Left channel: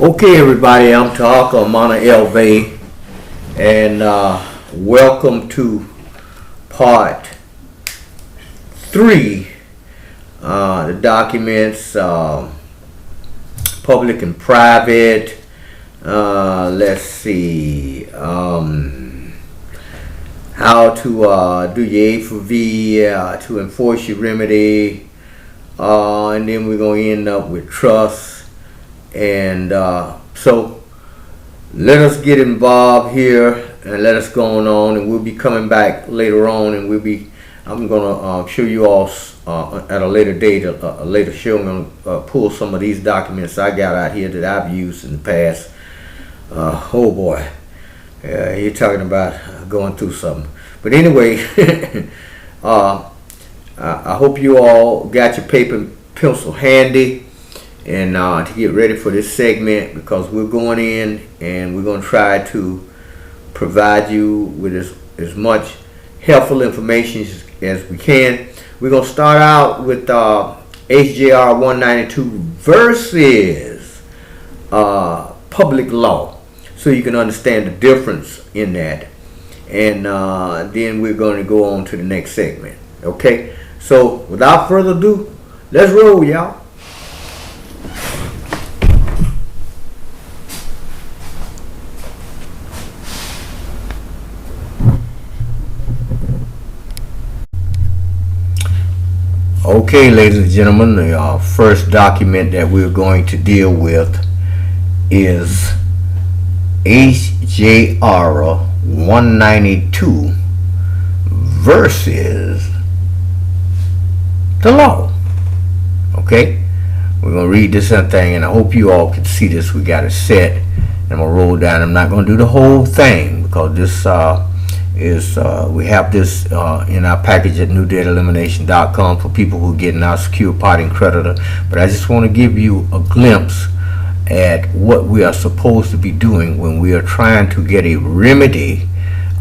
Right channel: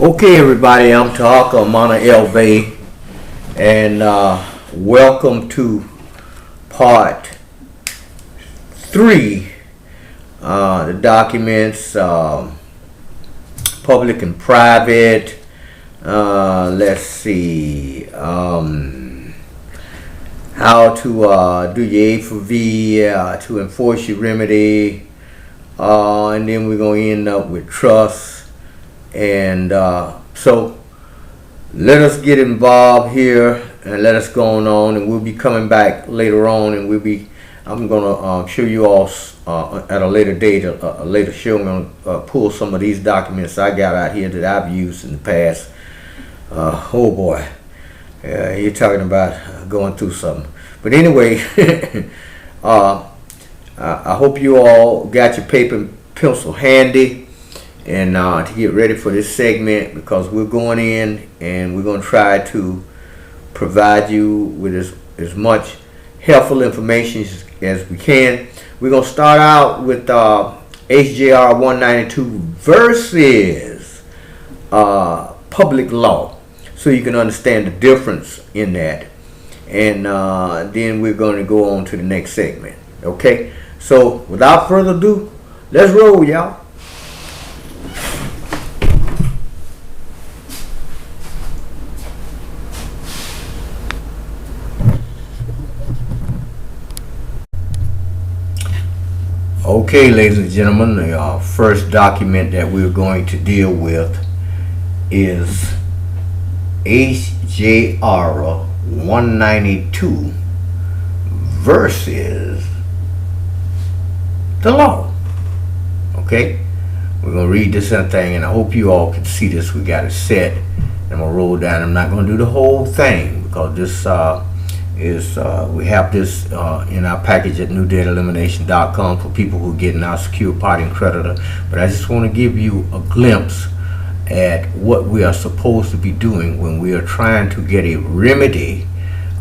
Okay, everybody, I'm Talk Mana LV, and welcome to part 3. The documents, public and private. Let's see, how to do your A for V, to enforce your remedy, and then we're going to end up with trust. And so let us get involved here and let us go on, and we'll be coming back later on, and I'm gonna show you all at a later date, a later show. I'm gonna pull some of these documents I got out here that I've used in the past. Oh boy, you're talking about going through something. But anyway, I hope you all got your paper and pencil handy, and to get ready for this segment, because we're going in and we're going to try to provide you with as much helpful information as we can. We're going to start out with HJR 192 versus public law, so you can understand the difference in that, and then we're going to go on to the next segment. Okay, so without further ado, let's roll, y'all. Okay, ladies and gentlemen, the first document that we're going to deal with is HJR 192 versus the law. Okay, we're going to read this thing, and I hope you all can see this. We got it set, and I'm going to roll down. I'm not going to do the whole thing, because this we have this in our package at newdataelimination.com for people who are getting our secure parting creditor. But I just want to give you a glimpse at what we are supposed to be doing when we are trying to get a remedy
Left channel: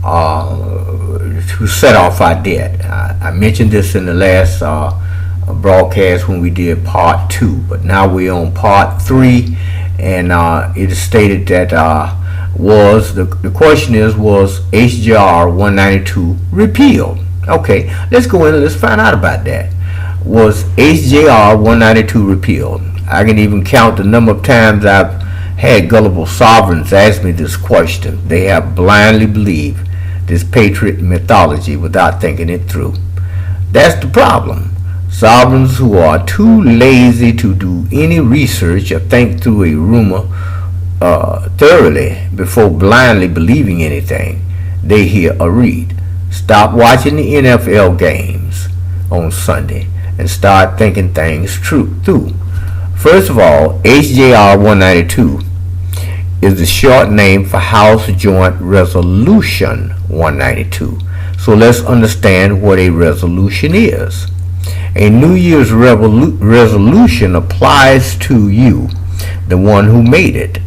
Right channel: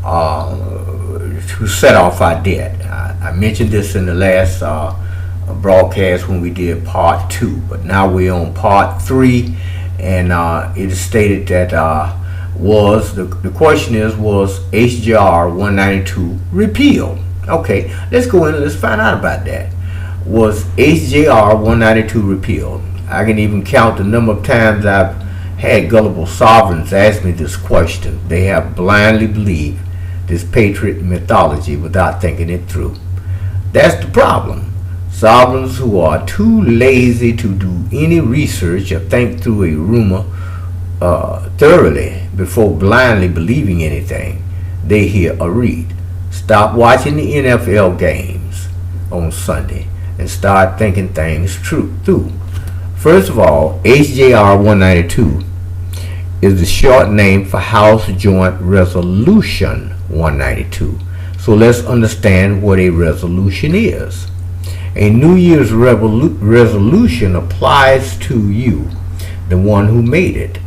to set off our debt. I mentioned this in the last broadcast when we did part 2, but now we're on part 3, and it is stated that the question was HJR 192 repealed? Okay, let's go in and let's find out about that. Was HJR 192 repealed? I can even count the number of times I've had gullible sovereigns ask me this question. They have blindly believed this patriot mythology without thinking it through. That's the problem. Sovereigns who are too lazy to do any research or think through a rumor thoroughly before blindly believing anything they hear or read. Stop watching the NFL games on Sunday and start thinking things through. First of all, HJR 192 is the short name for House Joint Resolution 192. So let's understand what a resolution is. A New Year's resolution applies to you, the one who made it,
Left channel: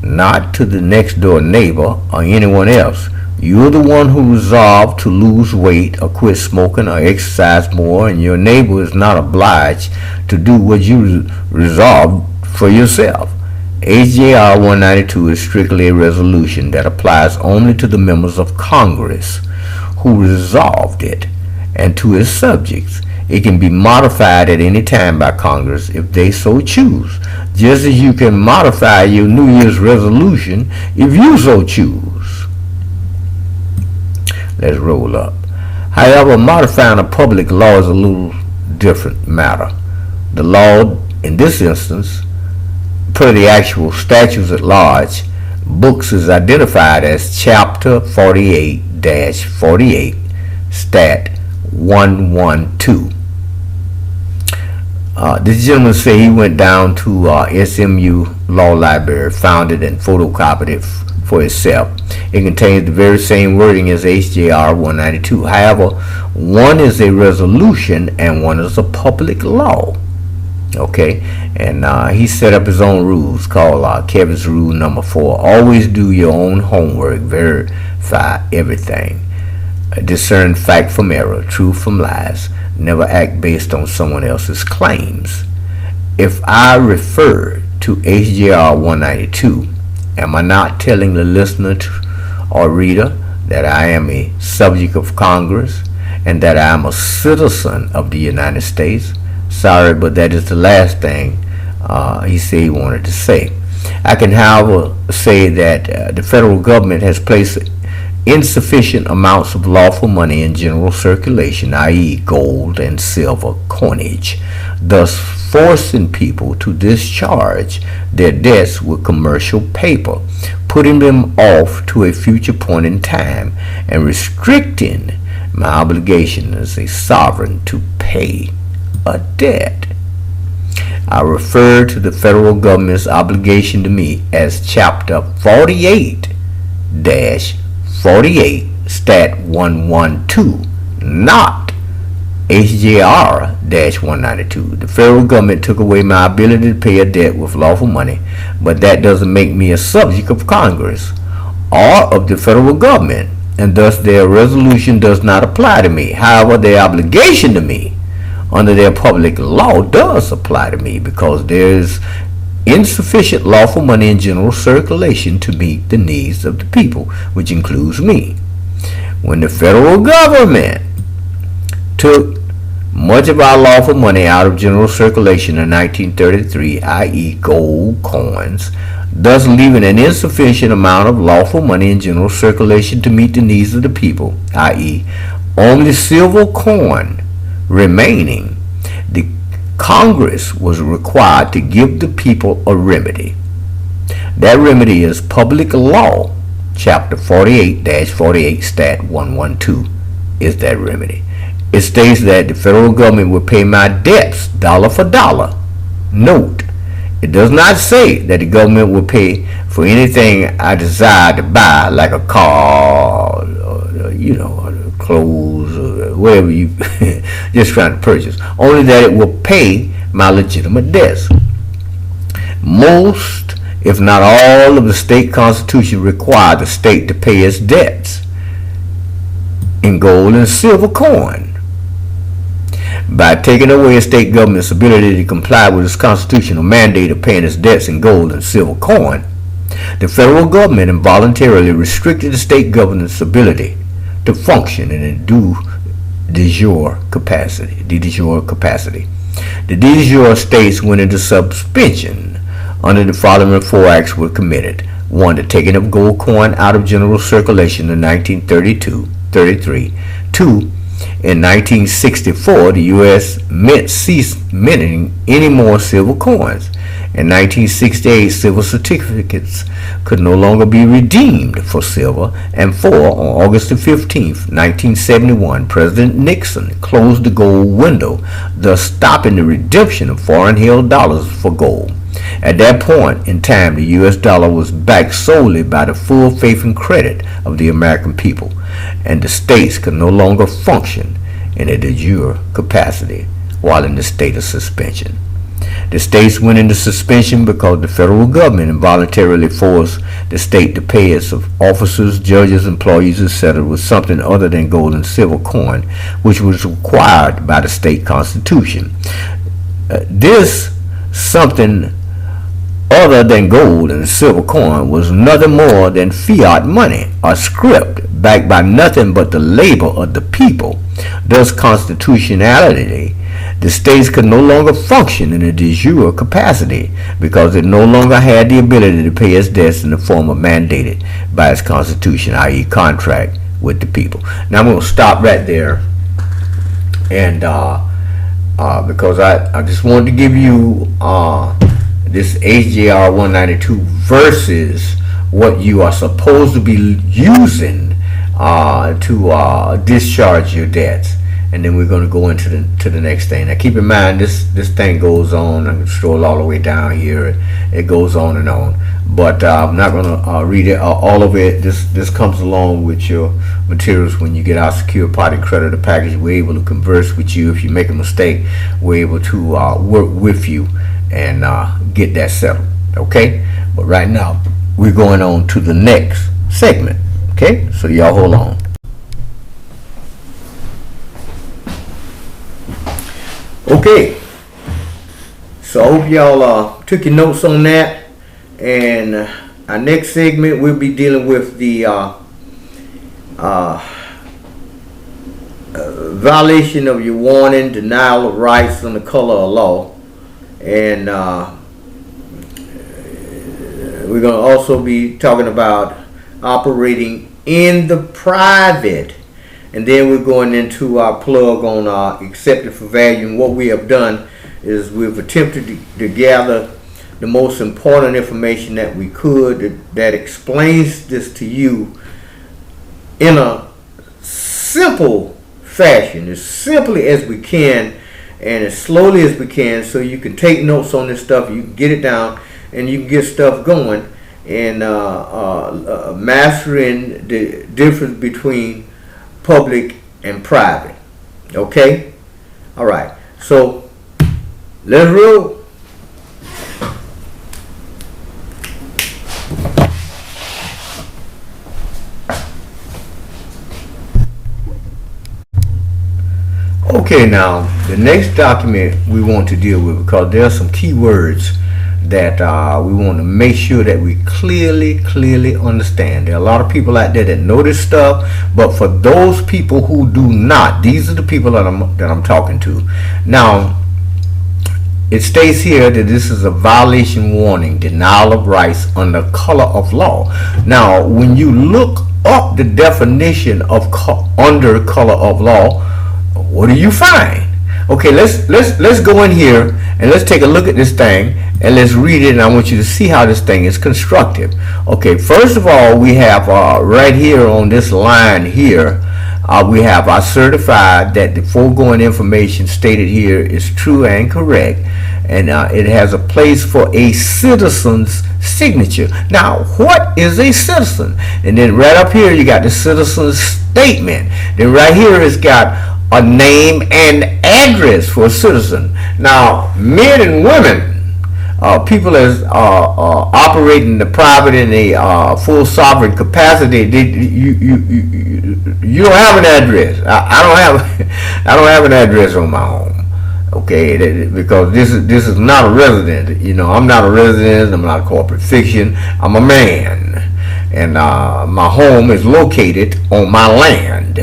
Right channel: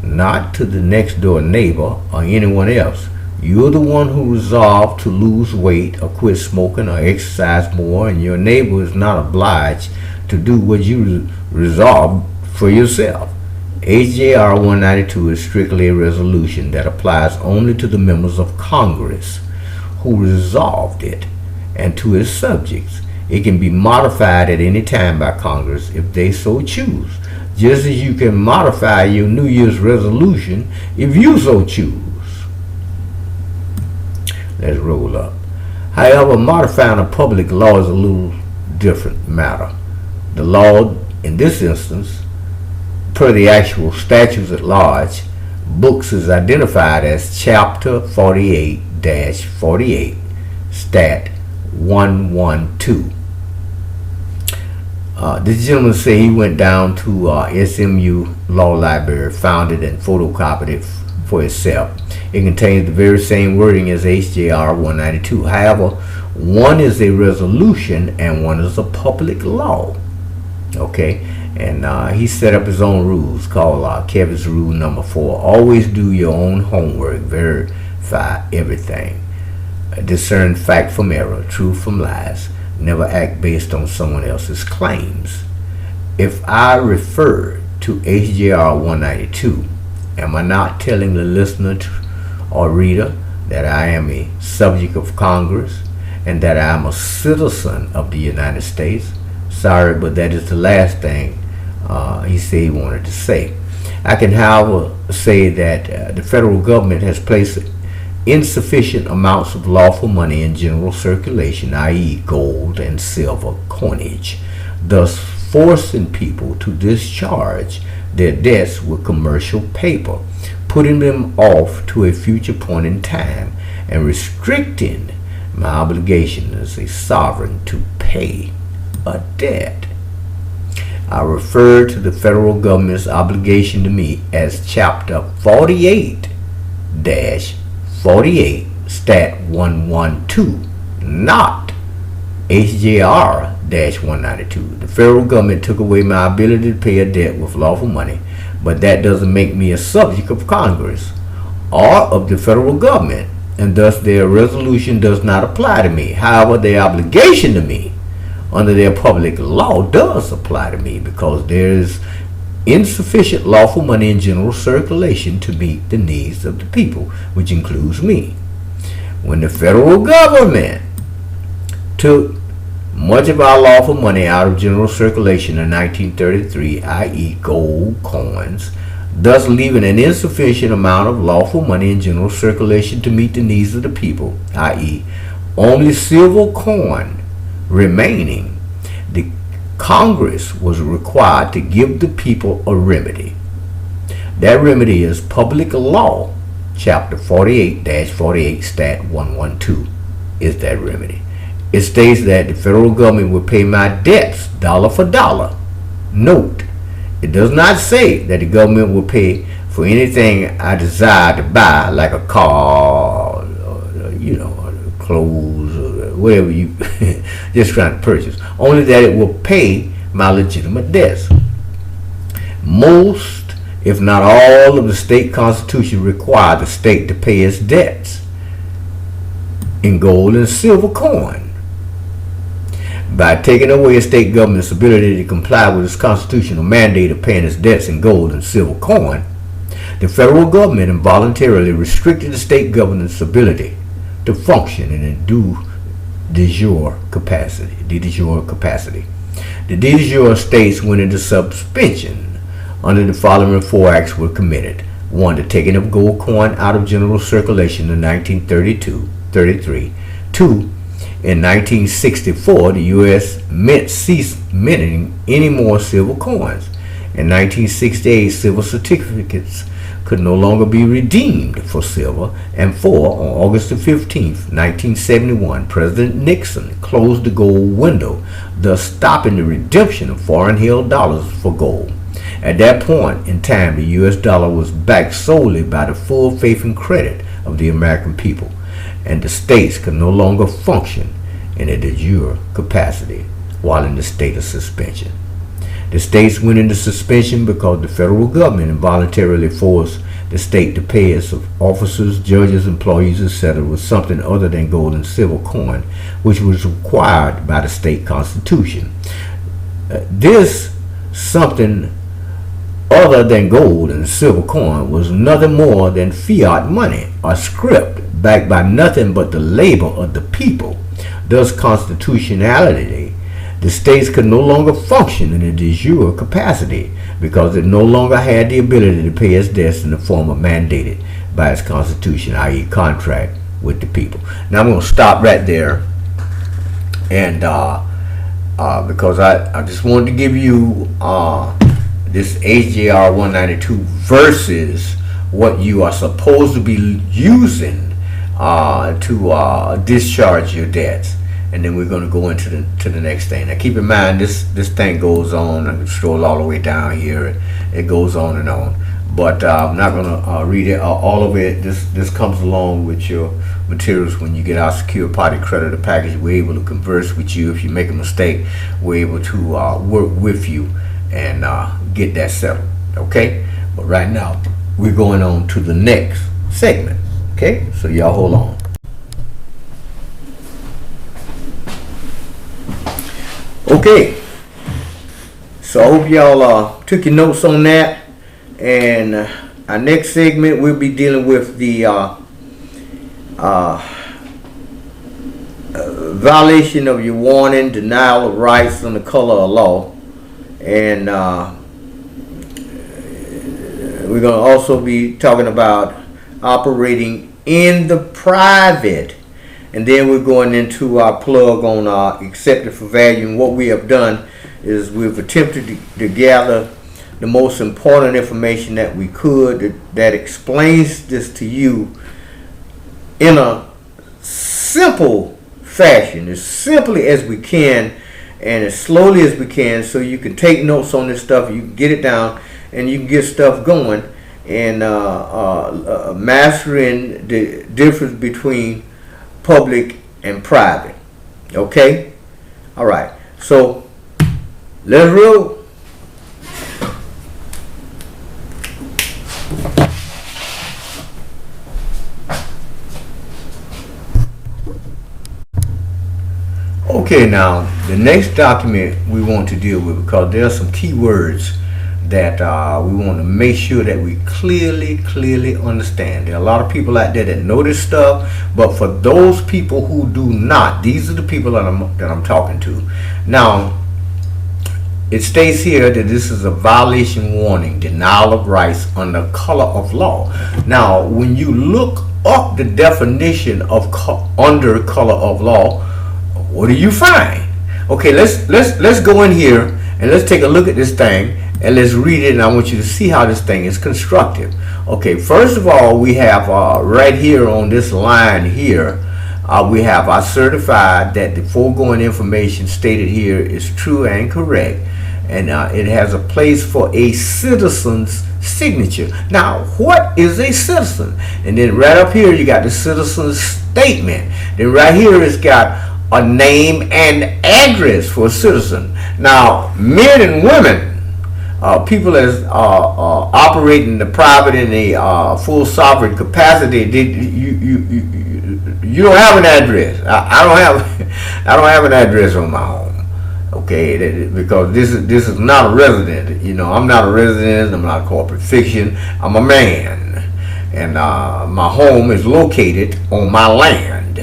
not to the next door neighbor or anyone else. You're the one who resolved to lose weight or quit smoking or exercise more, and your neighbor is not obliged to do what you resolved for yourself. HJR 192 is strictly a resolution that applies only to the members of Congress who resolved it and to its subjects. It can be modified at any time by Congress if they so choose, just as you can modify your New Year's resolution if you so choose. Let's roll up. However, modifying a public law is a little different matter. The law, in this instance, per the actual statutes at large, books is identified as Chapter 48-48, Stat 112. This gentleman said he went down to SMU Law Library, found it, and photocopied it for himself. It contains the very same wording as HJR 192. However, one is a resolution and one is a public law. Okay, and he set up his own rules called Kevin's Rule Number 4. Always do your own homework. Verify everything. Discern fact from error, truth from lies. Never act based on someone else's claims. If I refer to HJR 192, am I not telling the listener or reader that I am a subject of Congress and that I am a citizen of the United States? Sorry, but that is the last thing he said he wanted to say. I can, however, say that the federal government has placed insufficient amounts of lawful money in general circulation, i.e. gold and silver coinage, thus forcing people to discharge their debts with commercial paper, putting them off to a future point in time, and restricting my obligation as a sovereign to pay a debt. I refer to the federal government's obligation to me as Chapter 48-48, Stat 112, not HJR-192. The federal government took away my ability to pay a debt with lawful money, but that doesn't make me a subject of Congress or of the federal government, and thus their resolution does not apply to me. However, their obligation to me under their public law does apply to me, because there is insufficient lawful money in general circulation to meet the needs of the people, which includes me. When the federal government took much of our lawful money out of general circulation in 1933, i.e. gold coins, thus leaving an insufficient amount of lawful money in general circulation to meet the needs of the people, i.e. only silver coin remaining, the Congress was required to give the people a remedy. That remedy is Public Law, Chapter 48-48, Stat 112 is that remedy. It states that the federal government will pay my debts dollar for dollar. Note, it does not say that the government will pay for anything I desire to buy, like a car, or, clothes, or whatever you just trying to purchase. Only that it will pay my legitimate debts. Most, if not all, of the state constitution require the state to pay its debts in gold and silver coin. By taking away a state government's ability to comply with its constitutional mandate of paying its debts in gold and silver coin, the federal government involuntarily restricted the state government's ability to function in a de jure capacity. The de jure states went into suspension under the following four acts were committed. 1. The taking of gold coin out of general circulation in 1933. 2. In 1964, the U.S. Mint ceased minting any more silver coins. In 1968, silver certificates could no longer be redeemed for silver. And 4, on August the 15th, 1971, President Nixon closed the gold window, thus stopping the redemption of foreign-held dollars for gold. At that point in time, the U.S. dollar was backed solely by the full faith and credit of the American people, and the states could no longer function in a de jure capacity while in the state of suspension. The states went into suspension because the federal government involuntarily forced the state to pay its officers, judges, employees, etc. with something other than gold and silver coin, which was required by the state constitution. This something other than gold and silver coin was nothing more than fiat money, or script, backed by nothing but the labor of the people. Thus, constitutionality, the states could no longer function in a de jure capacity because it no longer had the ability to pay its debts in the form of mandated by its constitution, i.e. contract with the people. Now I'm going to stop right there, and because I just wanted to give you this HJR 192 versus what you are supposed to be using to discharge your debts. And then we're going to go into the next thing. Now keep in mind, this thing goes on. I can scroll all the way down here. It goes on and on. But I'm not going to read it, all of it. This comes along with your materials when you get our secure party creditor package. We're able to converse with you. If you make a mistake, we're able to work with you and get that settled. Okay? But right now, we're going on to the next segment. Okay? So y'all hold on. Okay, So I hope y'all took your notes on that. And our next segment, we'll be dealing with the violation of your warning, denial of rights under color of law. And we're going to also be talking about operating in the private. And then we're going into our plug on accepted for value. And what we have done is we've attempted to gather the most important information that we could that explains this to you in a simple fashion, as simply as we can and as slowly as we can, so you can take notes on this stuff, you can get it down, and you can get stuff going and mastering the difference between public and private. Okay? All right. So let's roll. Okay, now the next document we want to deal with, because there are some key words that we want to make sure that we clearly understand. There are a lot of people out there that know this stuff, but for those people who do not, these are the people that I'm talking to. Now, it states here that this is a violation warning, denial of rights under color of law. Now, when you look up the definition of under color of law, what do you find? Okay, let's go in here and let's take a look at this thing and let's read it, and I want you to see how this thing is constructed. Okay, first of all, we have right here on this line here, we have I certified that the foregoing information stated here is true and correct, and it has a place for a citizen's signature. Now, what is a citizen? And then right up here you got the citizen's statement. Then right here it's got a name and address for a citizen. Now, men and women, people that operate in the private in a full sovereign capacity, you don't have an address. I don't have an address on my home. Okay, because this is not a resident. You know, I'm not a resident. I'm not a corporate fiction. I'm a man, and my home is located on my land.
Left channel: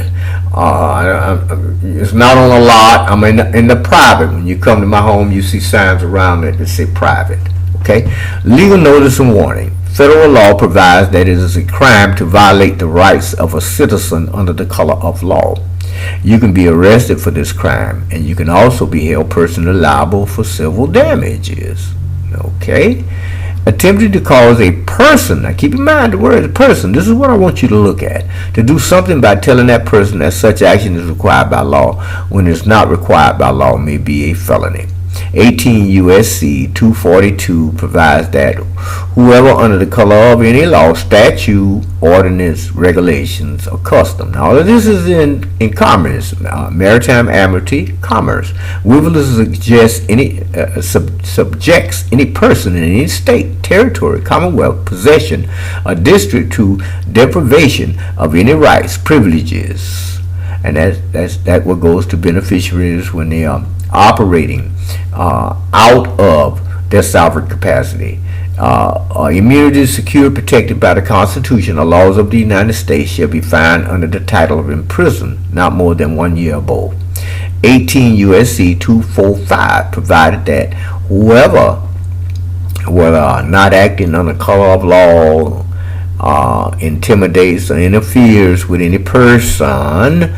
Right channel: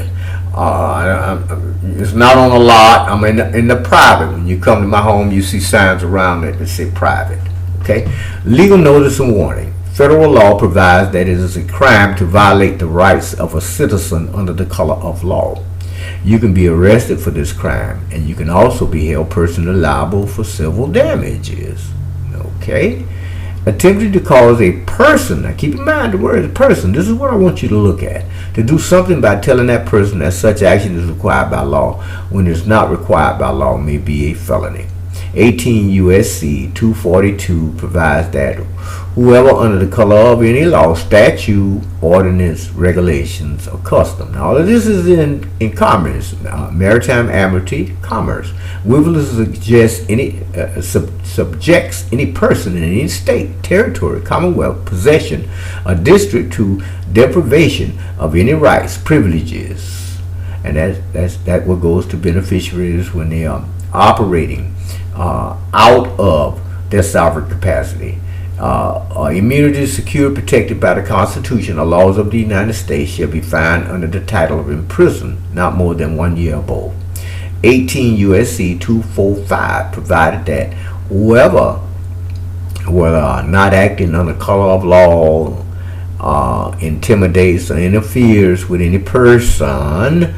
It's not on a lot. I'm in the private. When you come to my home, you see signs around it that say private. Okay? Legal notice and warning. Federal law provides that it is a crime to violate the rights of a citizen under the color of law. You can be arrested for this crime, and you can also be held personally liable for civil damages. Okay? Attempting to cause a person, now keep in mind the word person, this is what I want you to look at, to do something by telling that person that such action is required by law when it's not required by law may be a felony. 18 U.S.C. 242 provides that whoever under the color of any law, statute, ordinance, regulations, or custom. Now, all of this is in commerce, maritime amity, commerce. Whoever subjects any person in any state, territory, commonwealth, possession, or district to deprivation of any rights, privileges, and that what goes to beneficiaries when they are operating out of their sovereign capacity. Immunity is secured, protected by the Constitution or laws of the United States shall be fined under the title of imprisoned not more than 1 year or both. 18 U.S.C. 245 provided that whoever not acting under color of law intimidates or interferes with any person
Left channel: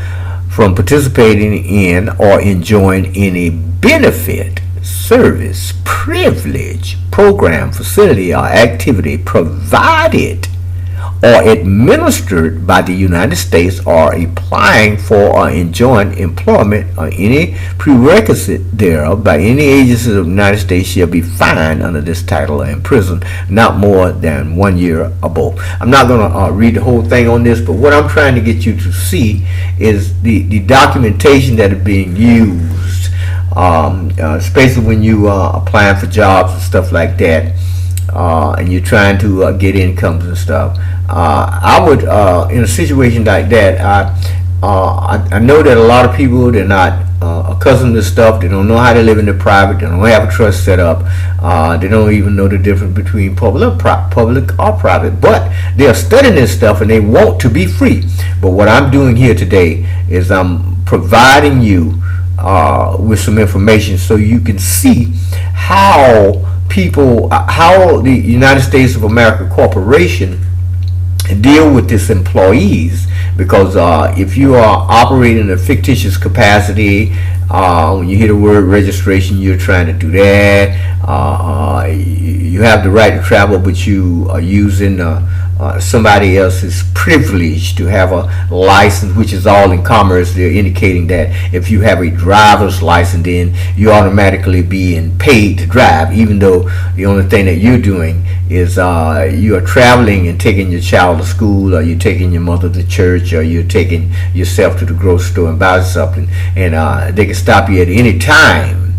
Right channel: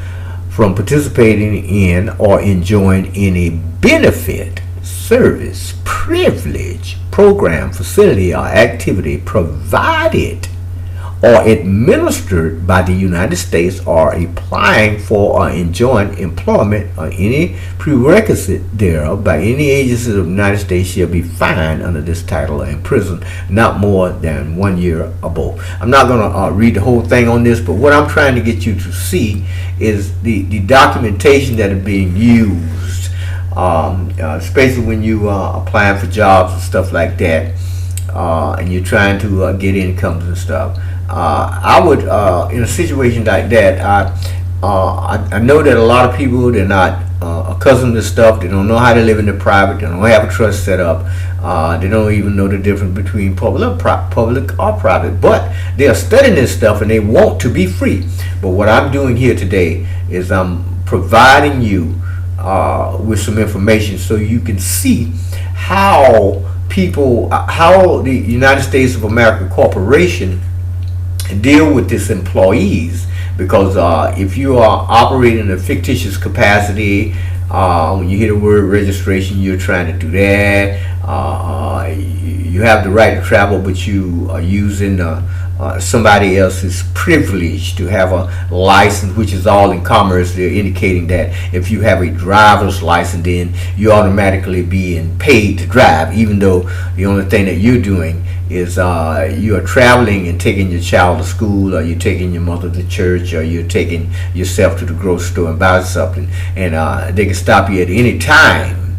from participating in or enjoying any benefit, service, privilege, program, facility, or activity provided or administered by the United States or applying for or enjoying employment or any prerequisite thereof by any agency of the United States shall be fined under this title or imprisoned not more than 1 year or both. I'm not going to read the whole thing on this, but what I'm trying to get you to see is the documentation that is being used, especially when you are applying for jobs and stuff like that, and you're trying to get incomes and stuff. I would, in a situation like that, I know that a lot of people, they're not accustomed to stuff. They don't know how to live in the private. They don't have a trust set up. They don't even know the difference between public or private. But they are studying this stuff and they want to be free. But what I'm doing here today is I'm providing you with some information so you can see how how the United States of America Corporation deal with its employees. Because if you are operating in a fictitious capacity, when you hear the word registration, you're trying to do that. You have the right to travel, but you are using somebody else's privilege to have a license, which is all in commerce. They're indicating that if you have a driver's license, then you're automatically being paid to drive, even though the only thing that you're doing is you are traveling and taking your child to school, or you're taking your mother to church, or you're taking yourself to the grocery store and buy something, and they can stop you at any time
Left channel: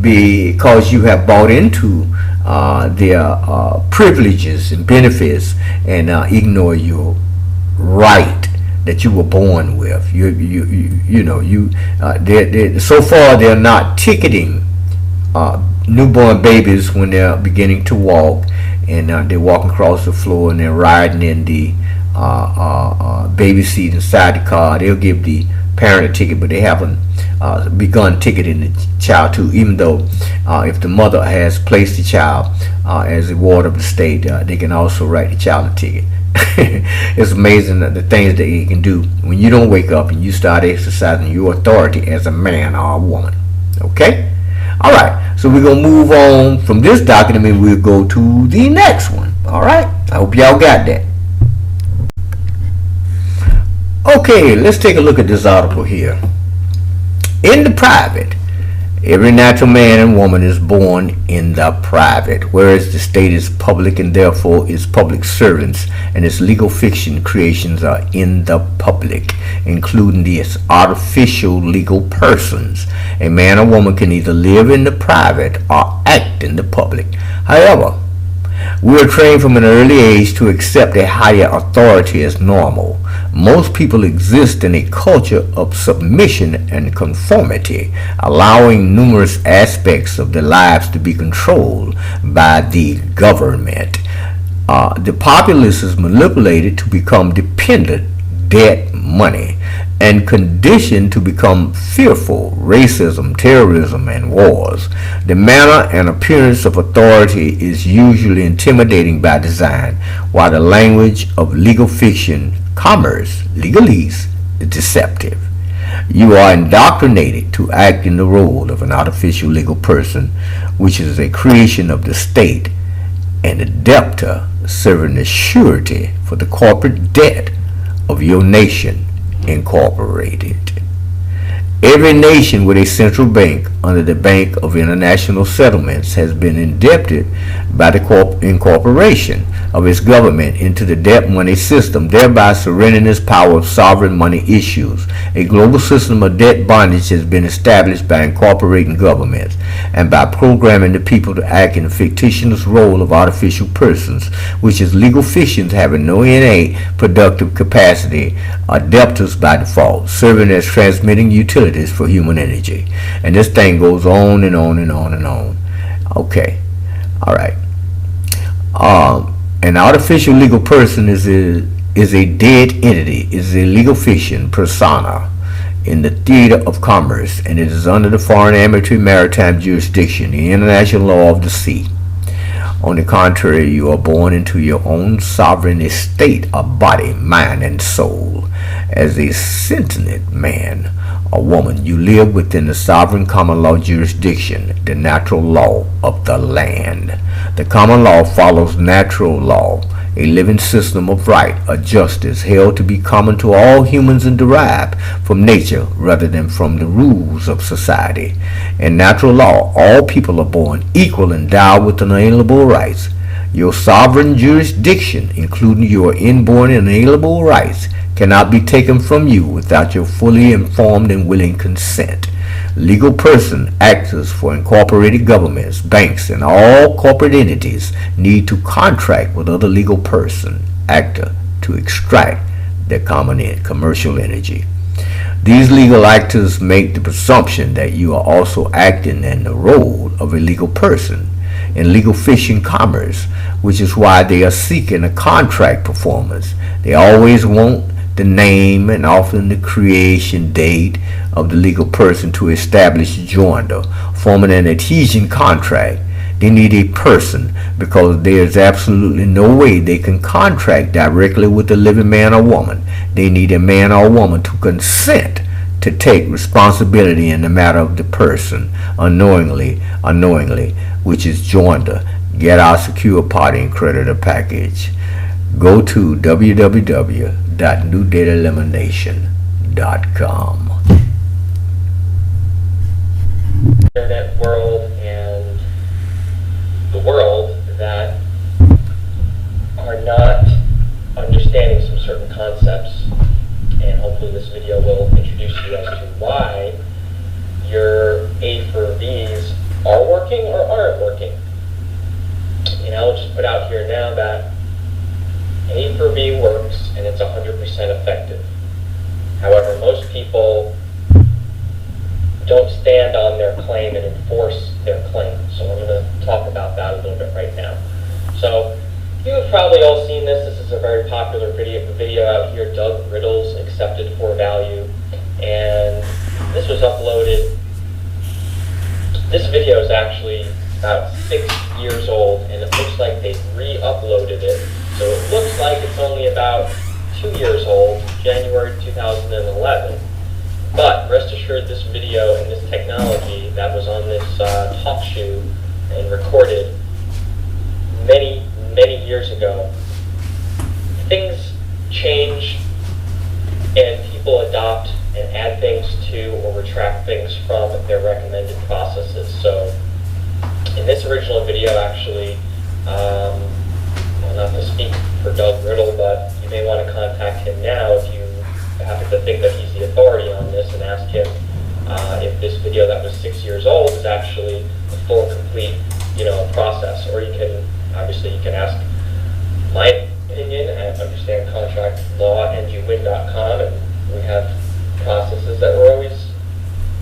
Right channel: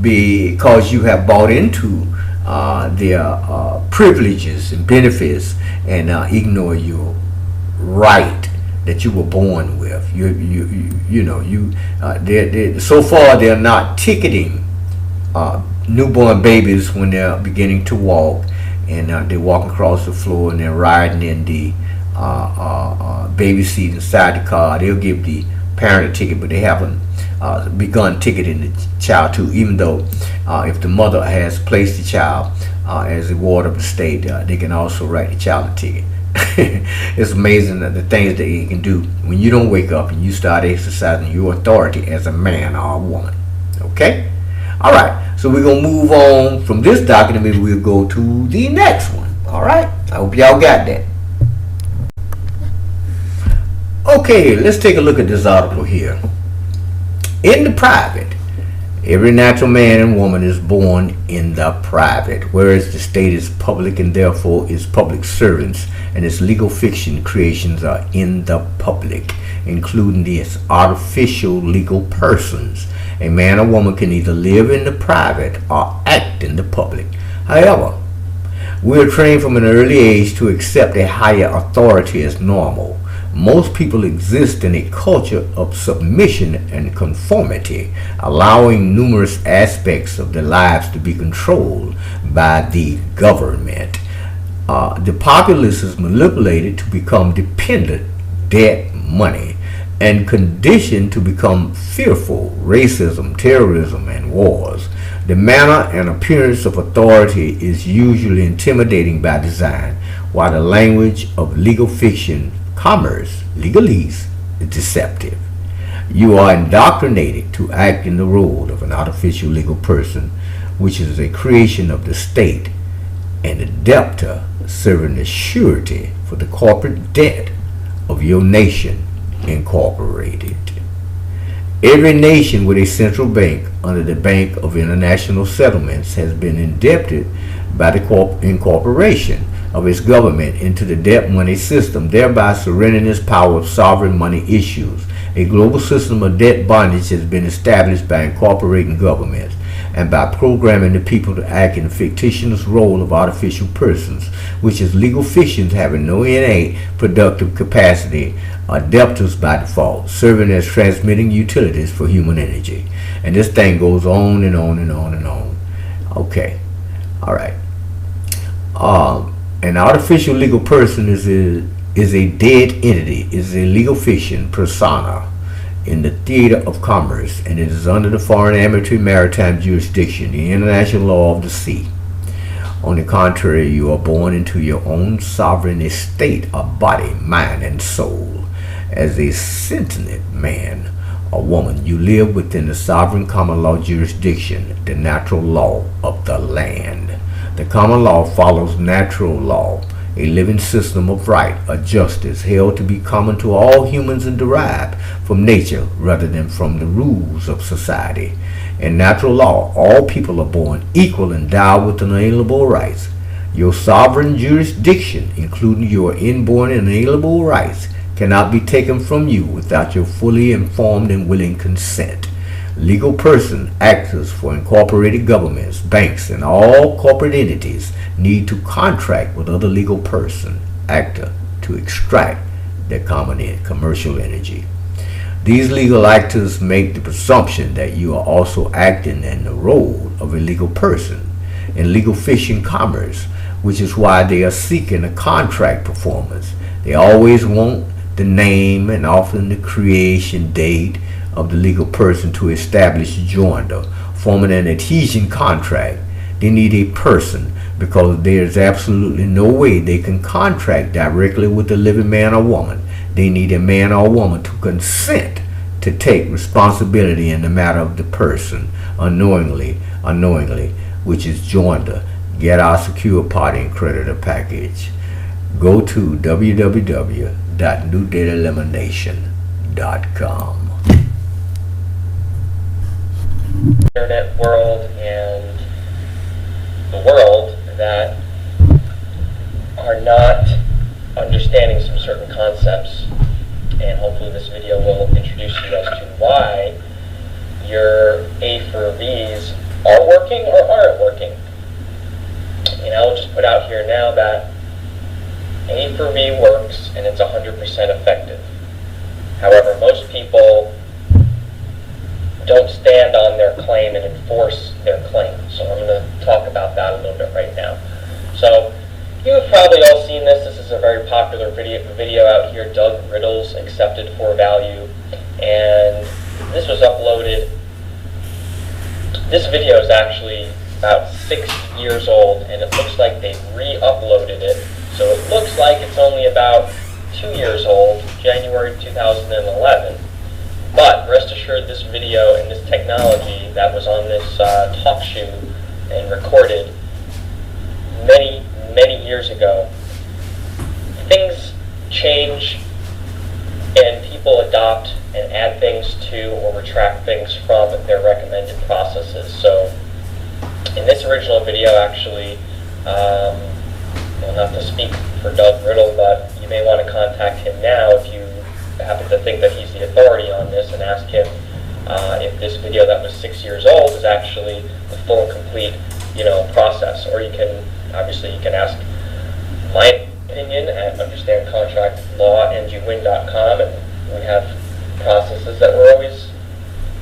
because you have bought into their privileges and benefits and ignore your right that you were born with. So far they're not ticketing newborn babies when they're beginning to walk, and they're walking across the floor and they're riding in the baby seat inside the car. They'll give the parent a ticket, but they haven't begun ticketing the child too, even though if the mother has placed the child as a ward of the state, they can also write the child a ticket. It's amazing the things that you can do when you don't wake up and you start exercising your authority as a man or a woman. Okay? All right, so we're going to move on from this document and we'll go to the next one. All right? I hope y'all got that. Okay, let's take a look at this article here. In the private, every natural man and woman is born in the private, whereas the state is public and therefore its public servants and its legal fiction creations are in the public, including its artificial legal persons. A man or woman can either live in the private or act in the public. However, we are trained from an early age to accept a higher authority as normal. Most people exist in a culture of submission and conformity, allowing numerous aspects of their lives to be controlled by the government. The populace is manipulated to become dependent, debt, money, and conditioned to become fearful, racism, terrorism, and wars. The manner and appearance of authority is usually intimidating by design, while the language of legal fiction, commerce, legalese, is deceptive. You are indoctrinated to act in the role of an artificial legal person, which is a creation of the state, and a debtor serving as surety for the corporate debt of your nation incorporated. Every nation with a central bank under the Bank of International Settlements has been indebted by the incorporation of its government into the debt money system, thereby surrendering its power of sovereign money issues. A global system of debt bondage has been established by incorporating governments and by programming the people to act in the fictitious role of artificial persons, which is legal fictions having no innate productive capacity, are debtors by default, serving as transmitting utilities for human energy. And this thing goes on and on and on and on. Okay. All right. An artificial legal person is a dead entity, is a legal fiction persona in the theater of commerce, and it is under the foreign amateur maritime jurisdiction, the international law of the sea. On the contrary, you are born into your own sovereign estate of body, mind, and soul. As a sentient man or woman, you live within the sovereign common law jurisdiction, the natural law of the land. The common law follows natural law, a living system of right or justice held to be common to all humans and derived from nature rather than from the rules of society. In natural law, all people are born equal and endowed with inalienable rights. Your sovereign jurisdiction, including your inborn inalienable rights, cannot be taken from you without your fully informed and willing consent. Legal person, actors for incorporated governments, banks, and all corporate entities need to contract with other legal person, actor, to extract their commercial energy. These legal actors make the presumption that you are also acting in the role of a legal person in legal fishing commerce, which is why they are seeking a contract performance. They always want the name and often the creation date of the legal person to establish joinder, forming an adhesion contract. They need a person because there is absolutely no way they can contract directly with the living man or woman. They need a man or woman to consent to take responsibility in the matter of the person unknowingly, which is joinder. Get our secure party and creditor package. Go to www.newdataelimination.com. Internet world and the world that are not understanding some certain concepts, and hopefully this video will introduce you as to why your A for V's are working or aren't working. And I'll just put out here now that A for V works and it's 100% effective. However, most people don't stand on their claim and enforce their claim. So I'm going to talk about that a little bit right now. So you've probably all seen this. This is a very popular video out here, Doug Riddle's Accepted for Value. And this was uploaded. This video is actually about 6 years old, and it looks like they re-uploaded it. So it looks like it's only about 2 years old, January 2011. But rest assured, this video and this technology that was on this talk show and recorded many, many years ago, things change and people adopt and add things to or retract things from their recommended processes. So in this original video, actually, well, not to speak for Doug Riddle, but you may want to contact him now if you happen to think that he's the authority on this, and ask him if this video that was 6 years old is actually a full and complete, process. Or you can, obviously, you can ask my opinion at understandcontractlawandyouvin.com, and we have processes that we're always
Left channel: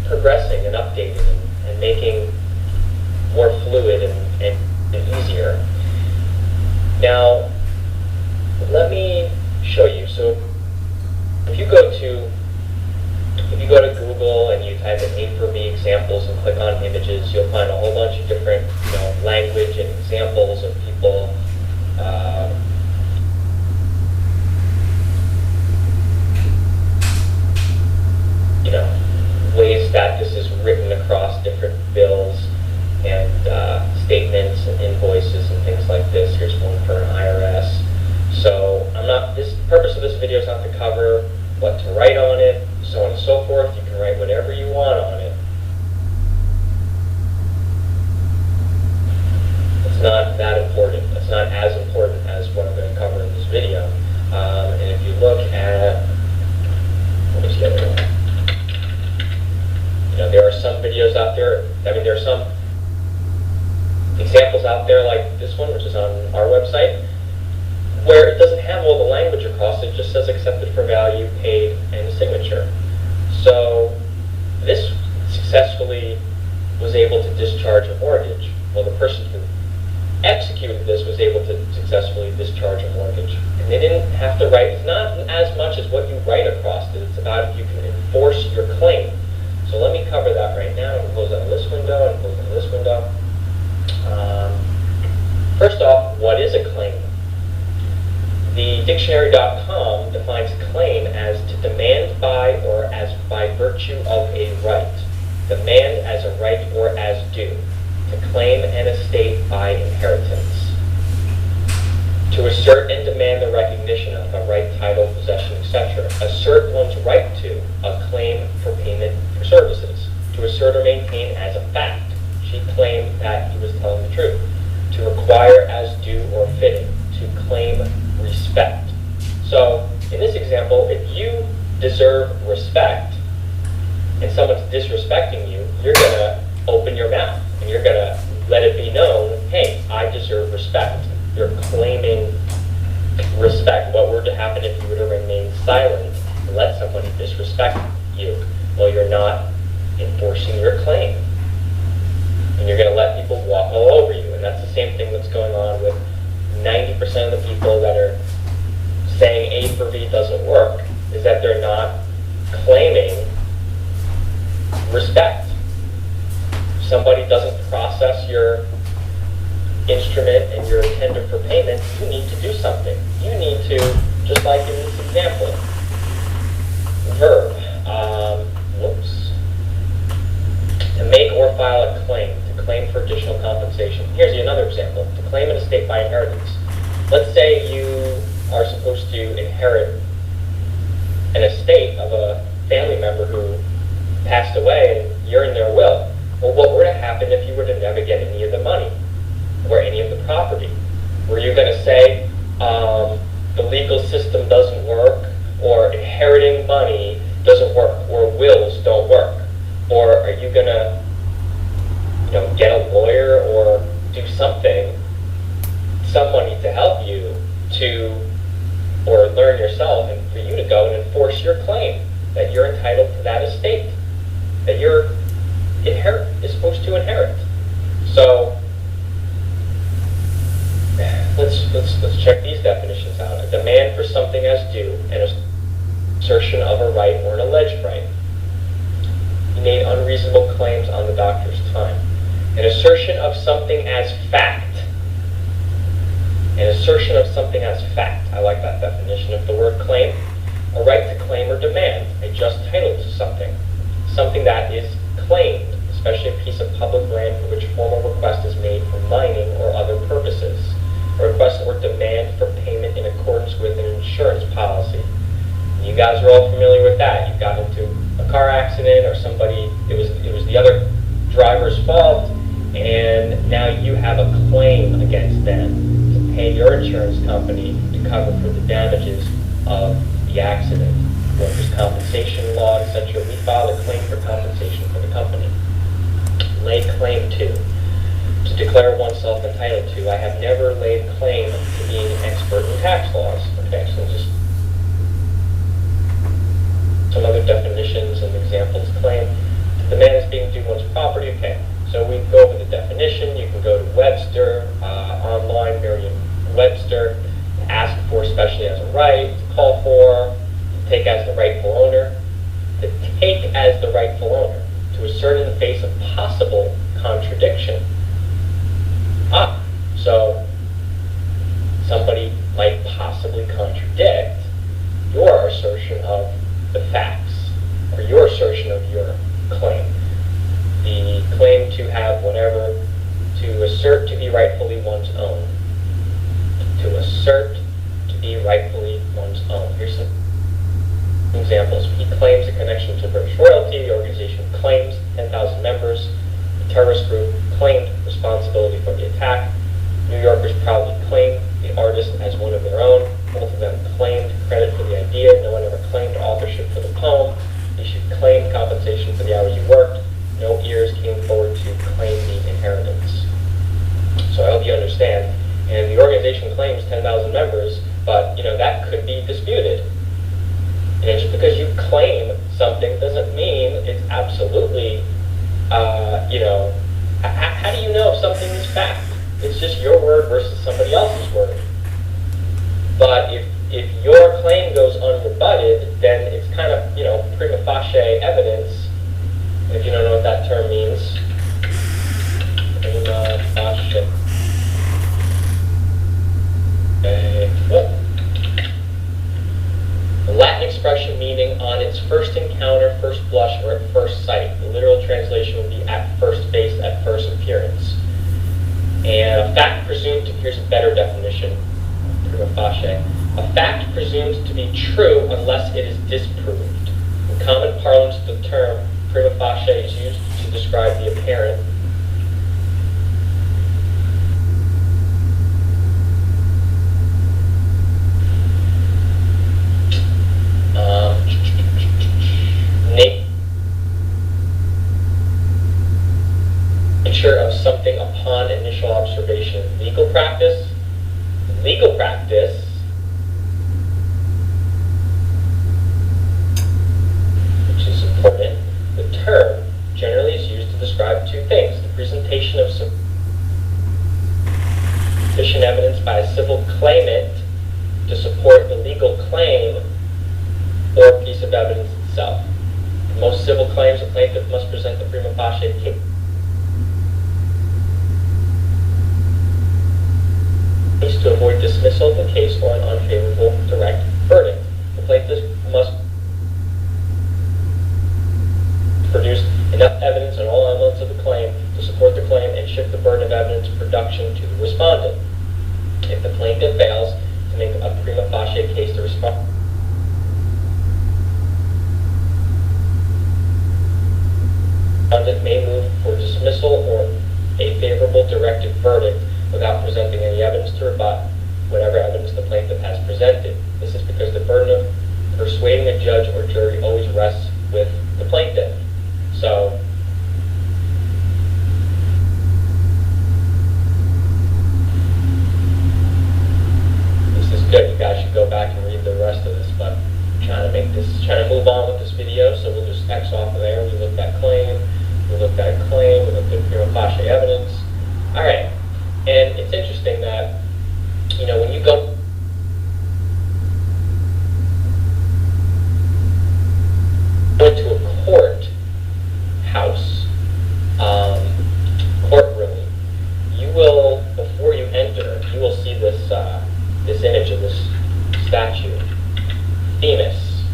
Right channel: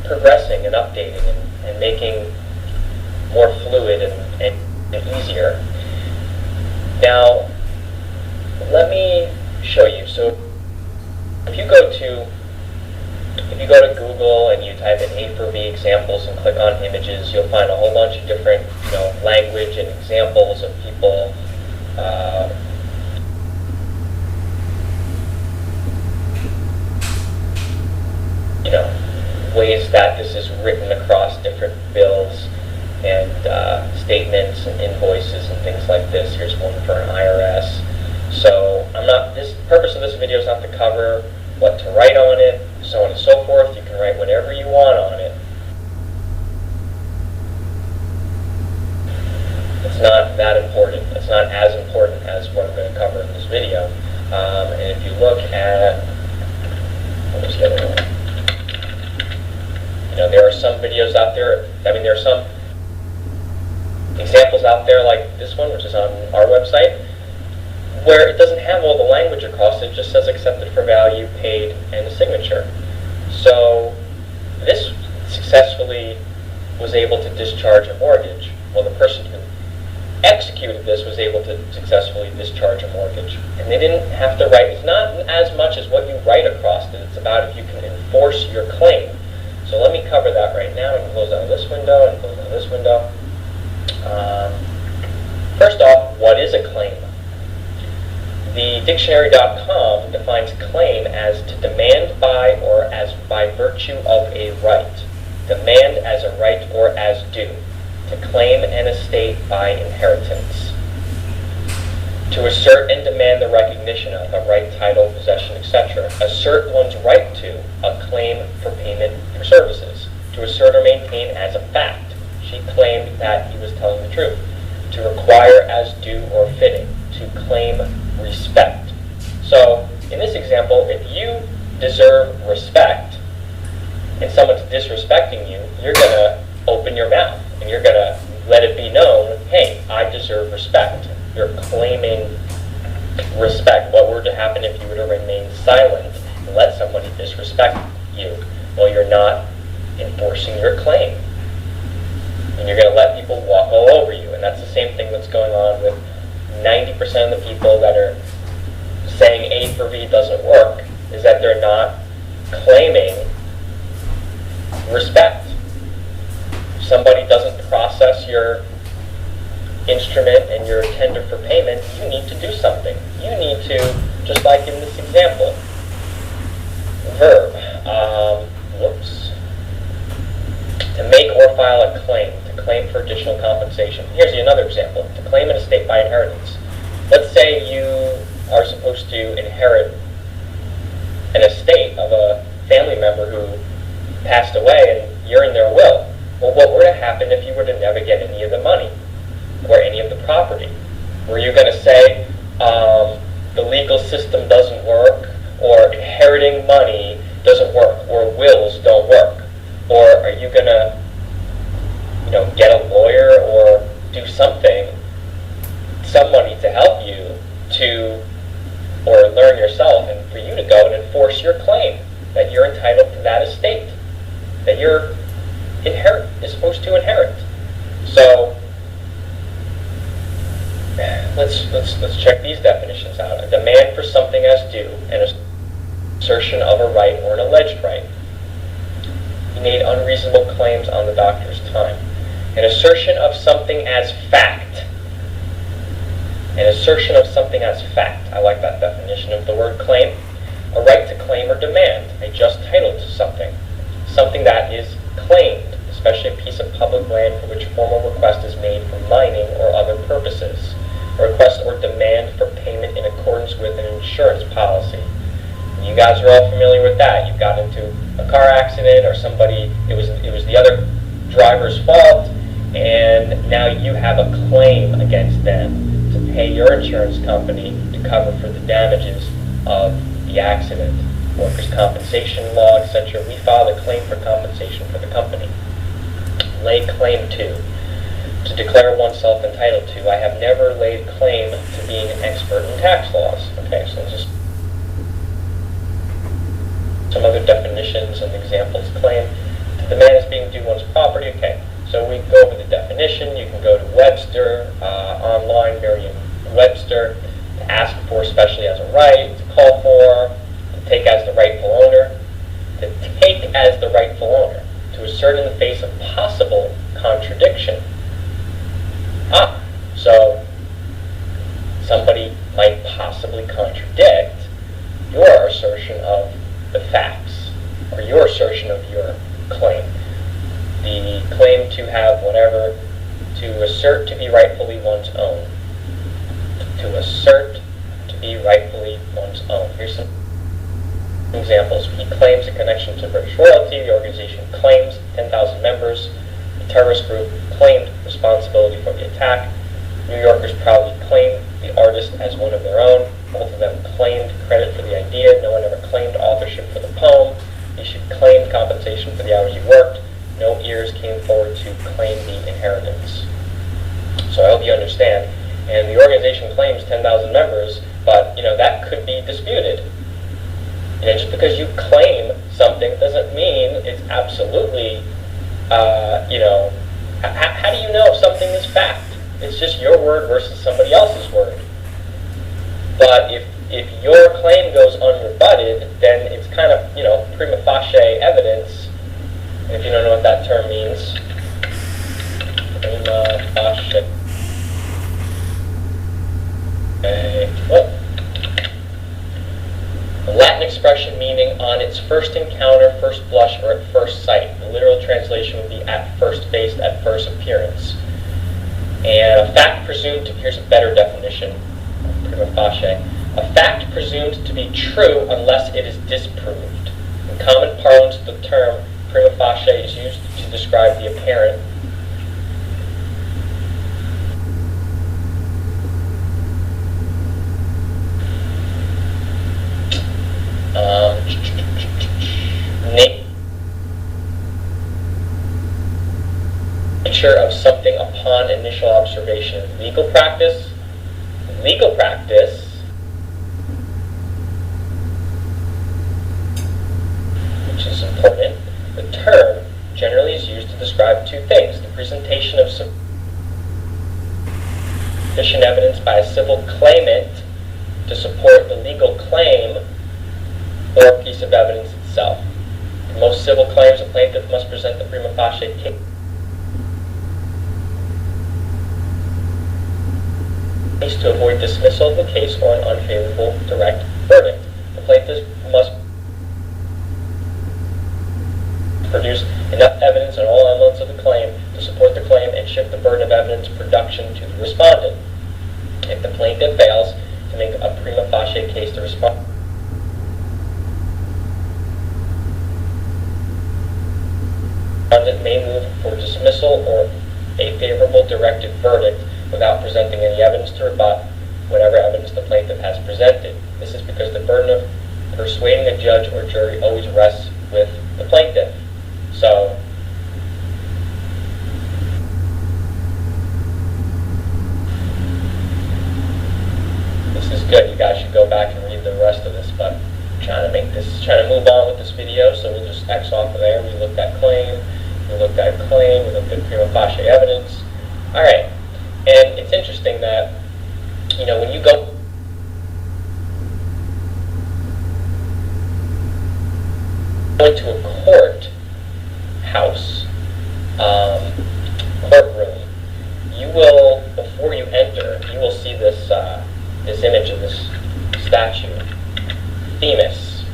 progressing and updating and making more fluid and easier. Now, let me show you. So if you go to Google and you type in A for V examples and click on images, you'll find a whole bunch of different language and examples of people ways that this is written across different bills and statements and invoices and things like this. Here's one for an IRS. So this purpose of this video is not to cover what to write on it, so on and so forth. You can write whatever you want on it. It's not that important. It's not as important as what I'm going to cover in this video. And if you look at, let me just get it going. There are some videos out there. There are some examples out there like this one, which is on our website, where it doesn't have all the language across. It just says accepted for value, paid, and a signature. So this successfully was able to discharge a mortgage. Well, the person who executed this was able to successfully discharge a mortgage. And they didn't have to write. It's not as much as what you write across it. It's about if you can enforce your claim. So let me cover that right now. I can close out this window and close out this window. First off, what is a claim? The dictionary.com defines claim as to demand by or as by virtue of a right. Demand as a right or as due. To claim an estate by inheritance. To assert and demand the recognition of a right, title, possession, etc. Assert one's right to a claim for payment for services. To assert or maintain as a fact. She claimed that he was telling the truth. To require as due or fitting. To claim respect. So, in this example, if you deserve respect and someone's disrespecting you, you're going to open your mouth and you're going to let it be known, hey, I deserve respect. You're claiming respect. What were to happen if you were to remain silent and let somebody disrespect you? same thing that's going on with 90% of the people that are saying A for V doesn't work, is that they're not claiming respect. If somebody doesn't process your instrument and your tender for payment, you need to do something. You need to, just like in this example, verb, to make or file a claim, to claim for additional compensation. Here's another example, to claim an estate by inheritance. Let's say you are supposed to inherit an estate of a family member who passed away and you're in their will. Well, what were to happen if you were to never get any of the money or any of the property? Were you going to say the legal system doesn't work, or inheriting money doesn't work, or wills don't work? Or are you going to, get a lawyer or do something, some money to help you to, or learn yourself, and for you to go and enforce your claim that you're entitled to that estate, that you're is supposed to inherit? So let's check these definitions out. A demand for something as due, an assertion of a right or an alleged right. He made unreasonable claims on the doctor's time. An assertion of something as fact. An assertion of something as fact. I like that definition of the word claim. A right to claim or demand, a just title to something. Something that is claimed, especially a piece of public land for which formal request is made for mining or other purposes. A request or demand for payment in accordance with an insurance policy. You guys are all familiar with that. You got into a car accident, or somebody, it was the other driver's fault, and now you have a claim against them to pay your insurance company to cover for the damages of the accident. Workers' compensation law, etc. We file a claim for compensation for the company. Lay claim to declare oneself entitled to. I have never laid claim to being an expert in tax laws. Okay, so just some other definitions and examples. Claim to demand as being due one's property. Okay, so we go over the definition. You can go to Webster, online, Merriam-Webster, to ask for, especially as a right, to call for, to take as the rightful owner, to take as the rightful owner, to assert in the face of possible contradiction. So somebody might possibly contradict your assertion of the facts, or your assertion of your claim. The claim to have whatever, to assert to be rightfully one's own. To assert to be rightfully one's own. Here's some examples. He claims a connection to British royalty. The organization claims 10,000 members. The terrorist group claimed responsibility for the attack. New Yorkers proudly claimed the artist as one of their own. Both of them claimed credit for the idea. No one ever claimed authorship for the poem. You should claim compensation for the hours you worked. No ears came forward to claim the inheritance. So I hope you understand. And the organization claims 10,000 members, but that could be disputed. Just because you claim something doesn't mean it's absolutely, how do you know if something is fact? It's just your word versus somebody else's word. But if your claim goes unrebutted, then it's kind of, prima facie evidence. If you don't know what that term means, prima facie. A Latin expression meaning on its first encounter, first blush, or at first sight. The literal translation would be at first face, at first appearance. And a fact presumed to, here's a better definition of prima facie. A fact presumed to be true unless it is disproved. In common parlance, the term prima facie is used to describe the apparent nature of something upon initial observation. Legal practice, which is important. The term generally is used to describe two things: the presentation of some sufficient evidence by a civil claimant to support the legal claim or piece of evidence itself. For most civil claims, a plaintiff must present the prima facie case to avoid dismissal of the case or an unfavorable direct verdict. The plaintiff must produce enough evidence on all elements of the claim to support the claim and shift the burden of evidence production to the respondent. If the plaintiff fails to make a prima facie case, the respondent may move for dismissal or a favorable directed verdict without presenting any evidence to rebut whatever evidence the plaintiff has presented. This is because the burden of persuading a judge or jury always rests with the plaintiff. So, this is good. You guys should go back and read the rest of this, but I'm trying to move on with this video, so we'll just X off of there. We looked at claim, we looked at prima facie evidence. Alright, and it's interesting that, when you go into a courtroom, you will, before you enter, you will see this this image of this statue, Themis.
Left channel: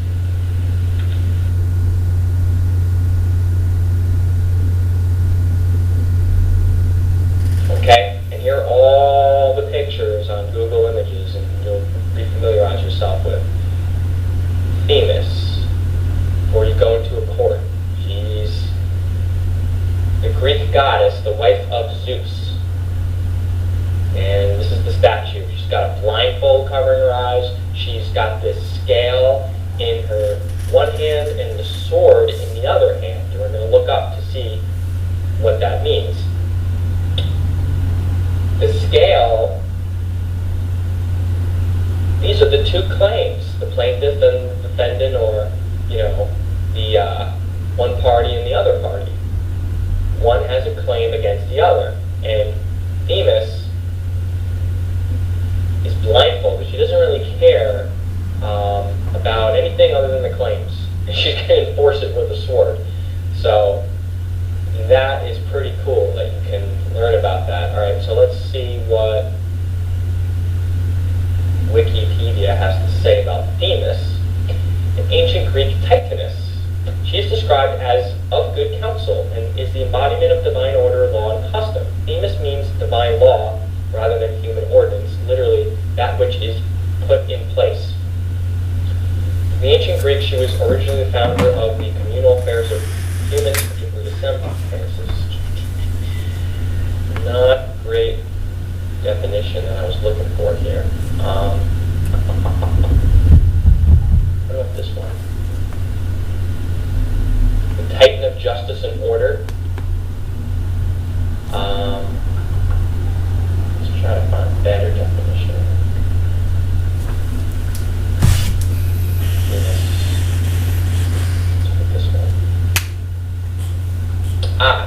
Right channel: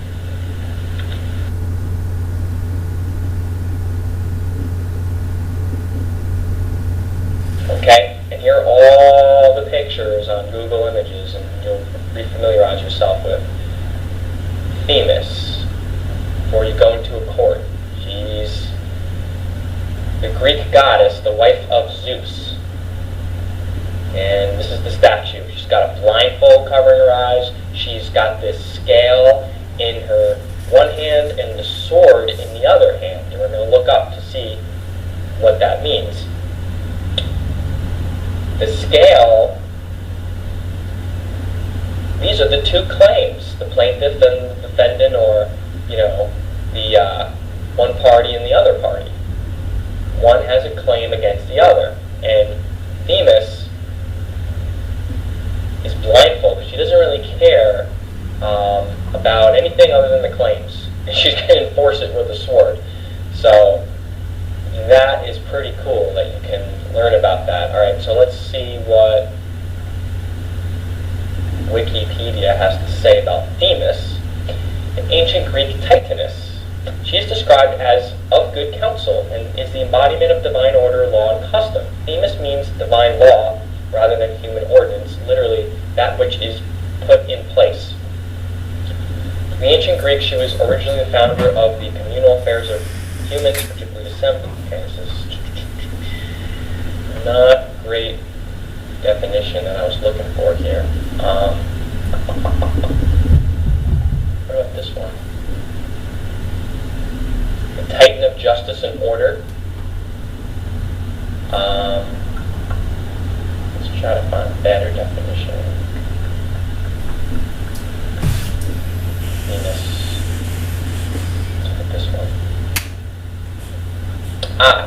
Okay, and here are all the pictures on Google Images, and you'll refamiliarize yourself with Themis before you go into a court. She's the Greek goddess, the wife of Zeus. And this is the statue. She's got a blindfold covering her eyes. She's got this scale in her one hand and the sword in the other hand. And we're going to look up to see what that means. The scale, these are the two claims, the plaintiff and the defendant, or, the one party and the other party. One has a claim against the other, and Themis is blindfolded. She doesn't really care about anything other than the claims. And she's going to enforce it with a sword. So that is pretty cool that you can learn about that. Alright, so let's see what Wikipedia has to say about Themis. An ancient Greek titaness. She is described as of good counsel and is the embodiment of divine order, law, and custom. Themis means divine law rather than human ordinance, literally that which is put in place. In the ancient Greek, she was originally the founder of the communal affairs of humans, particularly assembly affairs. Not great definition that I was looking for here. What about this one? The Titan of justice and order. Let's try to find a better definition. Venus. Let's look at this one.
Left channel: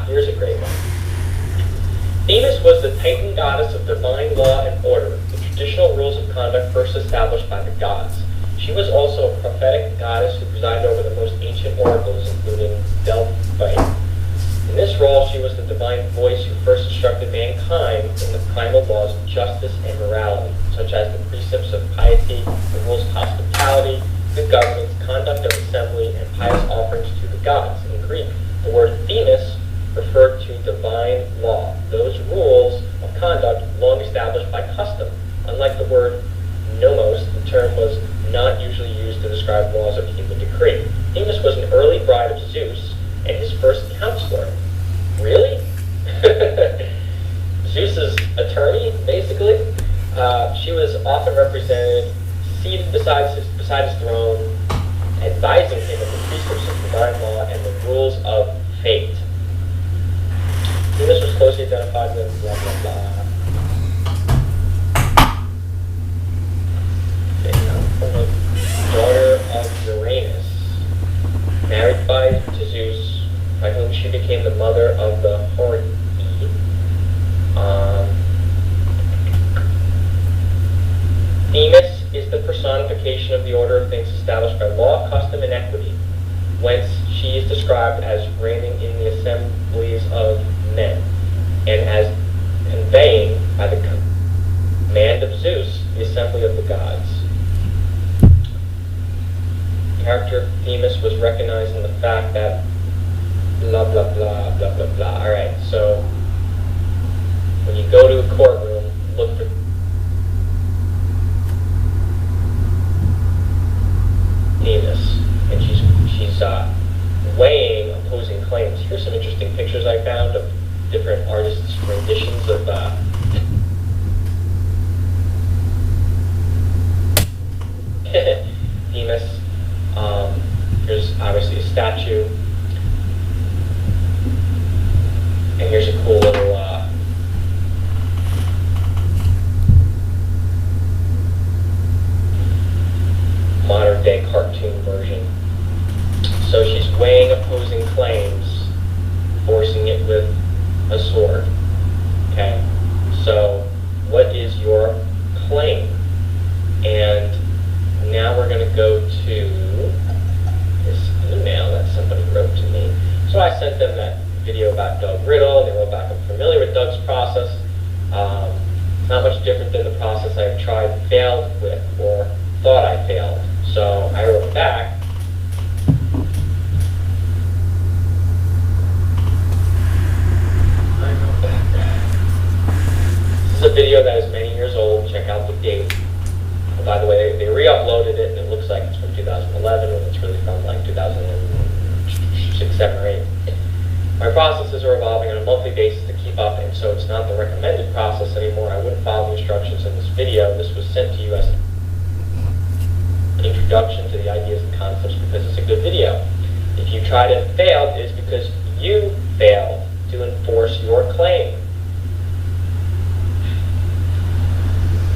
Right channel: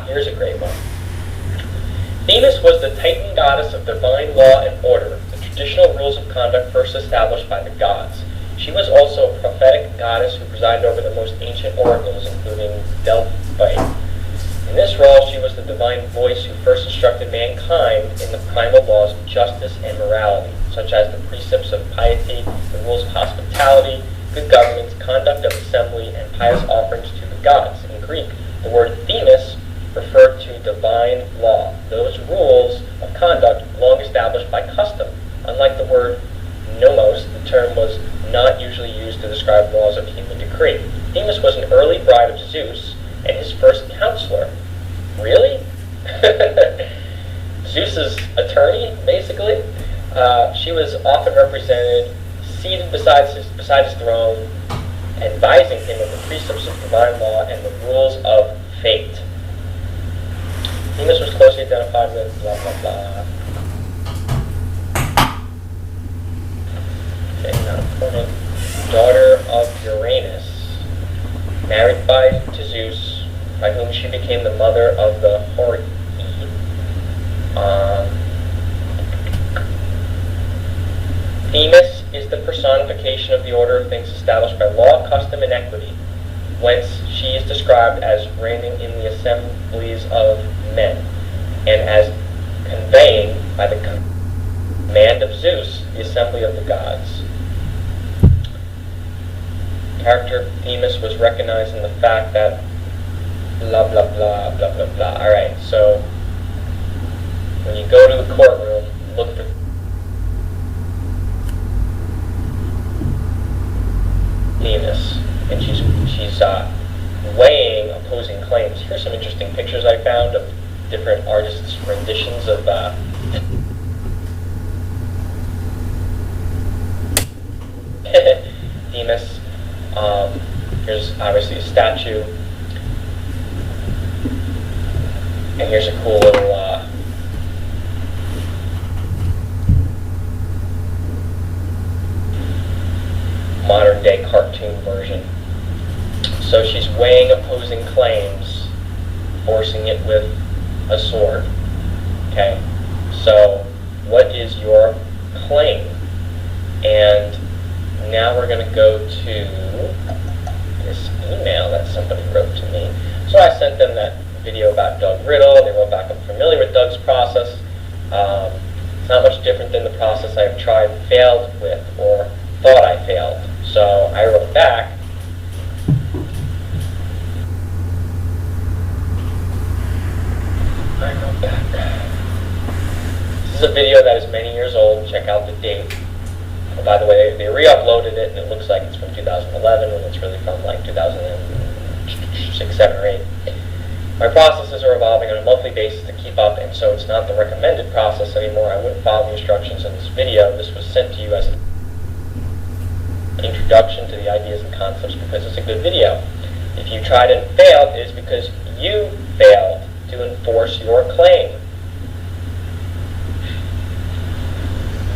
Here's a great one. Themis was the Titan goddess of divine law and order, the traditional rules of conduct first established by the gods. She was also a prophetic goddess who presided over the most ancient oracles, including Delphi. In this role, she was the divine voice who first instructed mankind in the primal laws of justice and morality, such as the precepts of piety, the rules of hospitality, good governance, conduct of assembly, and pious offerings to the gods. In Greek, the word Themis referred to divine law, those rules of conduct long established by custom. Unlike the word nomos, the term was not usually used to describe laws of human decree. Themis was an early bride of Zeus and his first counselor. Really? Zeus's attorney, basically. She was often represented seated beside his throne, advising him of the precepts of divine law and the rules of fate. Themis was closely identified with blah blah blah. Okay, now daughter of Uranus, married to Zeus, by whom she became the mother of the Hori. is the personification of the order of things established by law, custom, and equity, whence she is described as reigning in the assemblies of men, and as conveying, by the command of Zeus, the assembly of the gods. Character Themis was recognized in the fact that blah, blah, blah, blah, blah, blah. Alright, so when you go to the courtroom, look for Themis, and she's weighing opposing claims. Here's some interesting pictures I found of different artists' renditions of Themis. Here's obviously a statue, and here's a cool little modern day cartoon version. So she's weighing opposing claims, forcing it with a sword. Okay, so what is your claim? And now we're going to go to this email that somebody wrote to me. So I sent them that video about Doug Riddle. They wrote back, I'm familiar with Doug's process. It's not much different than the process I've tried and failed with, or thought I failed. So I wrote back, this is a video that is many years old. Check out the date. Oh, by the way, they re-uploaded it, and it looks like it's from 2011, when it's really from like 2006, 7, or 8. My processes are evolving on a monthly basis to keep up, and so it's not the recommended process anymore. I wouldn't follow the instructions in this video. This was sent to you as an introduction to the ideas and concepts because it's a good video. If you tried and failed, it is because you failed to enforce your claim.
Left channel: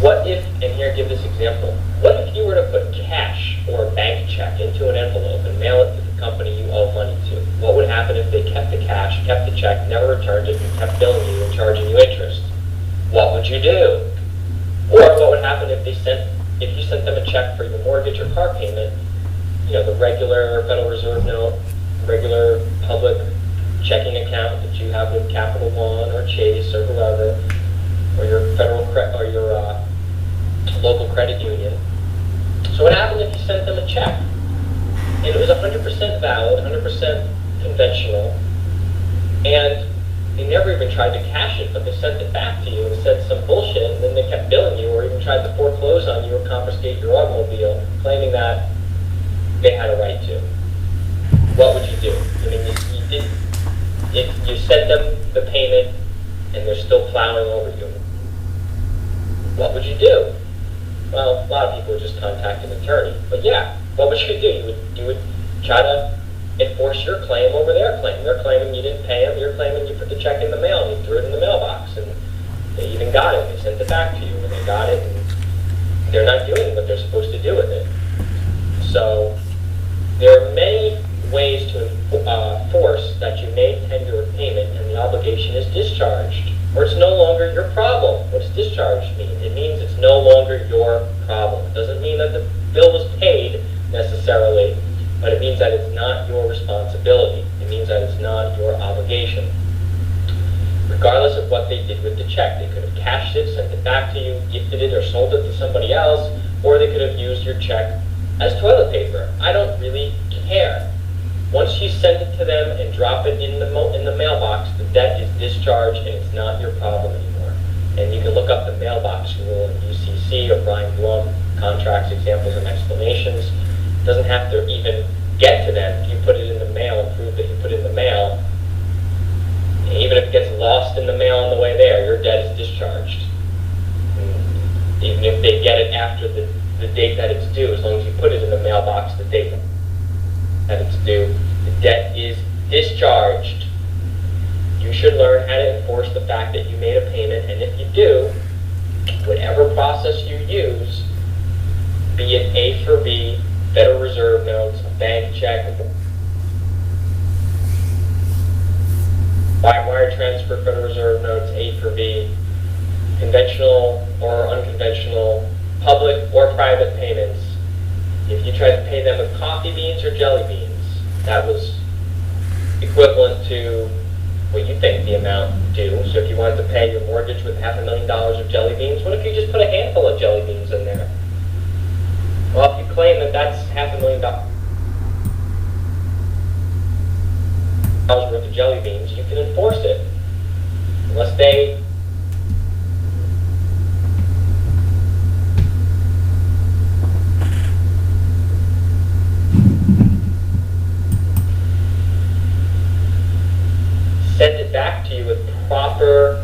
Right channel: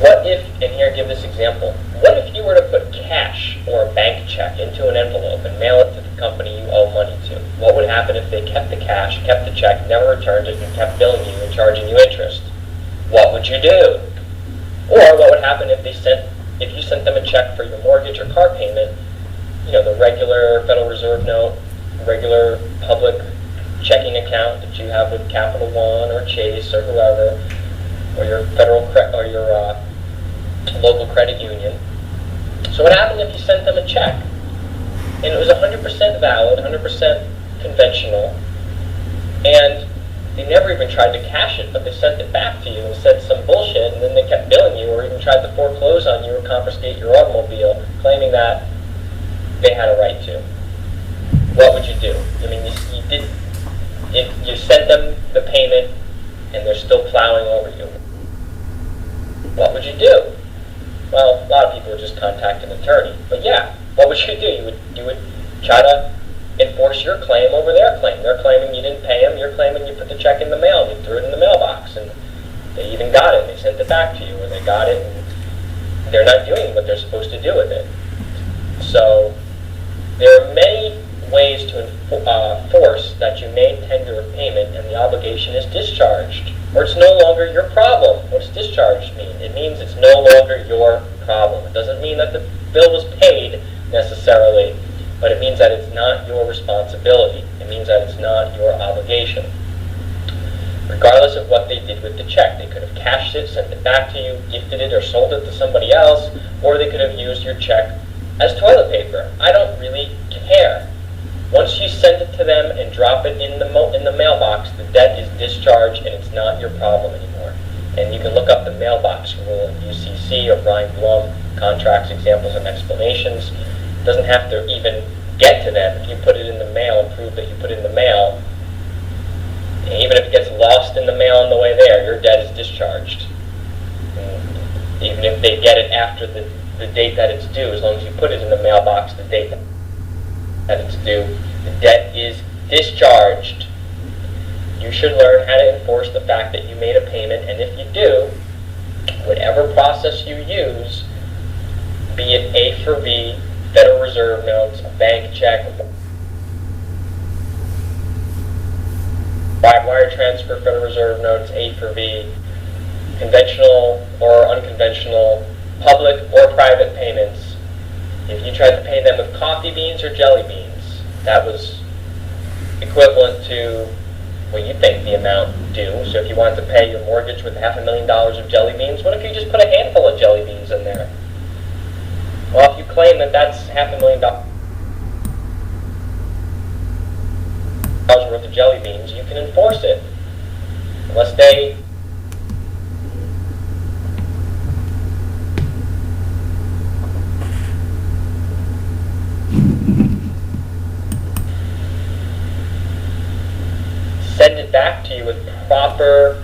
What if, and here give this example, what if you were to put cash or a bank check into an envelope and mail it to the company you owe money to? What would happen if they kept the cash, kept the check, never returned it, and kept billing you and charging you interest? What would you do? Or what would happen if you sent them a check for your mortgage or car payment, you know, the regular Federal Reserve note, regular public checking account that you have with Capital One or Chase or whoever, or your local credit union. So what happened if you sent them a check and it was 100% valid, 100% conventional, and they never even tried to cash it, but they sent it back to you and said some bullshit, and then they kept billing you or even tried to foreclose on you or confiscate your automobile, claiming that they had a right to? What would you do? I mean, you sent them the payment and they're still plowing over you. What would you do? Well, a lot of people would just contact an attorney. But yeah, what would you do? You would try to enforce your claim over their claim. They're claiming you didn't pay them. You're claiming you put the check in the mail and you threw it in the mailbox, and they even got it. They sent it back to you, or they got it and they're not doing what they're supposed to do with it. So there are many ways to enforce that you made tender of payment and the obligation is discharged, or it's no longer your problem. What does discharge mean? It means it's no longer your problem. It doesn't mean that the bill was paid necessarily, but it means that it's not your responsibility. It means that it's not your obligation. Regardless of what they did with the check, they could have cashed it, sent it back to you, gifted it, or sold it to somebody else, or they could have used your check as toilet paper. I don't really care. Once you send it to them and drop it in the mailbox, the debt is discharged and it's not your problem anymore. And you can look up the mailbox rule in UCC or Brian Blum, Contracts, Examples, and Explanations. It doesn't have to even get to them. If you put it in the mail and prove that you put it in the mail, and even if it gets lost in the mail on the way there, your debt is discharged. And even if they get it after the date that it's due, as long as you put it in the mailbox the date that it's due, the debt is discharged. You should learn how to enforce the fact that you made a payment, and if you do, whatever process you use, be it A for B, Federal Reserve notes, a bank check, wire transfer, Federal Reserve notes, A for B, conventional or unconventional public or private payments, if you tried to pay them with coffee beans or jelly beans, that was equivalent to what you think the amount due. So if you wanted to pay your mortgage with $500,000 of jelly beans, what if you just put a handful of jelly beans in there? Well, if you claim that that's $500,000 worth of jelly beans, you can enforce it. Unless they send it back to you with proper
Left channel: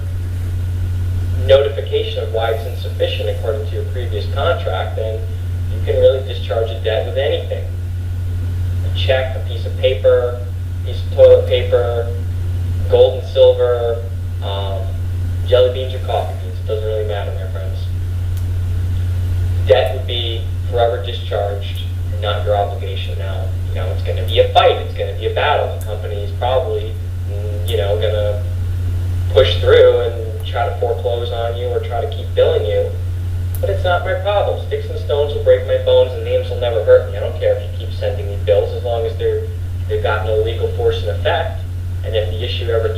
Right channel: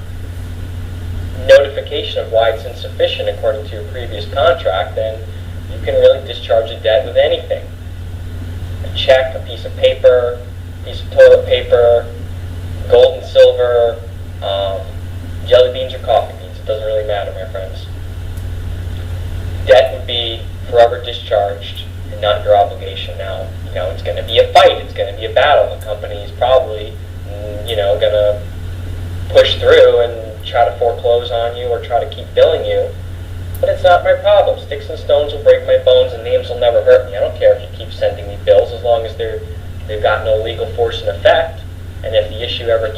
notification of why it's insufficient according to your previous contract, then you can really discharge a debt with anything. A check, a piece of paper, a piece of toilet paper, gold and silver, jelly beans or coffee beans. It doesn't really matter, my friends. Debt would be forever discharged and not your obligation now. It's going to be a fight. It's going to be a battle. The company is probably going to push through and try to foreclose on you or try to keep billing you. But it's not my problem. Sticks and stones will break my bones and names will never hurt me. I don't care if you keep sending me bills as long as they've got no legal force and effect. And if the issue ever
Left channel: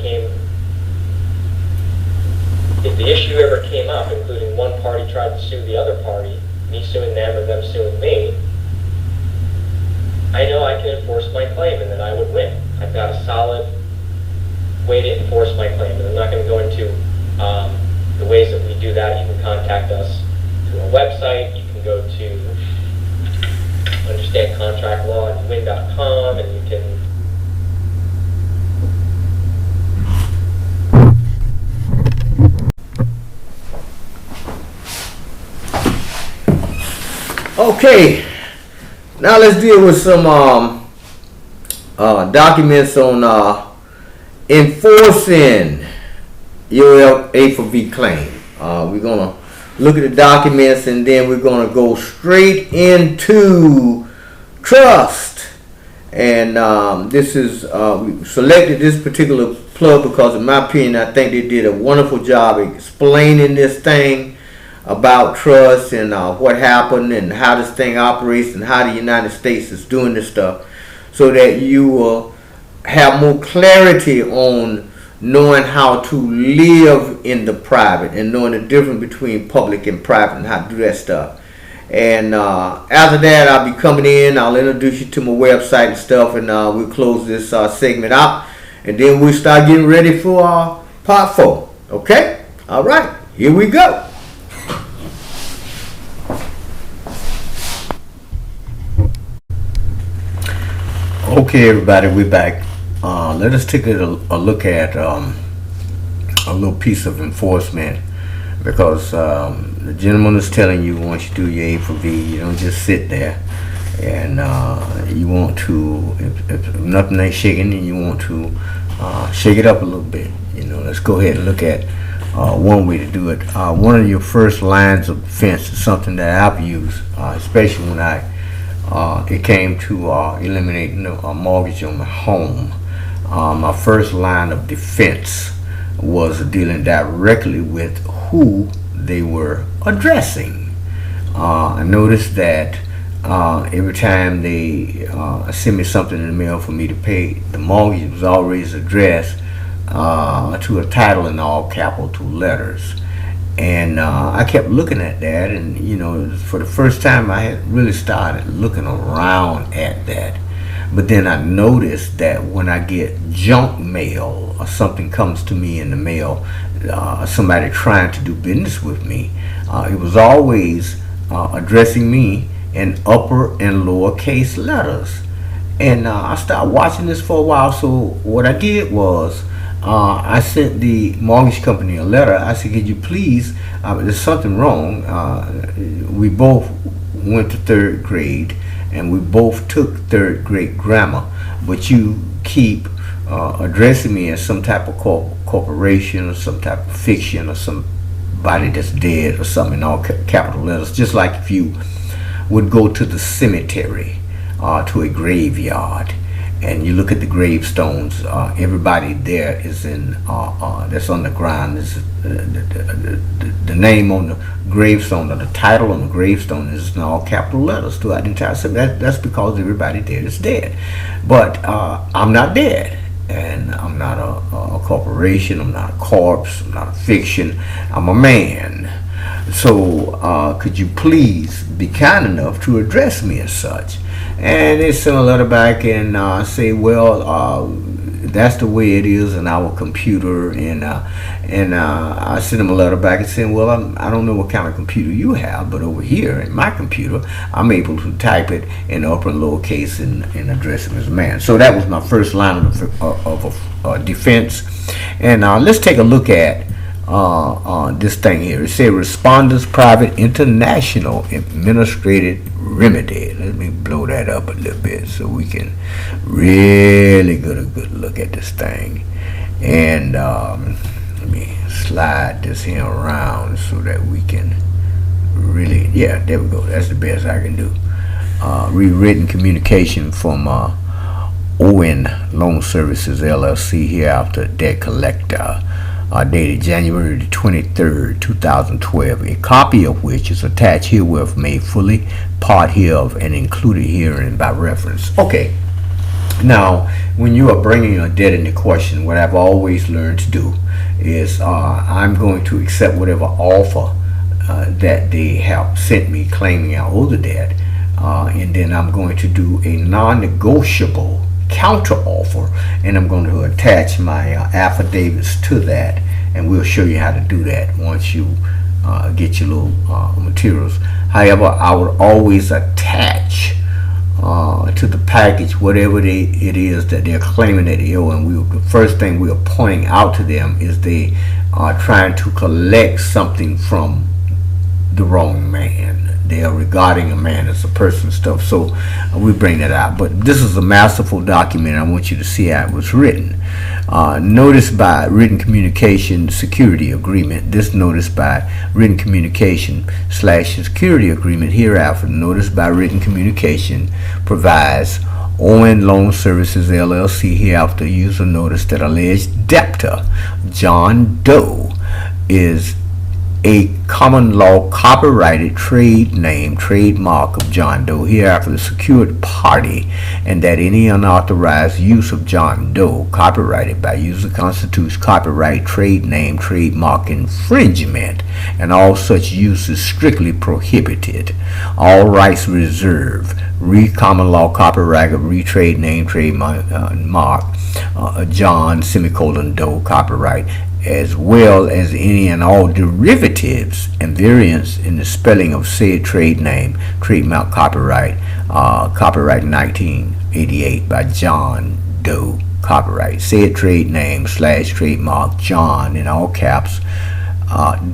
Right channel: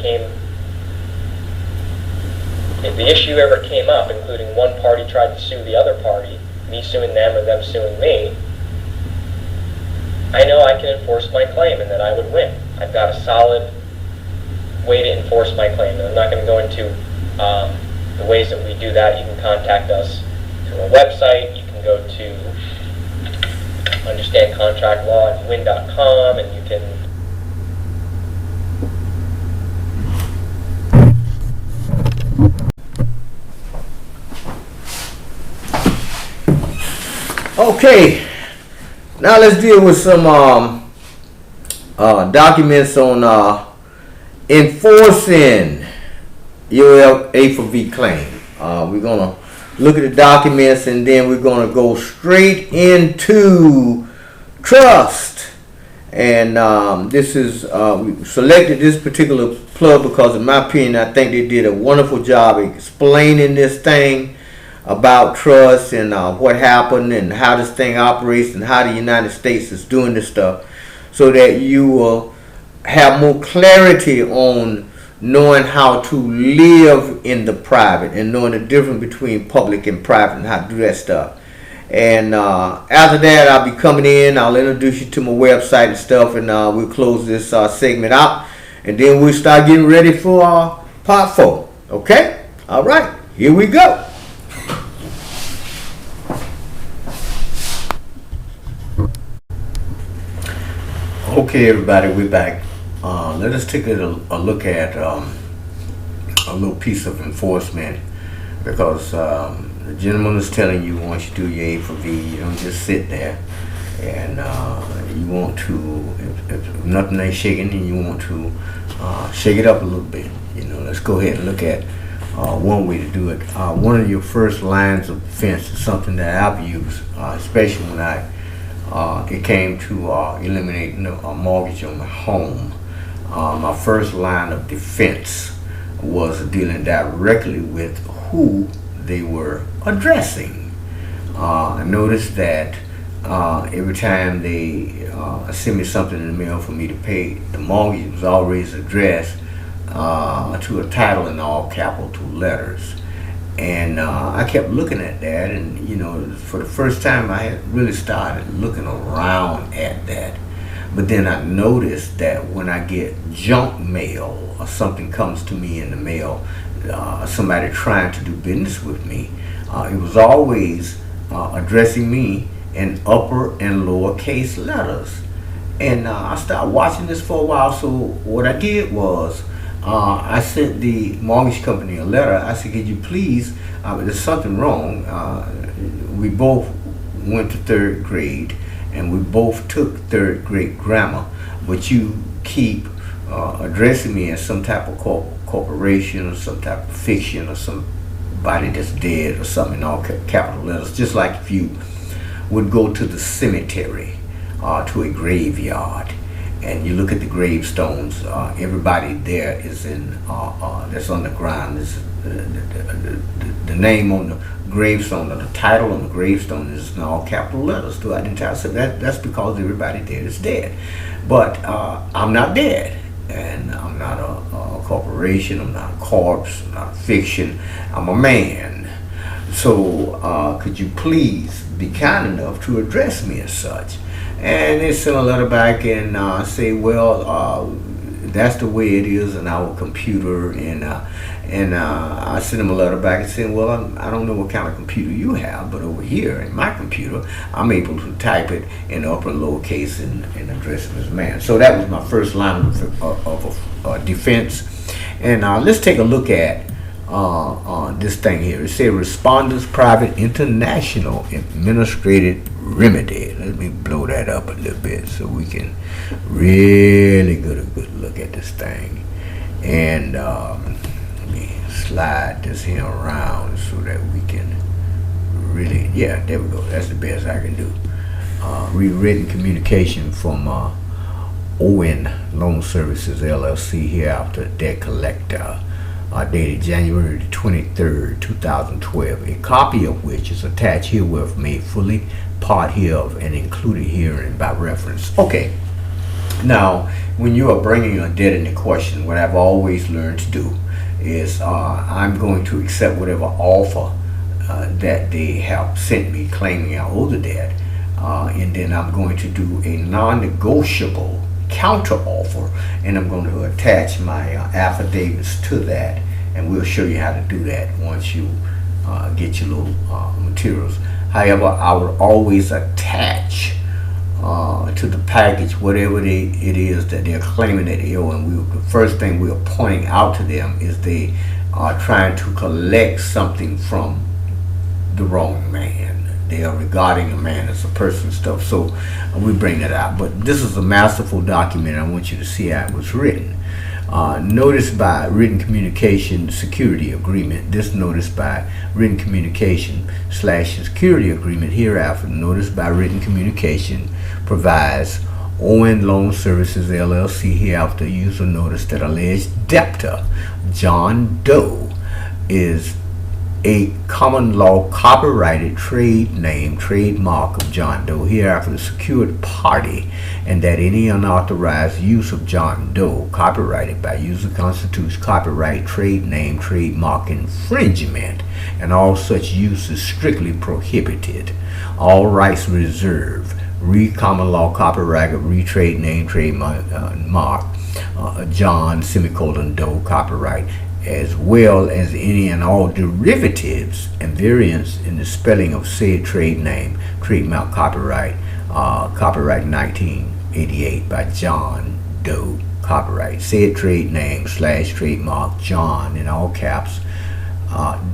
came up, including one party tried to sue the other party, me suing them or them suing me, I know I can enforce my claim and that I would win. I've got a solid way to enforce my claim. And I'm not going to go into the ways that we do that. You can contact us through our website. You can go to understandcontractlaw@win.com and you can Okay, now let's deal with some documents on enforcing your A for V claim. We're going to look at the documents and then we're going to go straight into trust. And this is, we selected this particular plug because in my opinion, I think they did a wonderful job explaining this thing about trust and what happened and how this thing operates and how the United States is doing this stuff, so that you will have more clarity on knowing how to live in the private and knowing the difference between public and private and how to do that stuff. And after that, I'll be coming in, I'll introduce you to my website and stuff, and we'll close this segment out, and then we'll start getting ready for part 4. Okay? All right, here we go. Okay, everybody, we're back. Let us take a look at a little piece of enforcement, because the gentleman is telling you once you do your A for V, you don't just sit there, and you want to, if nothing ain't shaking, and you want to shake it up a little bit. Let's go ahead and look at one way to do it. One of your first lines of defense is something that I've used, especially when it came to eliminating a mortgage on my home. My first line of defense was dealing directly with who they were addressing. I noticed that every time they send me something in the mail for me to pay, the mortgage was always addressed to a title in all capital letters. And I kept looking at that, and for the first time I had really started looking around at that. But then I noticed that when I get junk mail or something comes to me in the mail, somebody trying to do business with me, it was always addressing me in upper and lower case letters. And I started watching this for a while, so what I did was I sent the mortgage company a letter. I said, could you please, there's something wrong. We both went to 3rd grade and we both took 3rd grade grammar, but you keep addressing me as some type of corporation or some type of fiction or somebody that's dead or something in all capital letters, just like if you would go to the cemetery to a graveyard and you look at the gravestones, everybody there is in that's on the ground. The name on the gravestone, or the title on the gravestone, is in all capital letters throughout the entire. So that's because everybody there is dead. But I'm not dead, and I'm not a corporation. I'm not a corpse. I'm not a fiction. I'm a man. So could you please be kind enough to address me as such? And they send a letter back and say, well, that's the way it is in our computer. And I sent them a letter back and saying, well, I don't know what kind of computer you have, but over here in my computer, I'm able to type it in upper and lower case and address him as a man. So that was my first line of defense. And let's take a look at this thing here. It says Responders Private International Administrative Remedy. Let me blow that up a little bit so we can really get a good look at this thing. And let me slide this here around so that we can really, yeah, there we go. That's the best I can do. Rewritten communication from ON Loan Services LLC here after debt collector. Dated January 23rd, 2012, a copy of which is attached herewith, made fully part hereof and included herein by reference. Okay, now when you are bringing a debt into question, what I've always learned to do is I'm going to accept whatever offer that they have sent me claiming I owe the debt, and then I'm going to do a non-negotiable counter offer, and I'm going to attach my affidavits to that, and we'll show you how to do that once you get your little materials. However, I would always attach to the package whatever it is that they're claiming that they owe, and the first thing we are pointing out to them is they are trying to collect something from the wrong man. They are regarding a man as a person stuff, so we bring that out. But this is a masterful document. I want you to see how it was written. Notice by written communication security agreement. This notice by written communication / security agreement hereafter. Notice by written communication provides ON Loan Services LLC hereafter user notice that alleged debtor John Doe is a common law copyrighted trade name, trademark of John Doe, hereafter the secured party, and that any unauthorized use of John Doe copyrighted by user constitutes copyright, trade name, trademark infringement, and all such use is strictly prohibited. All rights reserved. Common law copyright of trade name, trademark, John Doe copyright, as well as any and all derivatives and variants in the spelling of said trade name, trademark, copyright, copyright 1988 by John Doe, copyright. Said trade name / trademark John in all caps,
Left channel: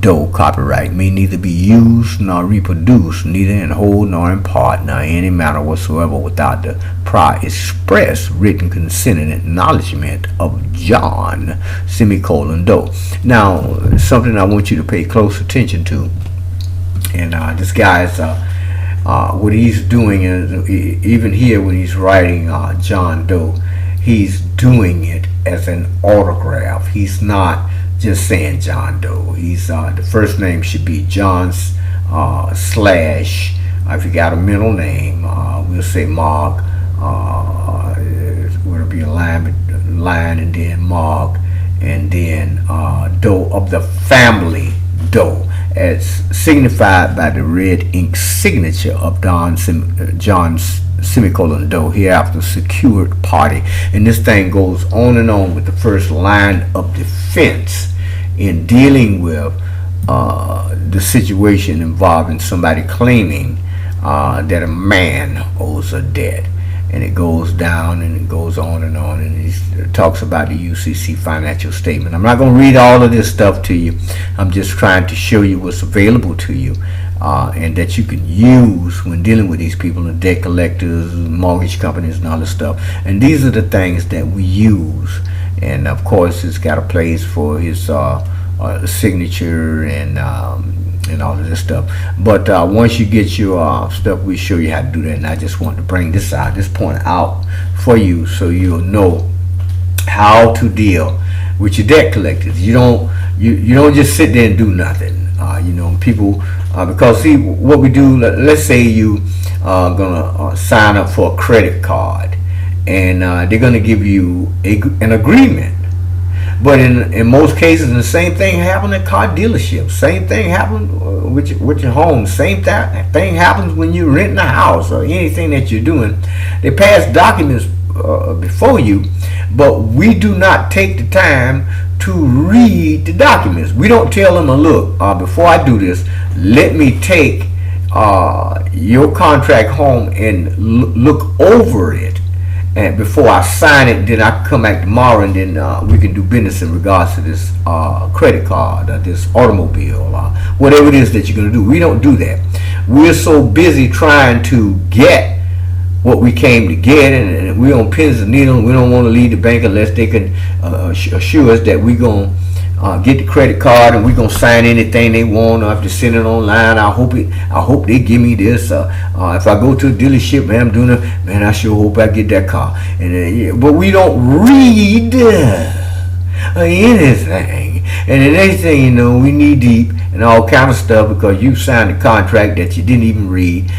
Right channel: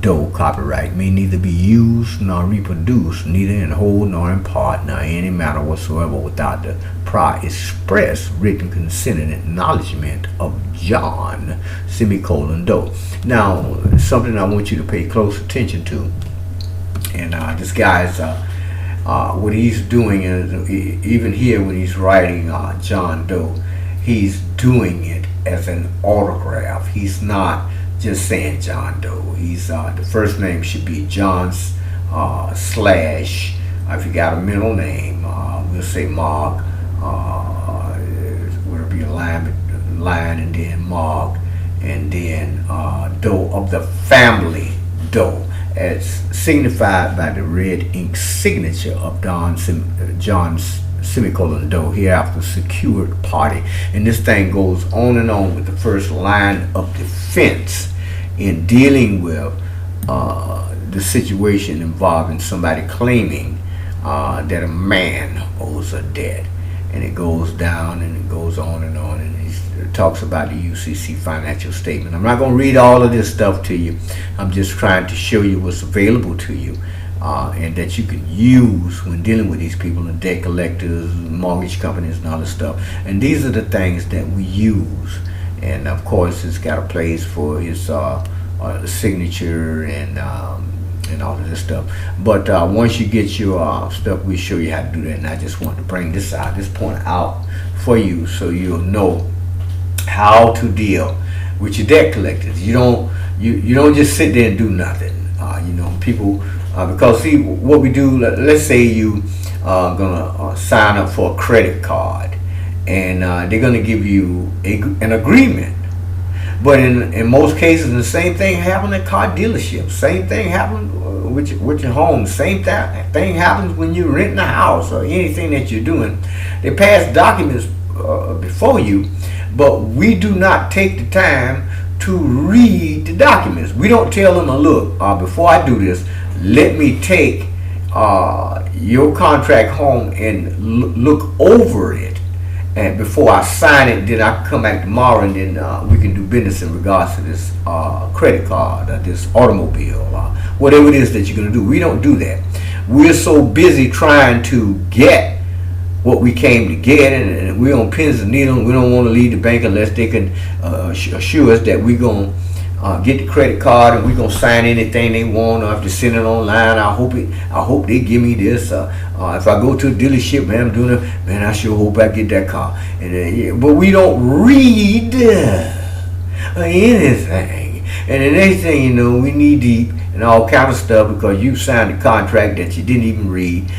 Doe, copyright, may neither be used nor reproduced, neither in whole nor in part, nor in any manner whatsoever, without the prior express written consent and acknowledgement of John, Doe. Now, something I want you to pay close attention to, and this guy's, what he's doing is, even here when he's writing John Doe, he's doing it as an autograph. He's not just saying John Doe. He's the first name should be John / if you got a middle name, we'll say Mark. Would be a line and then Mark, and then Doe of the family Doe, as signified by the red ink signature of John's Doe hereafter secured party. And this thing goes on and on with the first line of defense in dealing with the situation involving somebody claiming that a man owes a debt. And it goes down and it goes on, and he talks about the UCC financial statement. I'm not going to read all of this stuff to you. I'm just trying to show you what's available to you, and that you can use when dealing with these people, the debt collectors, mortgage companies, and all this stuff. And these are the things that we use. And of course, it's got a place for his signature and and all of this stuff. But once you get your stuff, we show you how to do that. And I just want to bring this point out for you, so you'll know how to deal with your debt collectors. You don't just sit there and do nothing. People, because see what we do. Let's say you are gonna sign up for a credit card, and they're gonna give you an agreement. But in most cases, the same thing happened at car dealerships. Same thing happened with your home. Same thing happens when you're renting a house or anything that you're doing. They pass documents before you, but we do not take the time to read the documents. We don't tell them, look, before I do this, let me take your contract home and look over it. And before I sign it, then I can come back tomorrow, and then we can do business in regards to this credit card, this automobile, whatever it is that you're going to do. We don't do that. We're so busy trying to get what we came to get, and we're on pins and needles. We don't want to leave the bank unless they can assure us that we're going to get the credit card and we're going to sign anything they want, or if they send it online, I hope they give me this. If I go to a dealership, man, I'm doing it, man, I sure hope I get that car. And but we don't read anything. And the next thing you know, we knee deep and all kind of stuff because you signed a contract that you didn't even read.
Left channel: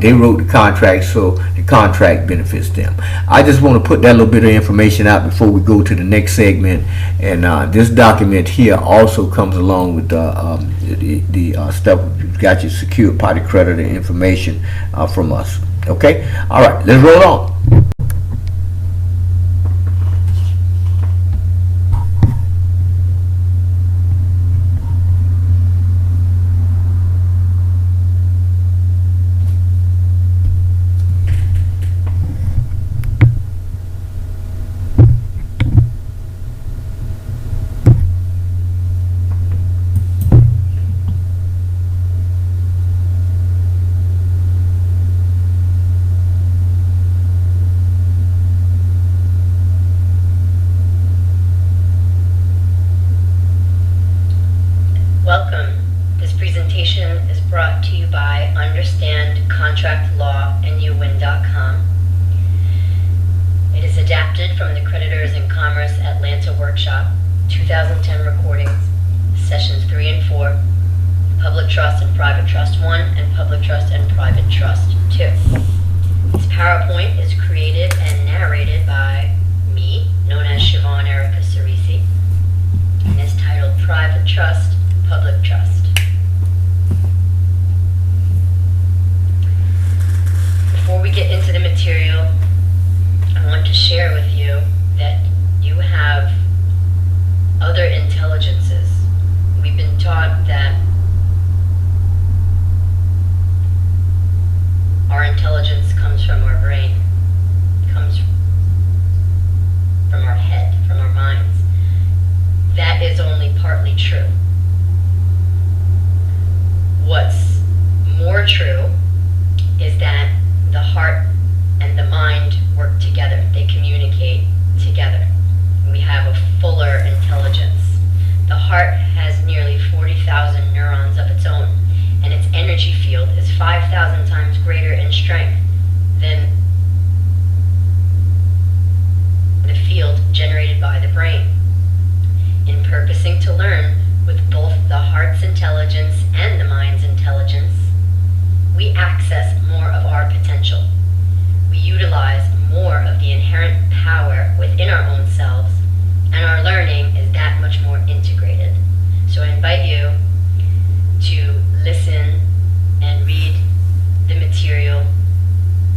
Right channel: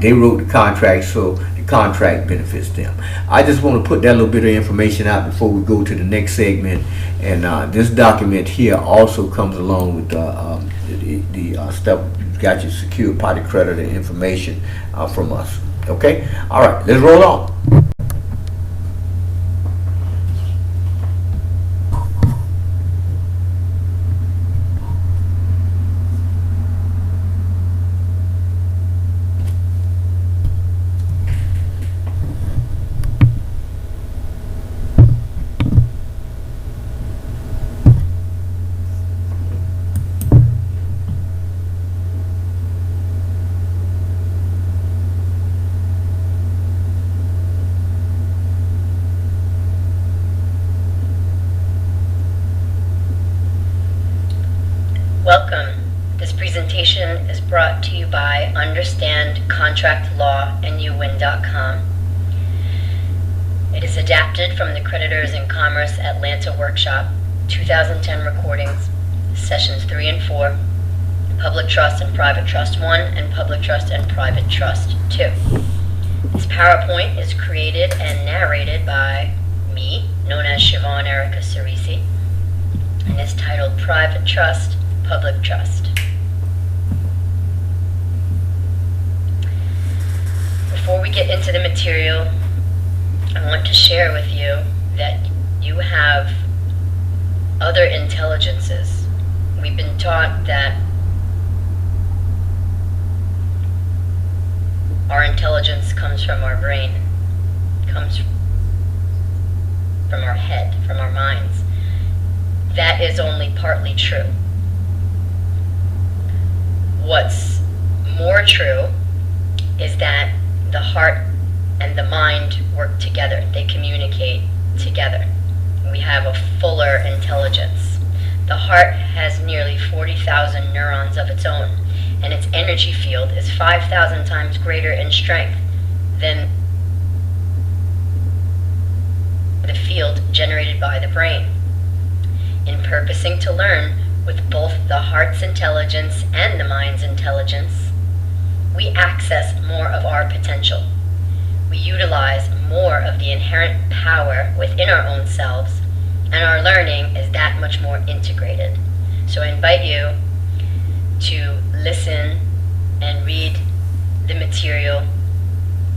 They wrote the contract, so the contract benefits them. I just want to put that little bit of information out before we go to the next segment. And this document here also comes along with the stuff. Got your secured party creditor information from us. Okay? All right, let's roll on. Welcome. This presentation is brought to you by Understand Contract Law and YouWin.com. It is adapted from the Creditors in Commerce Atlanta Workshop 2010 recordings, Sessions 3 and 4, Public Trust and Private Trust 1, and Public Trust and Private Trust 2. This PowerPoint is created and narrated by me, known as Siobhan Erica Cerisi, and is titled Private Trust, Public Trust. Before we get into the material, I want to share with you that you have other intelligences. We've been taught that our intelligence comes from our brain, comes from our head, from our minds. That is only partly true. What's more true is that the heart and the mind work together. They communicate together. We have a fuller intelligence. The heart has nearly 40,000 neurons of its own, and its energy field is 5,000 times greater in strength than the field generated by the brain. In purposing to learn with both the heart's intelligence and the mind's intelligence, we access more of our potential. We utilize more of the inherent power within our own selves, and our learning is that much more integrated. So I invite you to listen and read the material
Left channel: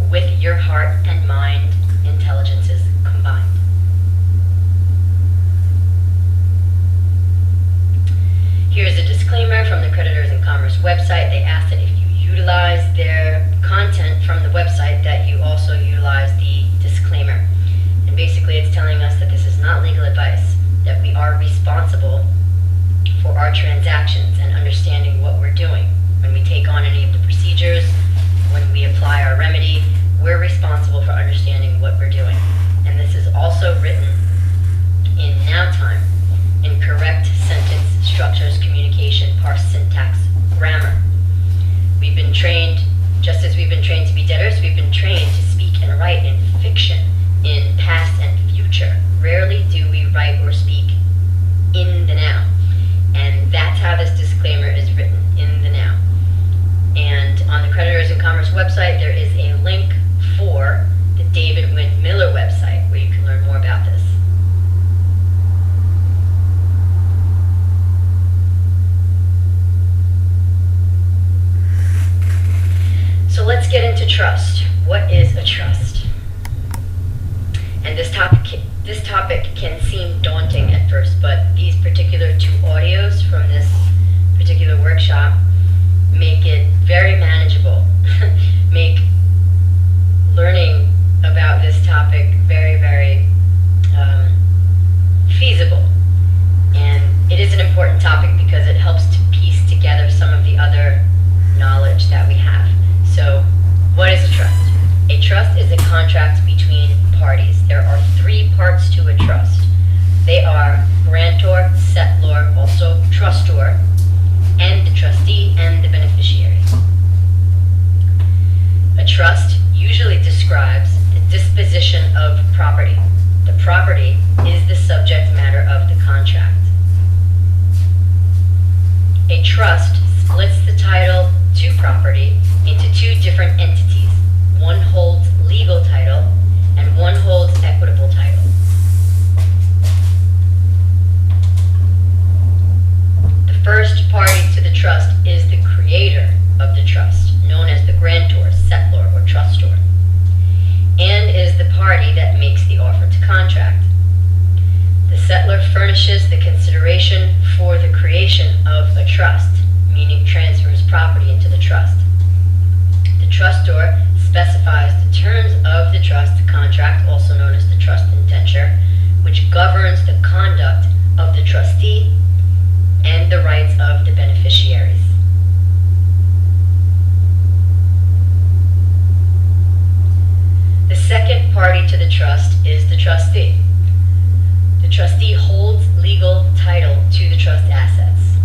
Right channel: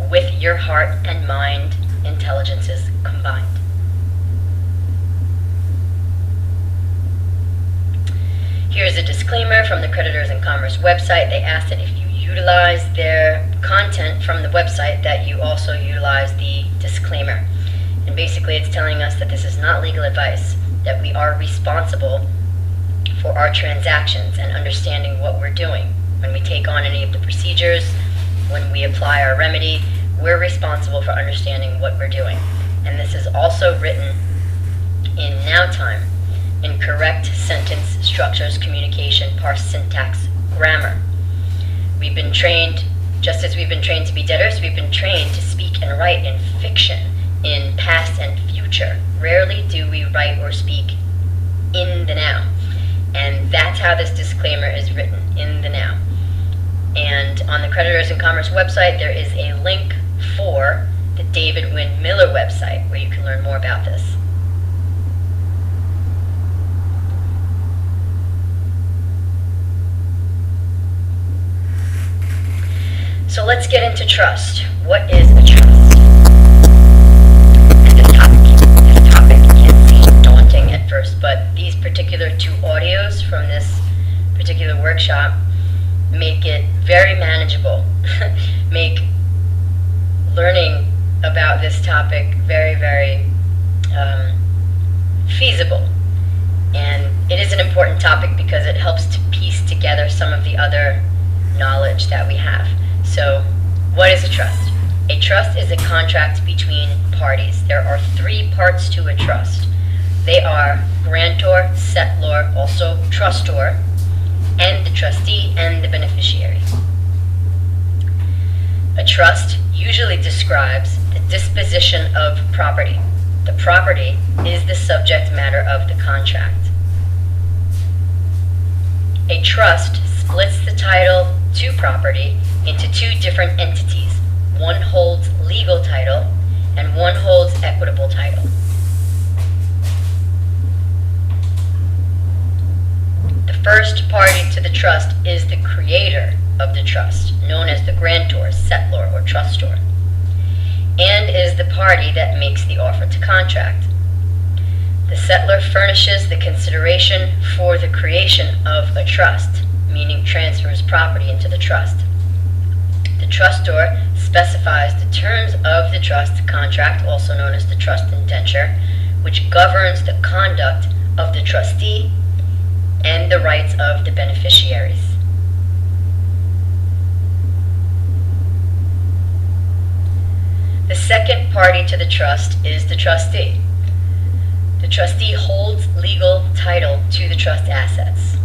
with your heart and mind intelligences combined. Here's a disclaimer from the Creditors in Commerce website. They ask that if you utilize their content from the website, that you also utilize the disclaimer. And basically it's telling us that this is not legal advice, that we are responsible for our transactions and understanding what we're doing. When we take on any of the procedures, when we apply our remedy, we're responsible for understanding what we're doing. And this is also written in now time, in correct sentence structures, communication, parse syntax grammar. We've been trained, just as we've been trained to be debtors, we've been trained to speak and write in fiction, in past and future. Rarely do we write or speak in the now. And that's how this disclaimer is written, in the now. And on the Creditors in Commerce website, there is a link for the David Wynn Miller website where you can learn more about this. So let's get into trust. What is a trust? And this topic can seem daunting at first, but these particular 2 audios from this particular workshop make it very manageable, make learning about this topic very, very feasible. And it is an important topic because it helps to piece together some of the other knowledge that we have. So, what is a trust? A trust is a contract between parties. There are 3 parts to a trust. They are grantor, settlor, also trustor, and the trustee and the beneficiary. A trust usually describes the disposition of property. The property is the subject matter of the contract. A trust splits the title to property into 2 different entities. One holds legal title and one holds equitable title. The first party to the trust is the creator of the trust, known as the grantor, settlor, or trustor, and is the party that makes the offer to contract. The settlor furnishes the consideration for the creation of a trust, meaning transfers property into the trust. The trustor specifies the terms of the trust contract, also known as the trust indenture, which governs the conduct of the trustee and the rights of the beneficiaries. The second party to the trust is the trustee. The trustee holds legal title to the trust assets,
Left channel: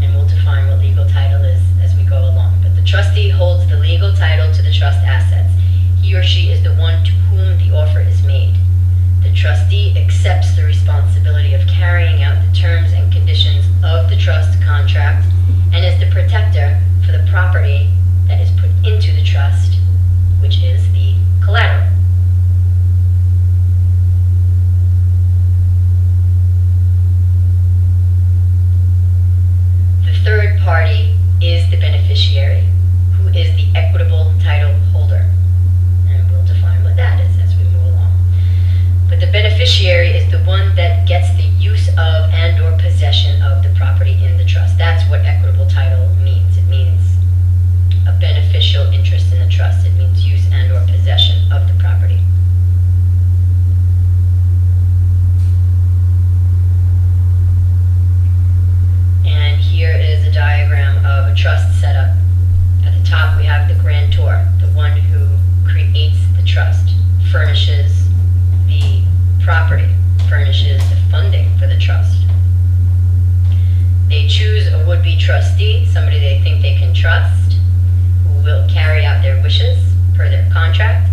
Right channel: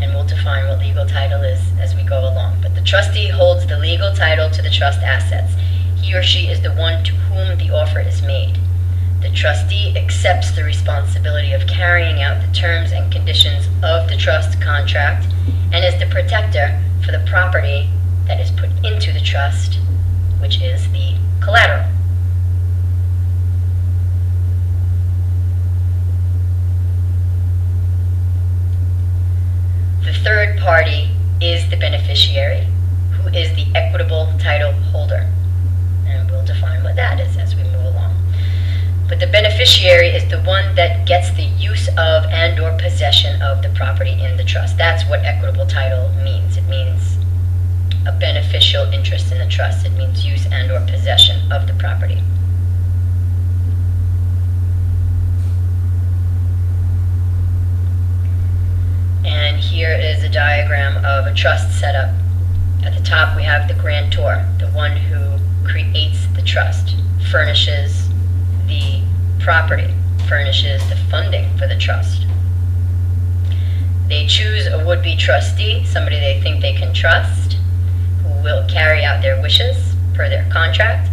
and we'll define what legal title is as we go along. But the trustee holds the legal title to the trust assets. He or she is the one to whom the offer is made. The trustee accepts the responsibility of carrying out the terms and conditions of the trust contract and is the protector for the property that is put into the trust, which is the collateral. The third party is the beneficiary, who is the equitable title holder. And we'll define what that is as we move along. But the beneficiary is the one that gets the use of and or possession of the property in the trust. That's what equitable title means. It means a beneficial interest in the trust. It means use and or possession of the property. And here is a diagram of a trust setup. At the top we have the grantor, the one who creates the trust, furnishes the property, furnishes the funding for the trust. They choose a would-be trustee, somebody they think they can trust, who will carry out their wishes per their contract.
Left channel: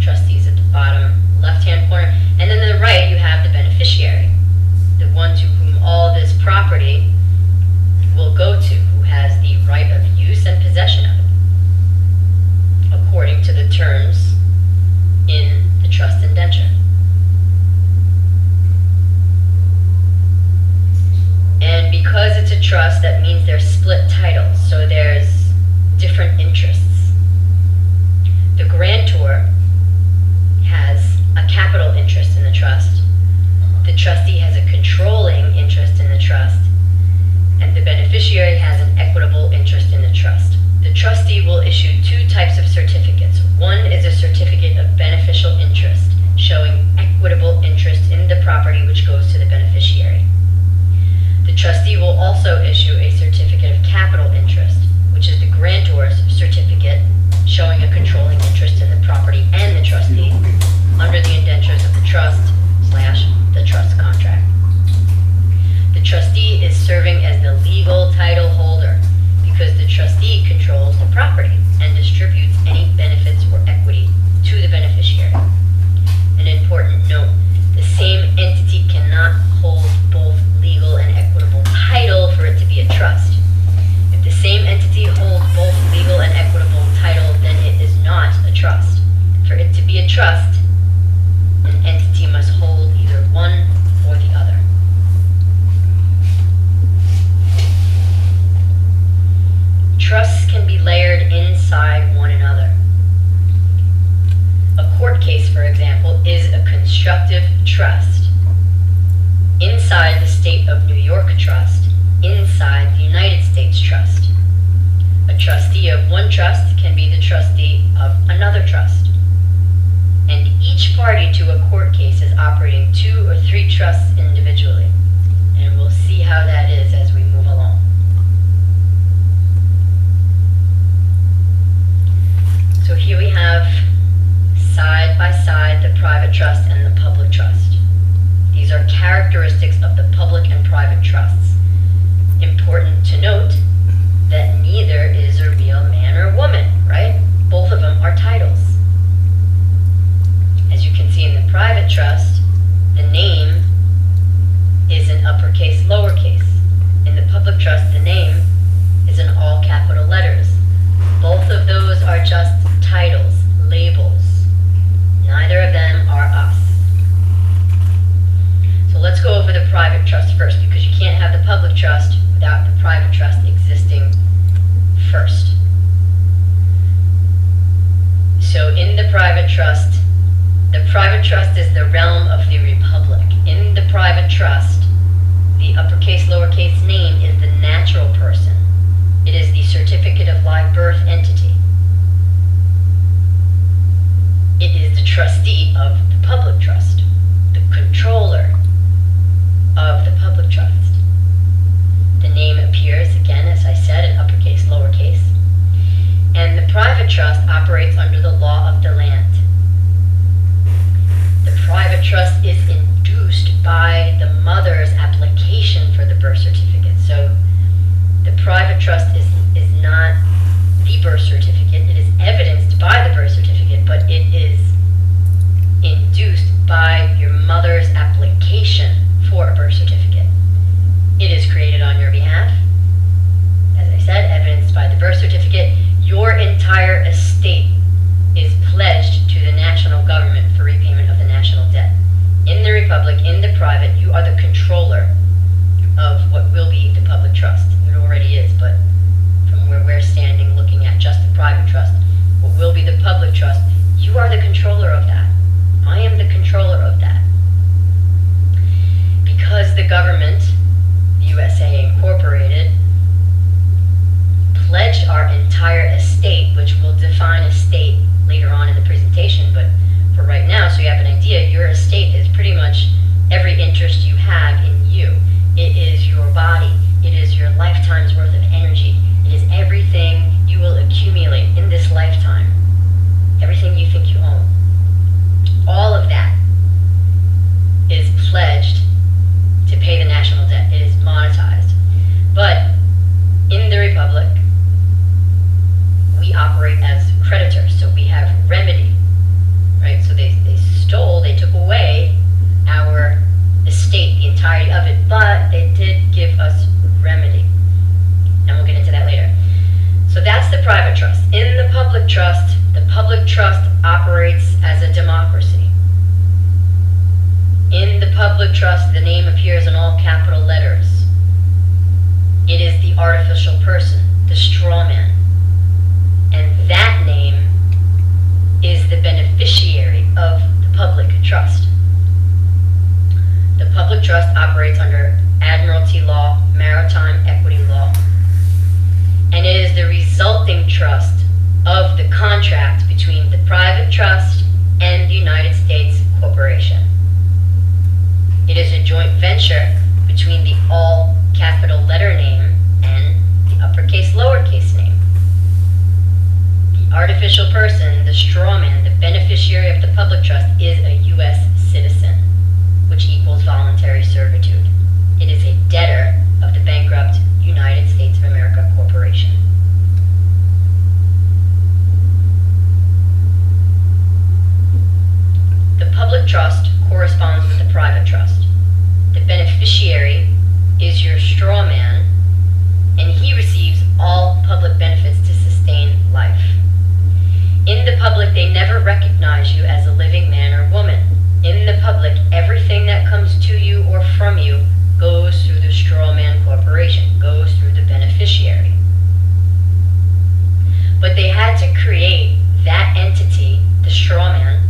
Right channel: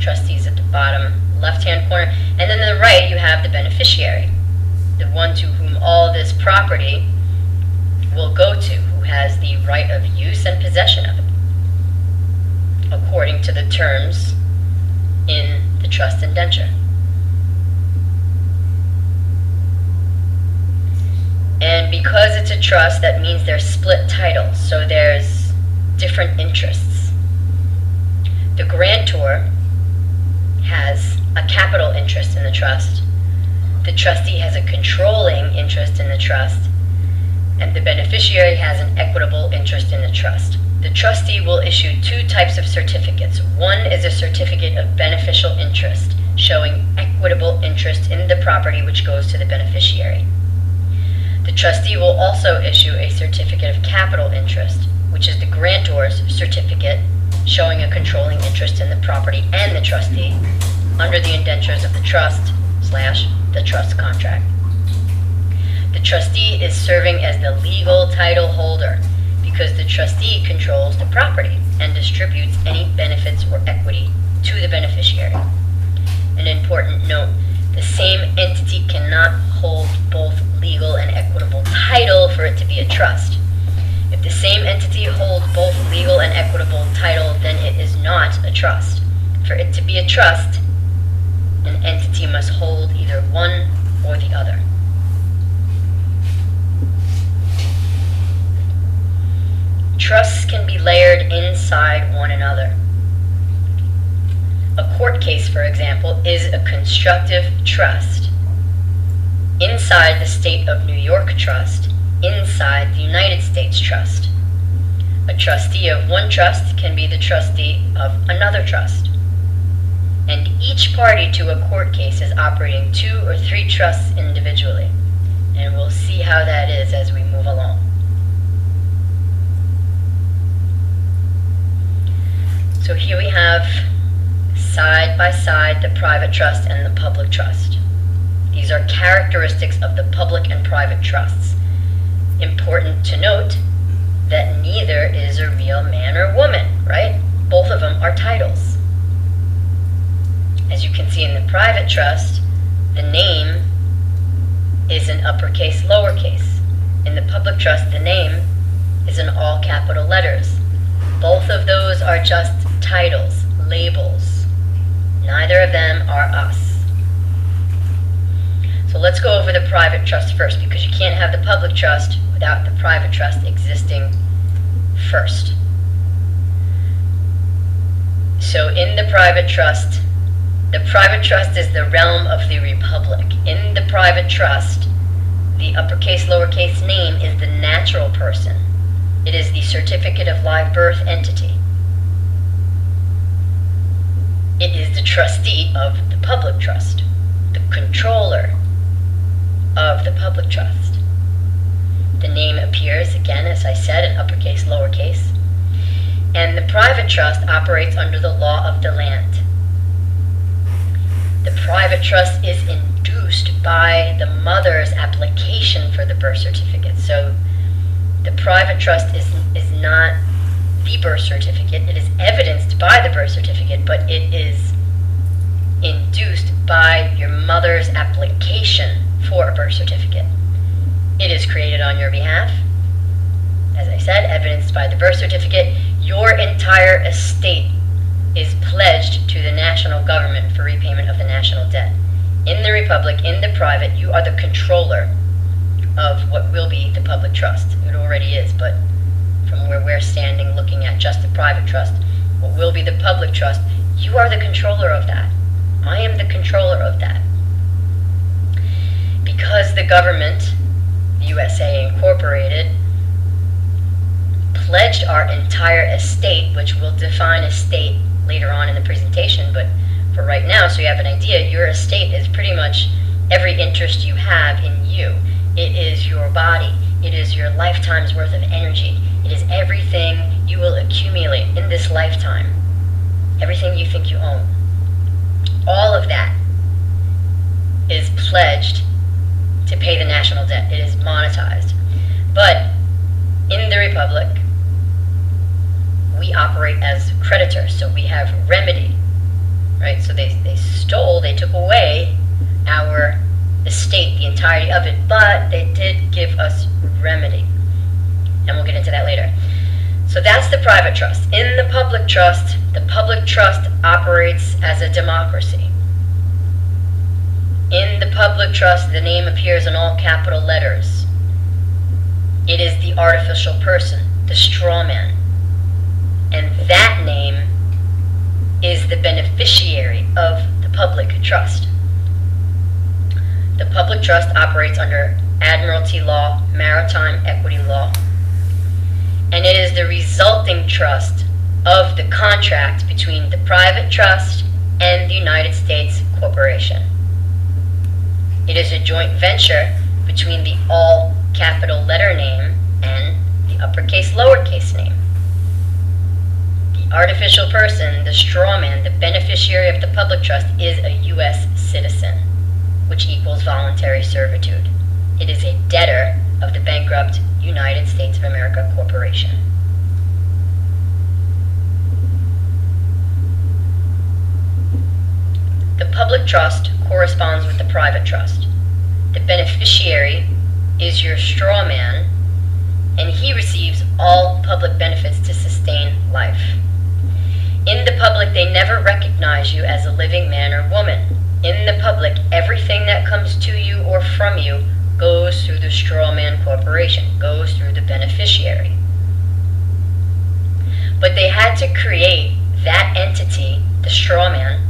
Trustees at the bottom left-hand corner. And then on the right you have the beneficiary, the one to whom all this property will go to, who has the right of use and possession of it, according to the terms in the trust indenture. And because it's a trust, that means there's split titles, so there's different interests. The grantor has a capital interest in the trust, the trustee has a controlling interest in the trust, and the beneficiary has an equitable interest in the trust. The trustee will issue 2 types of certificates. One is a certificate of beneficial interest, showing equitable interest in the property which goes to the beneficiary. The trustee will also issue a certificate of capital interest, which is the grantor's certificate, showing a controlling interest in the property and the trustee under the indentures of the trust / the trust contract. The trustee is serving as the legal title holder because the trustee controls the property and distributes any benefits or equity to the beneficiary. An important note, the same entity cannot hold both legal and equitable title for it to be a trust. If the same entity holds both legal and equitable title, then it is not a trust. For it to be a trust, an entity must hold either one or the other. Trusts can be layered inside one another. A court case, for example, is a constructive trust inside the state of New York trust, inside the United States trust. A trustee of one trust can be the trustee of another trust. And each party to a court case is operating 2 or 3 trusts individually. And we'll see how that is as we move along. So here we have side by side the private trust and the public trust. These are characteristics of the public and private trusts. Important to note that neither is a real man or woman, right? Both of them are titles. As you can see in the private trust, the name is in uppercase, lowercase. In the public trust, the name is in all capital letters. Both of those are just titles, labels. Neither of them are us. So let's go over the private trust first, because you can't have the public trust without the private trust existing first. So in the private trust is the realm of the republic. In the private trust, the uppercase, lowercase name is the natural person. It is the certificate of live birth entity. It is the trustee of the public trust, the controller of the public trust. The name appears, again, as I said, in uppercase, lowercase. And the private trust operates under the law of the land. The private trust is induced by the mother's application for the birth certificate. So the private trust is not the birth certificate. It is evidenced by the birth certificate, but it is induced by your mother's application for a birth certificate. It is created on your behalf. As I said, evidenced by the birth certificate. Your entire estate is pledged to the national government for repayment of the national debt. In the republic, in the private, you are the controller of what will be the public trust. It already is, but from where we're standing looking at just the private trust, what will be the public trust, you are the controller of that. I am the controller of that. Because the government, USA Incorporated, pledged our entire estate, which we'll define estate later on in the presentation, but for right now, so you have an idea, your estate is pretty much every interest you have in you. It is your body. It is your lifetime's worth of energy. It is everything you will accumulate in this lifetime. Everything you think you own. All of that is pledged to pay the national debt. It is monetized. But in the Republic, we operate as creditors, so we have remedy, right? So they took away our estate, the entirety of it, but they did give us remedy. And we'll get into that later. So that's the private trust. In the public trust operates as a democracy. In the public trust, the name appears in all capital letters. It is the artificial person, the straw man. And that name is the beneficiary of the public trust. The public trust operates under admiralty law, maritime equity law. And it is the resulting trust of the contract between the private trust and the United States Corporation. It is a joint venture between the all capital letter name and the uppercase lowercase name. The artificial person, the straw man, the beneficiary of the public trust is a U.S. citizen, which equals voluntary servitude. It is a debtor of the bankrupt United States of America Corporation. The public trust corresponds with the private trust. The beneficiary is your straw man, and he receives all public benefits to sustain life. In the public, they never recognize you as a living man or woman. In the public, everything that comes to you or from you goes through the straw man corporation, goes through the beneficiary. But they had to create that entity, the straw man,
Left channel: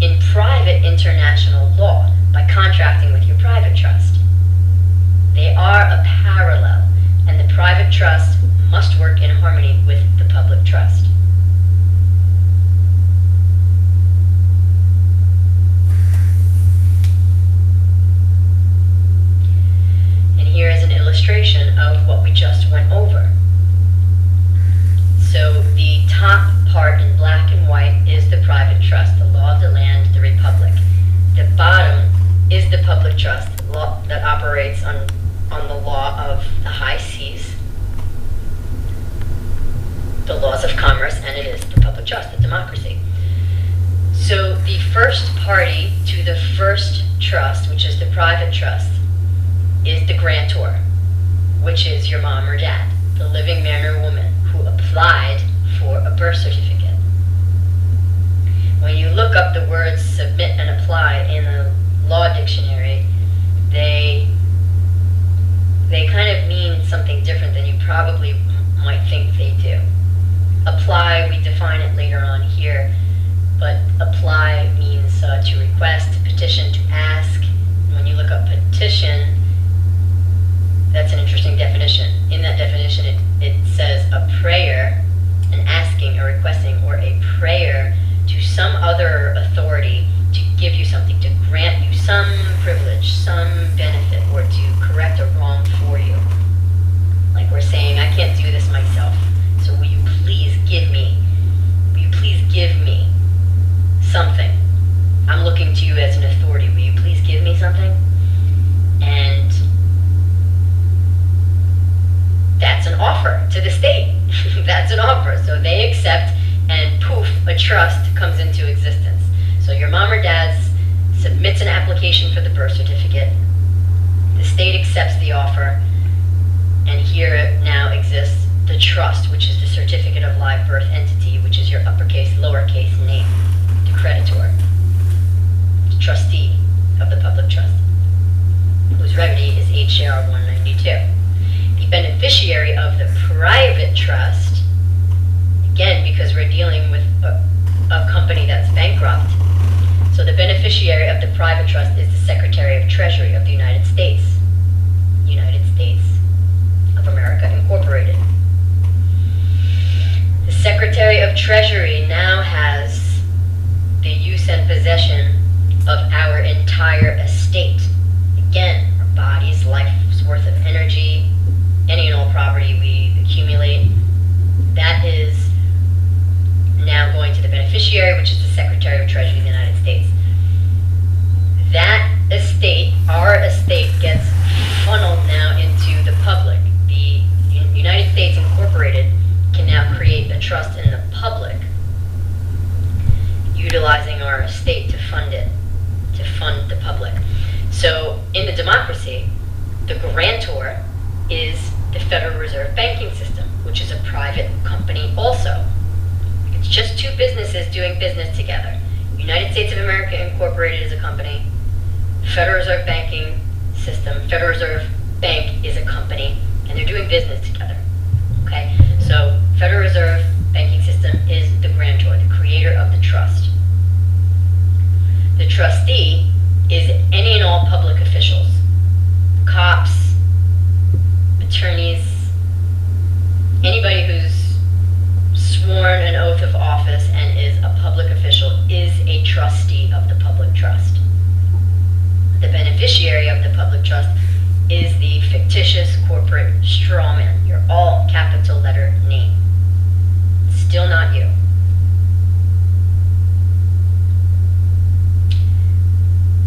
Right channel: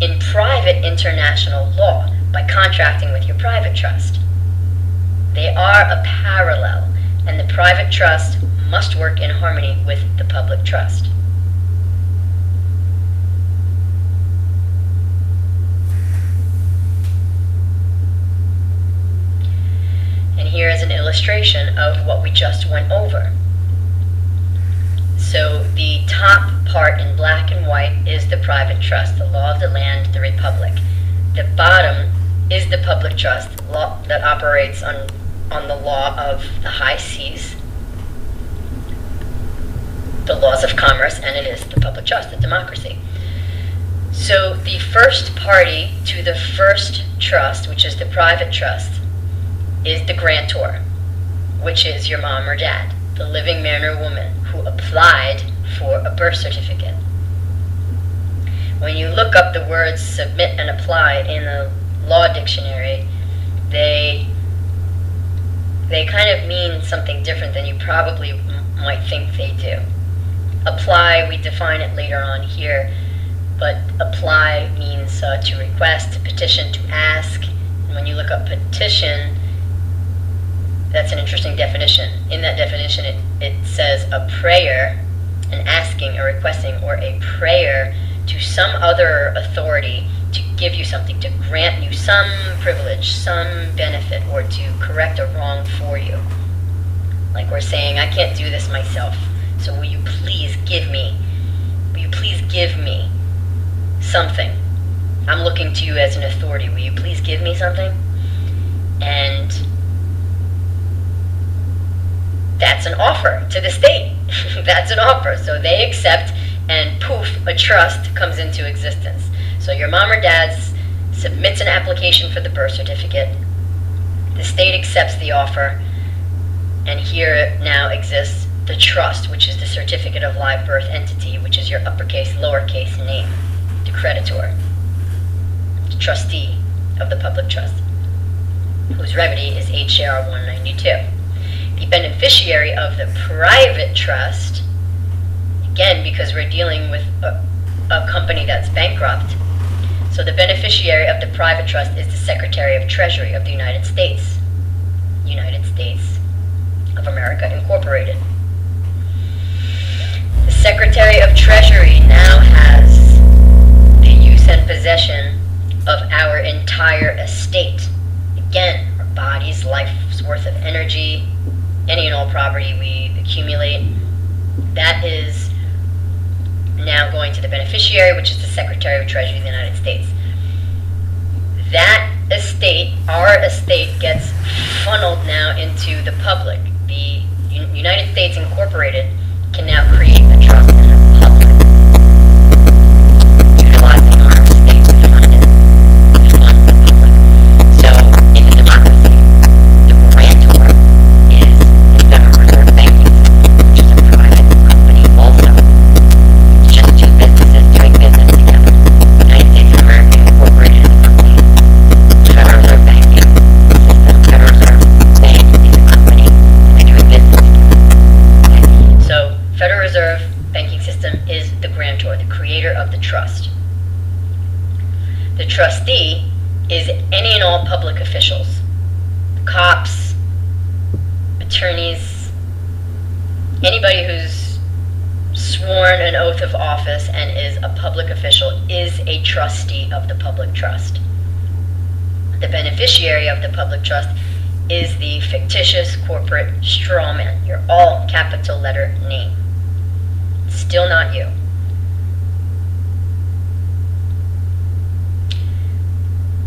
in private international law by contracting with your private trust. They are a parallel, and the private trust must work in harmony with the public trust. And here is an illustration of what we just went over. So the top part in black and white is the private trust, the law of the land, the republic. The bottom is the public trust, law that operates on the law of the high seas, the laws of commerce, and it is the public trust, the democracy. So the first party to the first trust, which is the private trust, is the grantor, which is your mom or dad, the living man or woman who applied for a birth certificate. When you look up the words submit and apply in the law dictionary, they kind of mean something different than you probably might think they do. Apply, we define it later on here, but apply means to request, to petition, to ask. And when you look up petition, that's an interesting definition. In that definition, it says a prayer, an asking, a requesting, or a prayer to some other authority to give you something, to grant you some privilege, some benefit, or to correct a wrong for you. Like we're saying, I can't do this myself, so will you please give me something? I'm looking to you as an authority. Will you please give me something? And that's an offer to the state. That's an offer. So they accept, and poof, a trust comes into existence. So your mom or dad submits an application for the birth certificate. The state accepts the offer, and here now exists the trust, which is the certificate of live birth entity, which is your uppercase, lowercase name, the creditor, the trustee of the public trust, whose remedy is H.J.R. 192. The beneficiary of the private trust, again, because we're dealing with a company that's bankrupt, so the beneficiary of the private trust is the Secretary of Treasury of the United States of America Incorporated. The Secretary of Treasury now has the use and possession of our entire estate. Again, our body's life's worth of energy, any and all property we accumulate, that is now going to the beneficiary, which is the Secretary of Treasury of the United States. That estate, our estate, gets funneled now into the public. The United States Incorporated can now create a trust in the public, utilizing our estate to fund it, to fund the public. So in the democracy, the grantor is the Federal Reserve Banking System, which is a private company also. It's just two businesses doing business together. United States of America Incorporated is a company. Federal Reserve Banking System, Federal Reserve Bank is a company, and they're doing business together. Okay? So Federal Reserve Banking System is the grantor, the creator of the trust. The trustee is any and all public officials, cops, attorneys, anybody who's sworn an oath of office and is a public official is a trustee of the public trust. The beneficiary of the public trust is the fictitious corporate strawman, your all capital letter name. Still not you.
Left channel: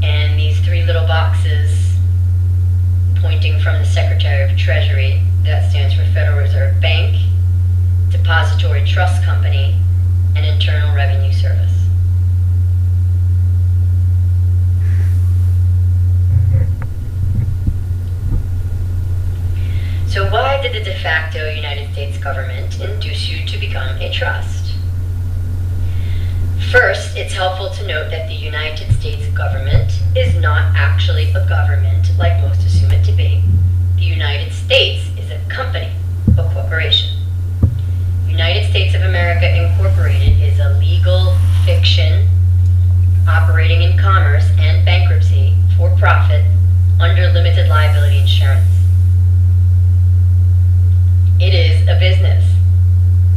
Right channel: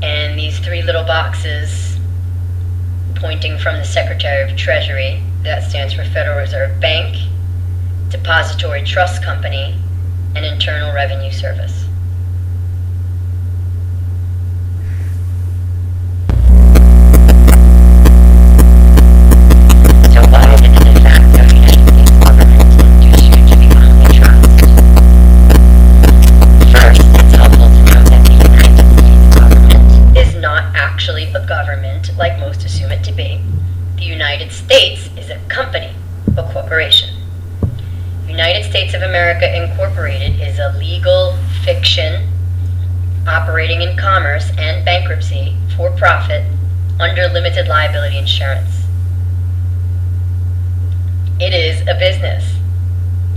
And these three little boxes pointing from the Secretary of Treasury That stands for Federal Reserve Bank, Depository Trust Company, and Internal Revenue Service. So why did the de facto United States government induce you to become a trust? First, it's helpful to note that the United States government is not actually a government like most assume it to be. The United States is a company, a corporation. United States of America Incorporated is a legal fiction operating in commerce and bankruptcy for profit under limited liability insurance. It is a business.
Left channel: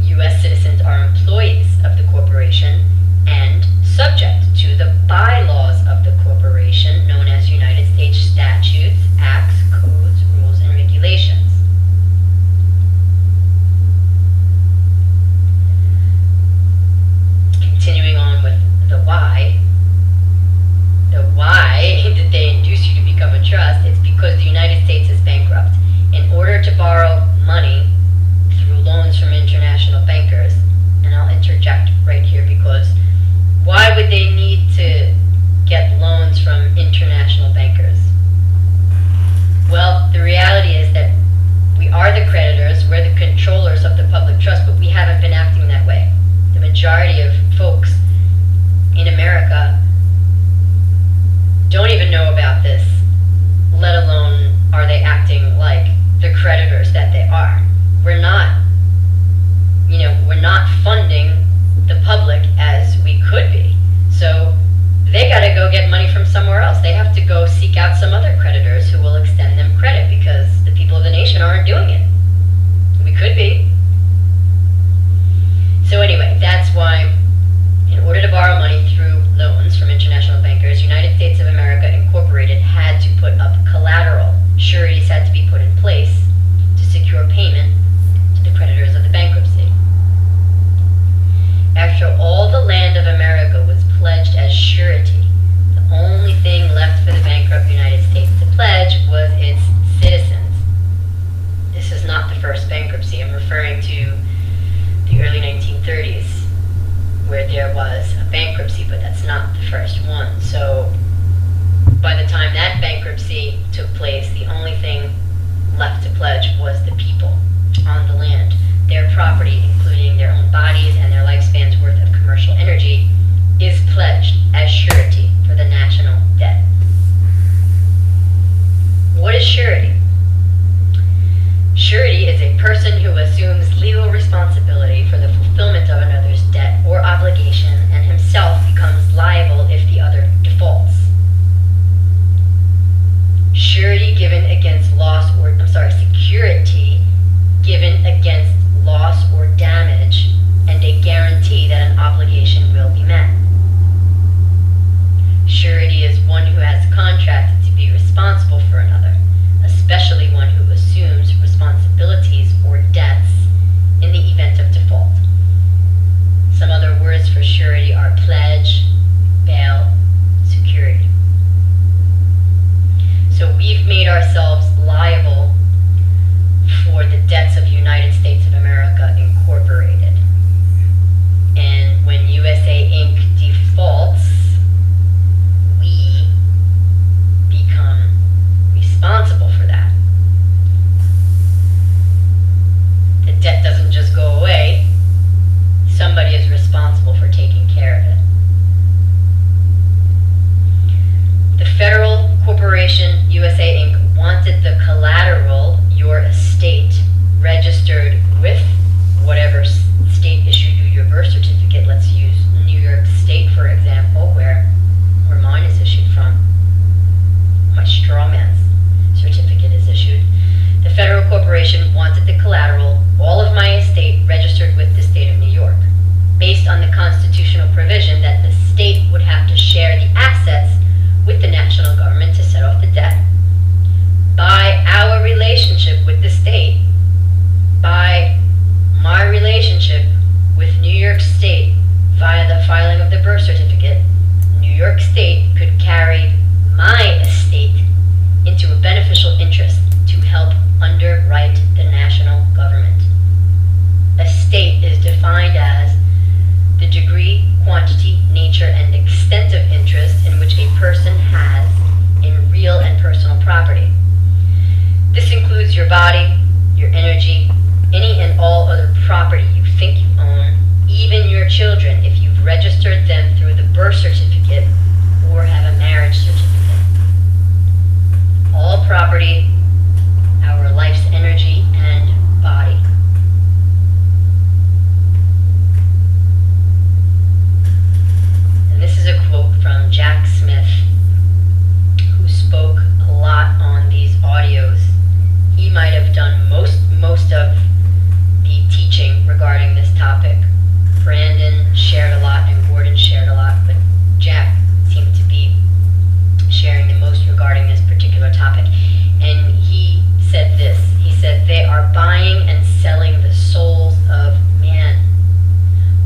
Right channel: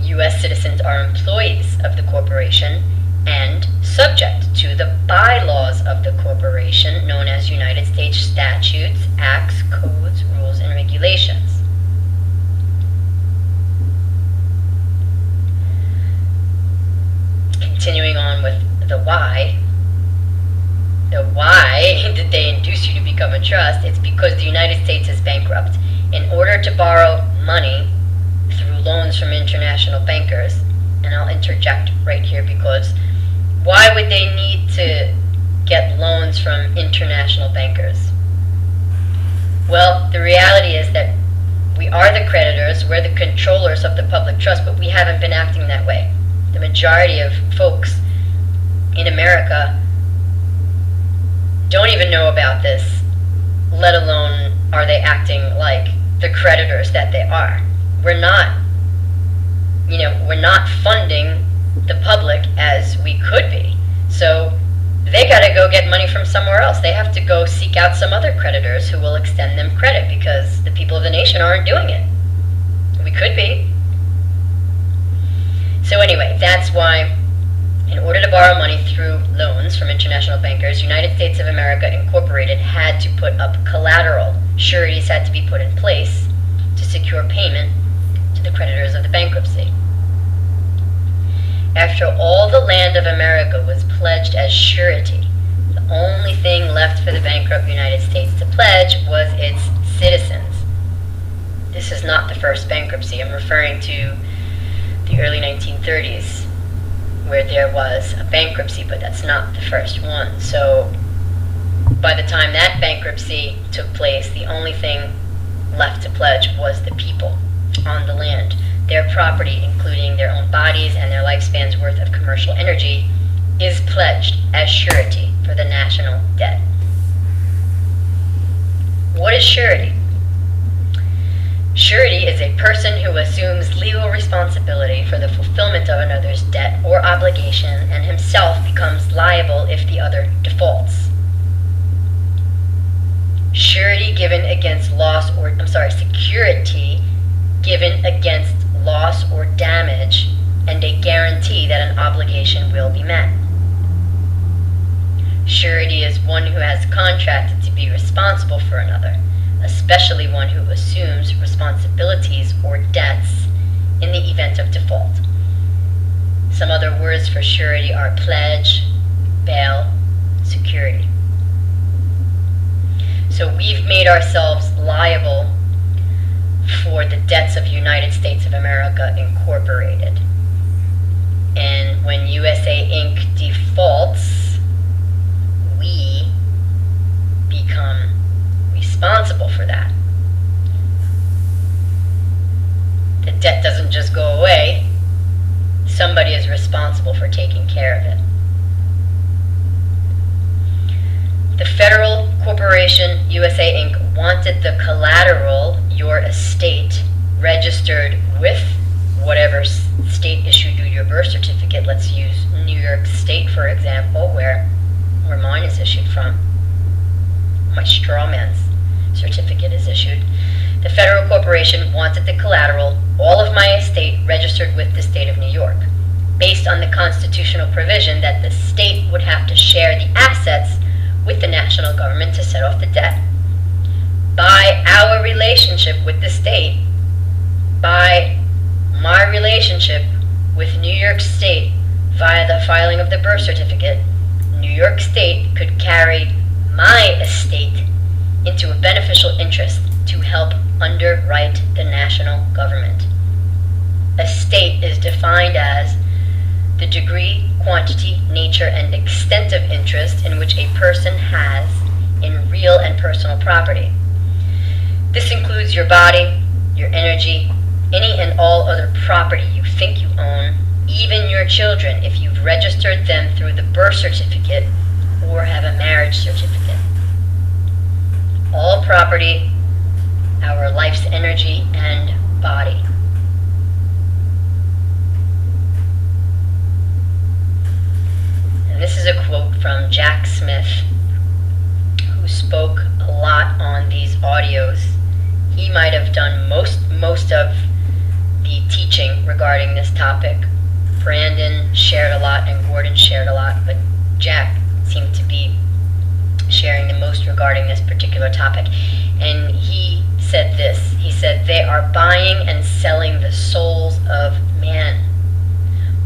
U.S. citizens are employees of the corporation and subject to the bylaws of the corporation known as United States statutes, acts, codes, rules, and regulations. Continuing on with the why. The why did they induce you to become a trust? It's because the United States is bankrupt. In order to borrow money through loans from international bankers, and I'll interject right here because why would they need to get loans from international bankers? Well, the reality is that we are the creditors, we're the controllers of the public trust, but we haven't been acting that way. The majority of folks in America don't even know about this, let alone are they acting like the creditors that they are. We're not funding the public as we could be. So they got to go get money from somewhere else. They have to go seek out some other creditors who will extend them credit because the people of the nation aren't doing it. We could be. So anyway, that's why in order to borrow money through loans from international bankers, United States of America Incorporated had to put up collateral. Sureties had to be put in place to secure payment to the creditors of the bankruptcy. After all the land of America was pledged as surety, the only thing left for the bankrupt United States to pledge was its citizens. This is not the first bankruptcy. I'm referring to the early 1930s, where there was a bankruptcy, but that's not the first one. So by the time that bankruptcy took place, the only thing left to pledge was the people on the land. Their property, including their own bodies and their lifespan's worth of commercial energy, is pledged as surety for the national debt. What is surety? Surety is a person who assumes legal responsibility for the fulfillment of another's debt or obligation and himself becomes liable if the other defaults. Surety given against security given against loss or damage, and a guarantee that an obligation will be met. Surety is one who has contracted to be responsible for another, especially one who assumes responsibilities or debts in the event of default. Some other words for surety are pledge, bail, security. So we've made ourselves liable for the debts of United States of America Incorporated. And when USA Inc. defaults, we become responsible for that. The debt doesn't just go away. Somebody is responsible for taking care of it. The Federal Corporation USA Inc. wanted the collateral, your estate, registered with whatever state issued you your birth certificate. Let's use New York State, for example, where mine is issued from. My straw man's certificate is issued. The Federal Corporation wanted the collateral, all of my estate, registered with the state of New York, based on the constitutional provision that the state would have to share the assets with the national government to set off the debt. By our relationship with the state, by my relationship with New York State via the filing of the birth certificate, New York State could carry my estate into a beneficial interest to help underwrite the national government. Estate is defined as the degree, quantity, nature, and extent of interest in which a person has in real and personal property. This includes your body, your energy, any and all other property you think you own, even your children if you've registered them through the birth certificate or have a marriage certificate. All property, our life's energy and body. And this is a quote from Jack Smith, who spoke a lot on these audios. He might have done most of the teaching regarding this topic. Brandon shared a lot and Gordon shared a lot, but Jack seemed to be sharing the most regarding this particular topic. And he said this. He said, they are buying and selling the souls of man.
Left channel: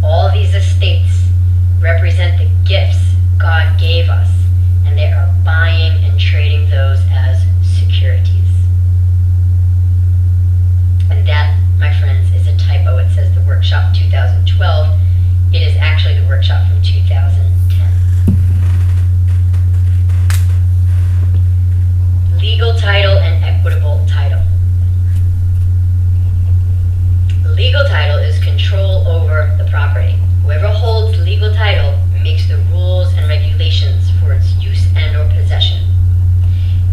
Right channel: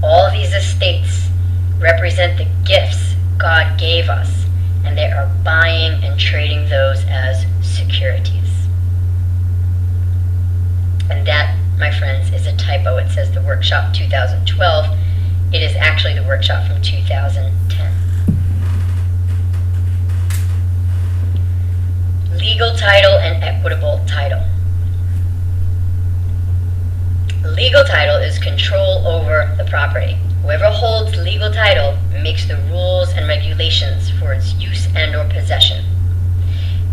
All these estates represent the gifts God gave us, and they are buying and trading those as securities. And that, my friends, is a typo. It says the workshop 2012. It is actually the workshop from 2010. Legal title and equitable title. Legal title is control over the property. Whoever holds legal title makes the rules and regulations for its use and or possession.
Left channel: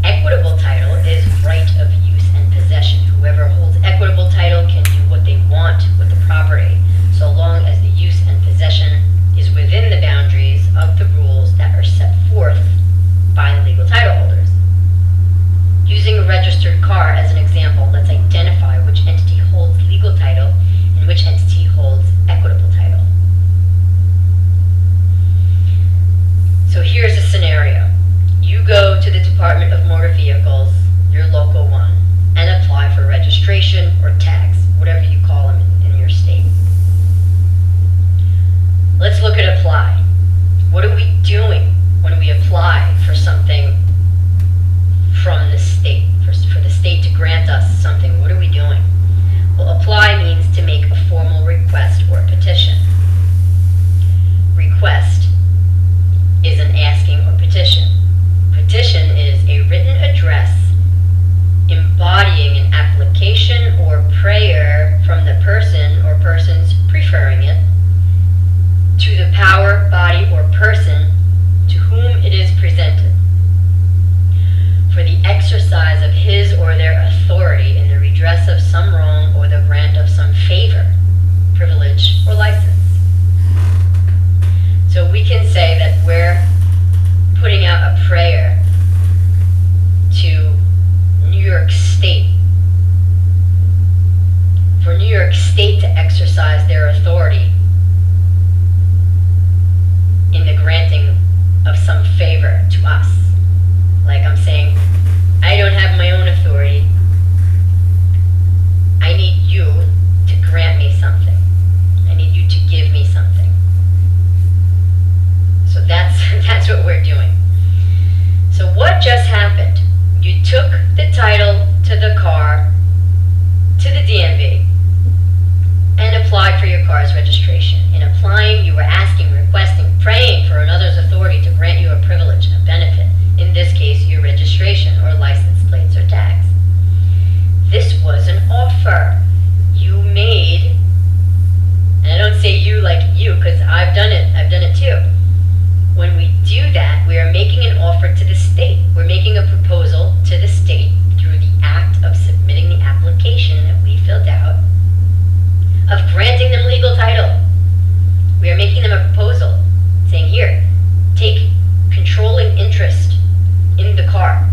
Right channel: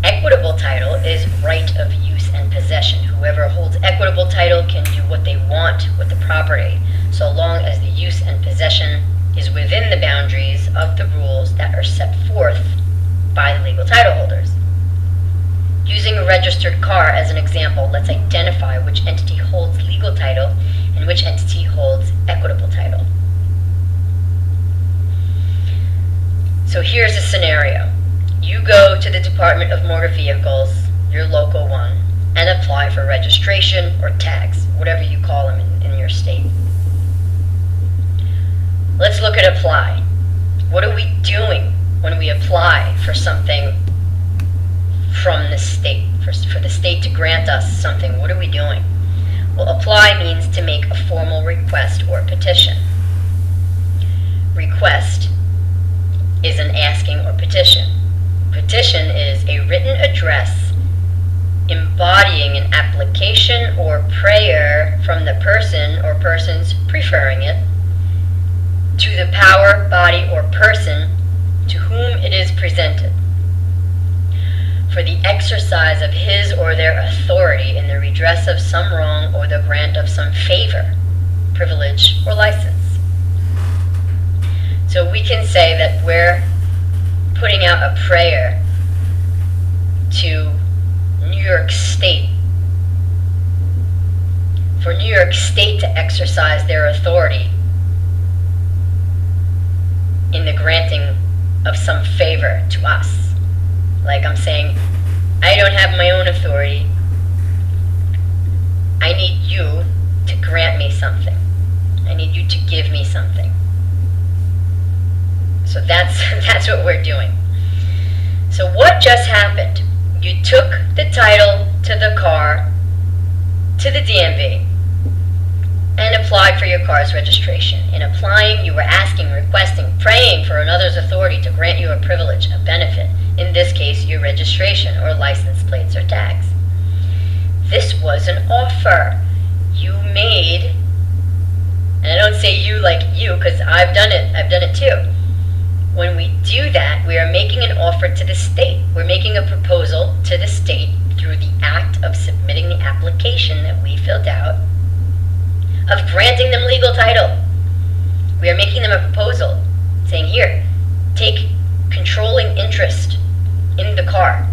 Equitable title is right of use and possession. Whoever holds equitable title can do what they want with the property, so long as the use and possession is within the boundaries of the rules that are set forth by the legal title holders. Using a registered car as an example, let's identify which entity holds legal title and which entity holds equitable title. So here's a scenario. You go to the Department of Motor Vehicles, your local one, and apply for registration or tags, whatever you call them in your state. Let's look at apply. What are we doing when we apply for something from the state, for the state to grant us something? What are we doing? Well, apply means to make a formal request or petition. Request is an asking or petition. Petition is a written address embodying an application or prayer from the person or persons preferring it to the power, body, or person to whom it is presented for the exercise of his or their authority in the redress of some wrong or the grant of some favor, privilege, or license. So we can say that we're putting out a prayer to New York State for New York State to exercise their authority in the granting of some favor to us. Like I'm saying, I don't have my own authority. I need you to grant me something. I need you to give me something. So that's what we're doing. So what just happened? You took the title to the car, to the DMV, and applied for your car's registration. In applying, you were asking, requesting, praying for another's authority to grant you a privilege, a benefit. In this case, your registration or license plates or tags. This was an offer you made, and I don't say you like you because I've done it too. When we do that, we are making an offer to the state. We're making a proposal to the state through the act of submitting the application that we filled out, of granting them legal title. We are making them a proposal, saying, here, take controlling interest in the car,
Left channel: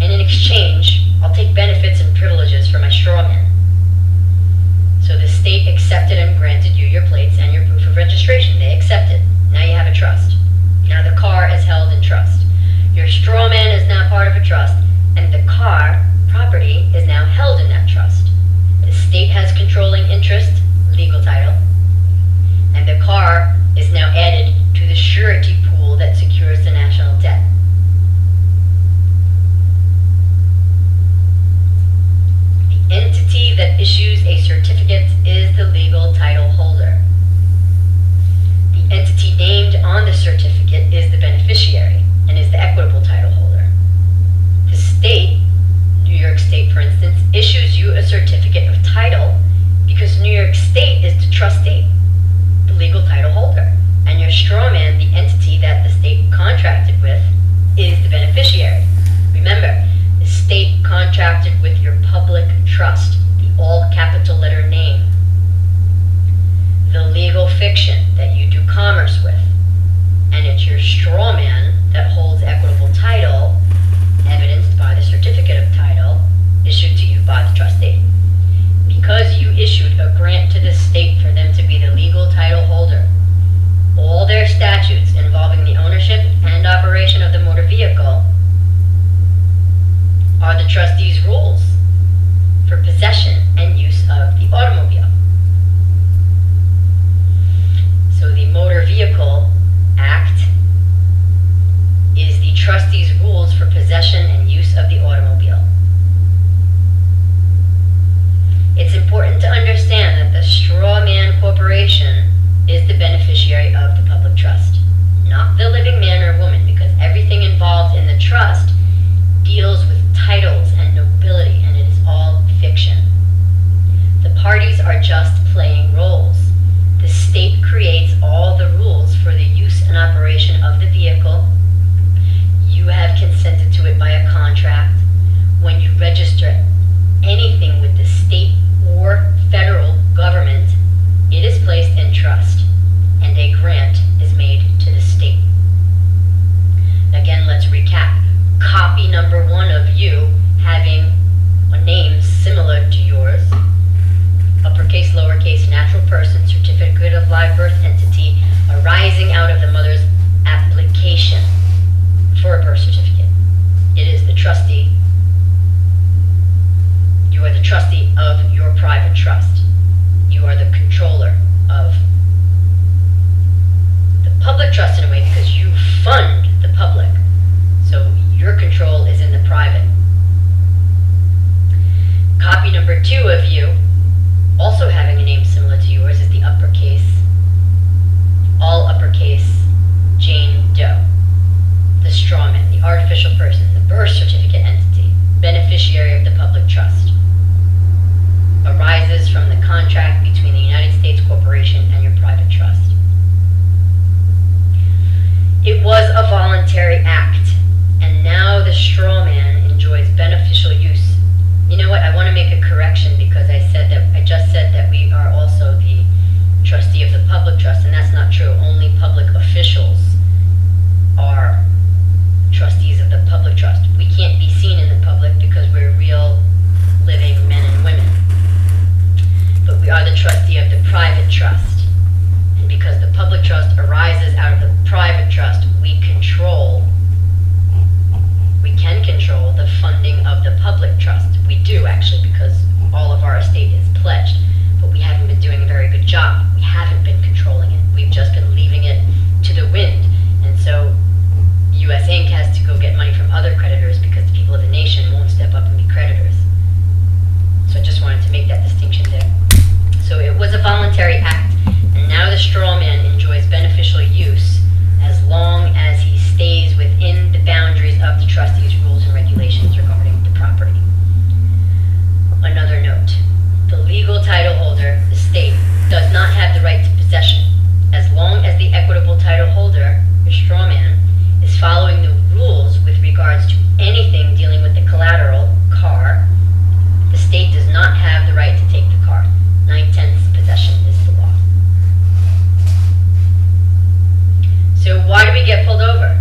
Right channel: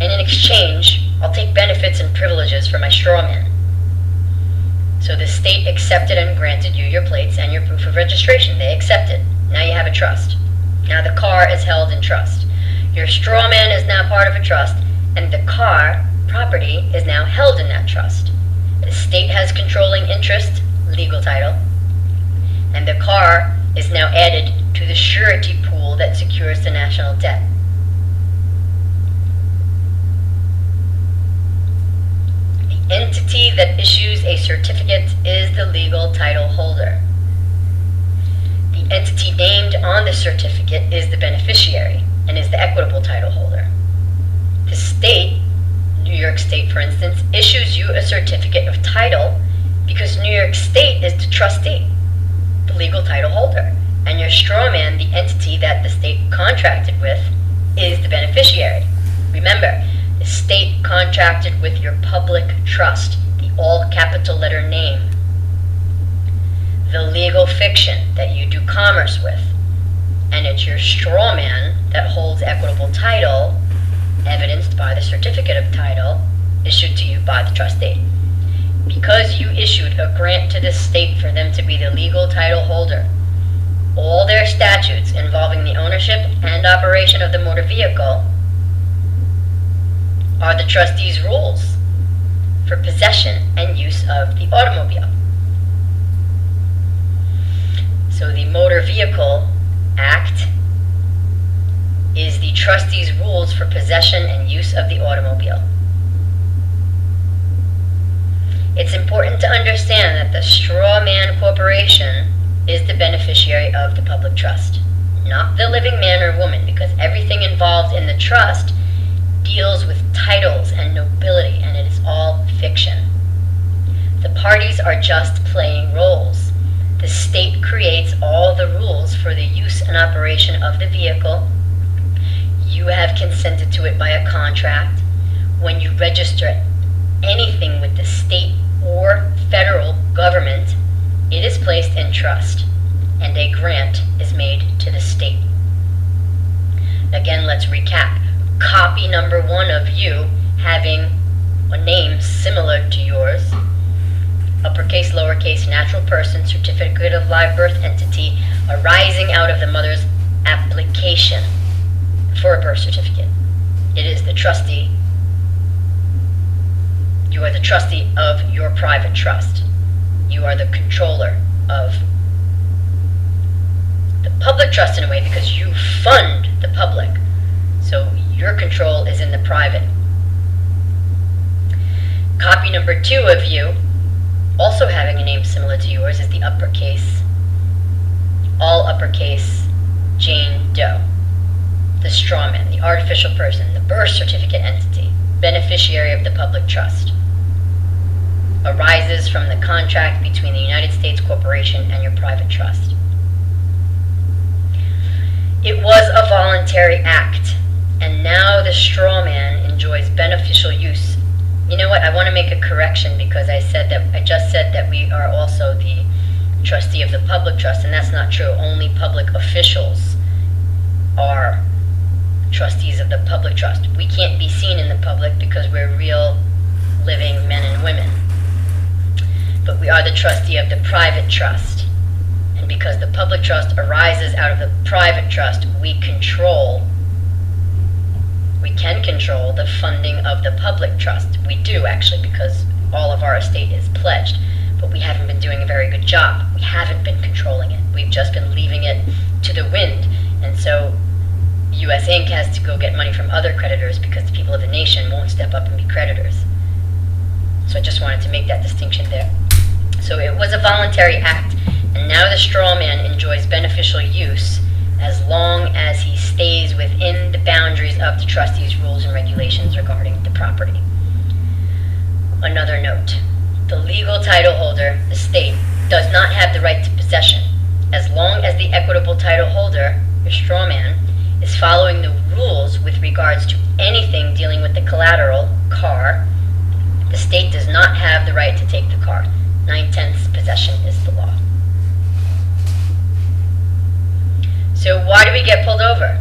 and in exchange, I'll take benefits and privileges for my straw man. So the state accepted and granted you your plates and your proof of registration. They accepted. Now you have a trust. Now the car is held in trust. Your straw man is now part of a trust, and the car, property, is now held in that trust. The state has controlling interest, legal title, and the car is now added to the surety pool that secures the national debt. entity that issues a certificate is the legal title holder. The entity named on the certificate is the beneficiary and is the equitable title holder. The state, New York State for instance, issues you a certificate of title because New York State is the trustee, the legal title holder, and your straw man, the entity that the state contracted with, is the beneficiary. Remember, the state contracted with your public trust, the all capital letter name, the legal fiction that you do commerce with, and it's your straw man that holds equitable title, evidenced by the certificate of title issued to you by the trustee. Because you issued a grant to the state for them to be the legal title holder, all their statutes involving the ownership and operation of the motor vehicle are the trustee's rules for possession and use of the automobile. So the Motor Vehicle Act is the trustee's rules for possession and use of the automobile. It's important to understand that the straw man corporation is the beneficiary of the public trust, not the living man or woman, because everything involved in the trust deals with titles and nobility, and it is all fiction. The parties are just playing roles. The state creates all the rules for the use and operation of the vehicle. You have consented to it by a contract. When you register anything with the state or federal government, it is placed in trust, and a grant is made to the state. Again, let's recap. Copy number 1 of you having a name similar to yours, uppercase, lowercase, natural person, certificate of live birth entity arising out of the mother's application for a birth certificate. It is the trustee. You are the trustee of your private trust. You are the controller of the public trust in a way because you fund the public. So your control is in the private. Copy number 2 of you, also having a name similar to yours, is the uppercase, all uppercase, Jane Doe. The straw man, the artificial person, the birth certificate entity, beneficiary of the public trust, arises from the contract between the United States Corporation and your private trust. It was a voluntary act, and now the straw man enjoys beneficial use. You know what? I want to make a correction because I just said that we are also the trustee of the public trust, and that's not true. Only public officials are trustees of the public trust. We can't be seen in the public because we're real living men and women. But we are the trustee of the private trust. And because the public trust arises out of the private trust, we can control the funding of the public trust. We do actually, because all of our estate is pledged, but we haven't been doing a very good job. We haven't been controlling it. We've just been leaving it to the wind. And so US Inc. has to go get money from other creditors because the people of the nation won't step up and be creditors. So I just wanted to make that distinction there. So it was a voluntary act, and now the straw man enjoys beneficial use as long as he stays within the boundaries of the trustee's rules and regulations regarding the property. Another note, the legal title holder, the state, does not have the right to possession as long as the equitable title holder, your straw man, is following the rules with regards to anything dealing with the collateral, car. The state does not have the right to take the car. 9/10 possession is the law. So why do we get pulled over?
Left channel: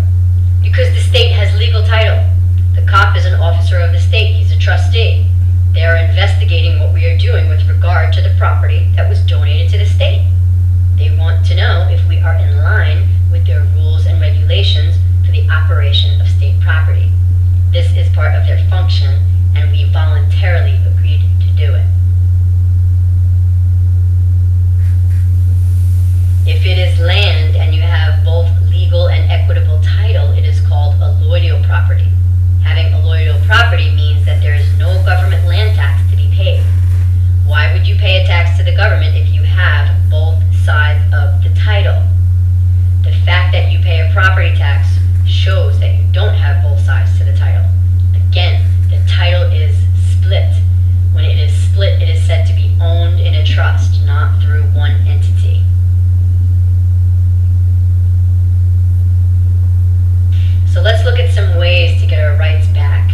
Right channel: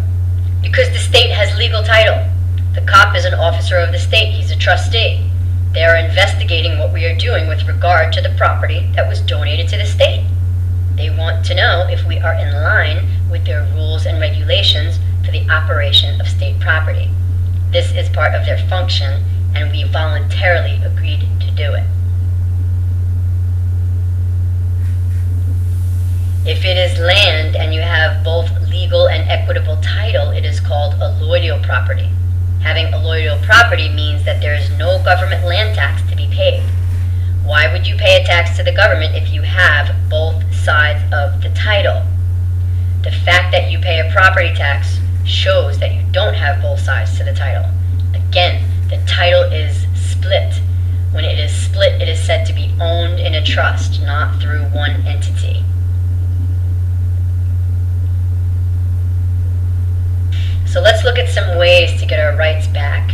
Because the state has legal title. The cop is an officer of the state. He's a trustee. They are investigating what we are doing with regard to the property that was donated to the state. They want to know if we are in line with their rules and regulations for the operation of state property. This is part of their function, and we voluntarily agreed to do it. If it is land and you have both legal and equitable title, it is called alloidial property. Having allodial property means that there is no government land tax to be paid. Why would you pay a tax to the government if you have both sides of the title? The fact that you pay a property tax shows that you don't have both sides to the title. Again, the title is split. When it is split, it is said to be owned in a trust, not through one entity. So let's look at some ways to get our rights back.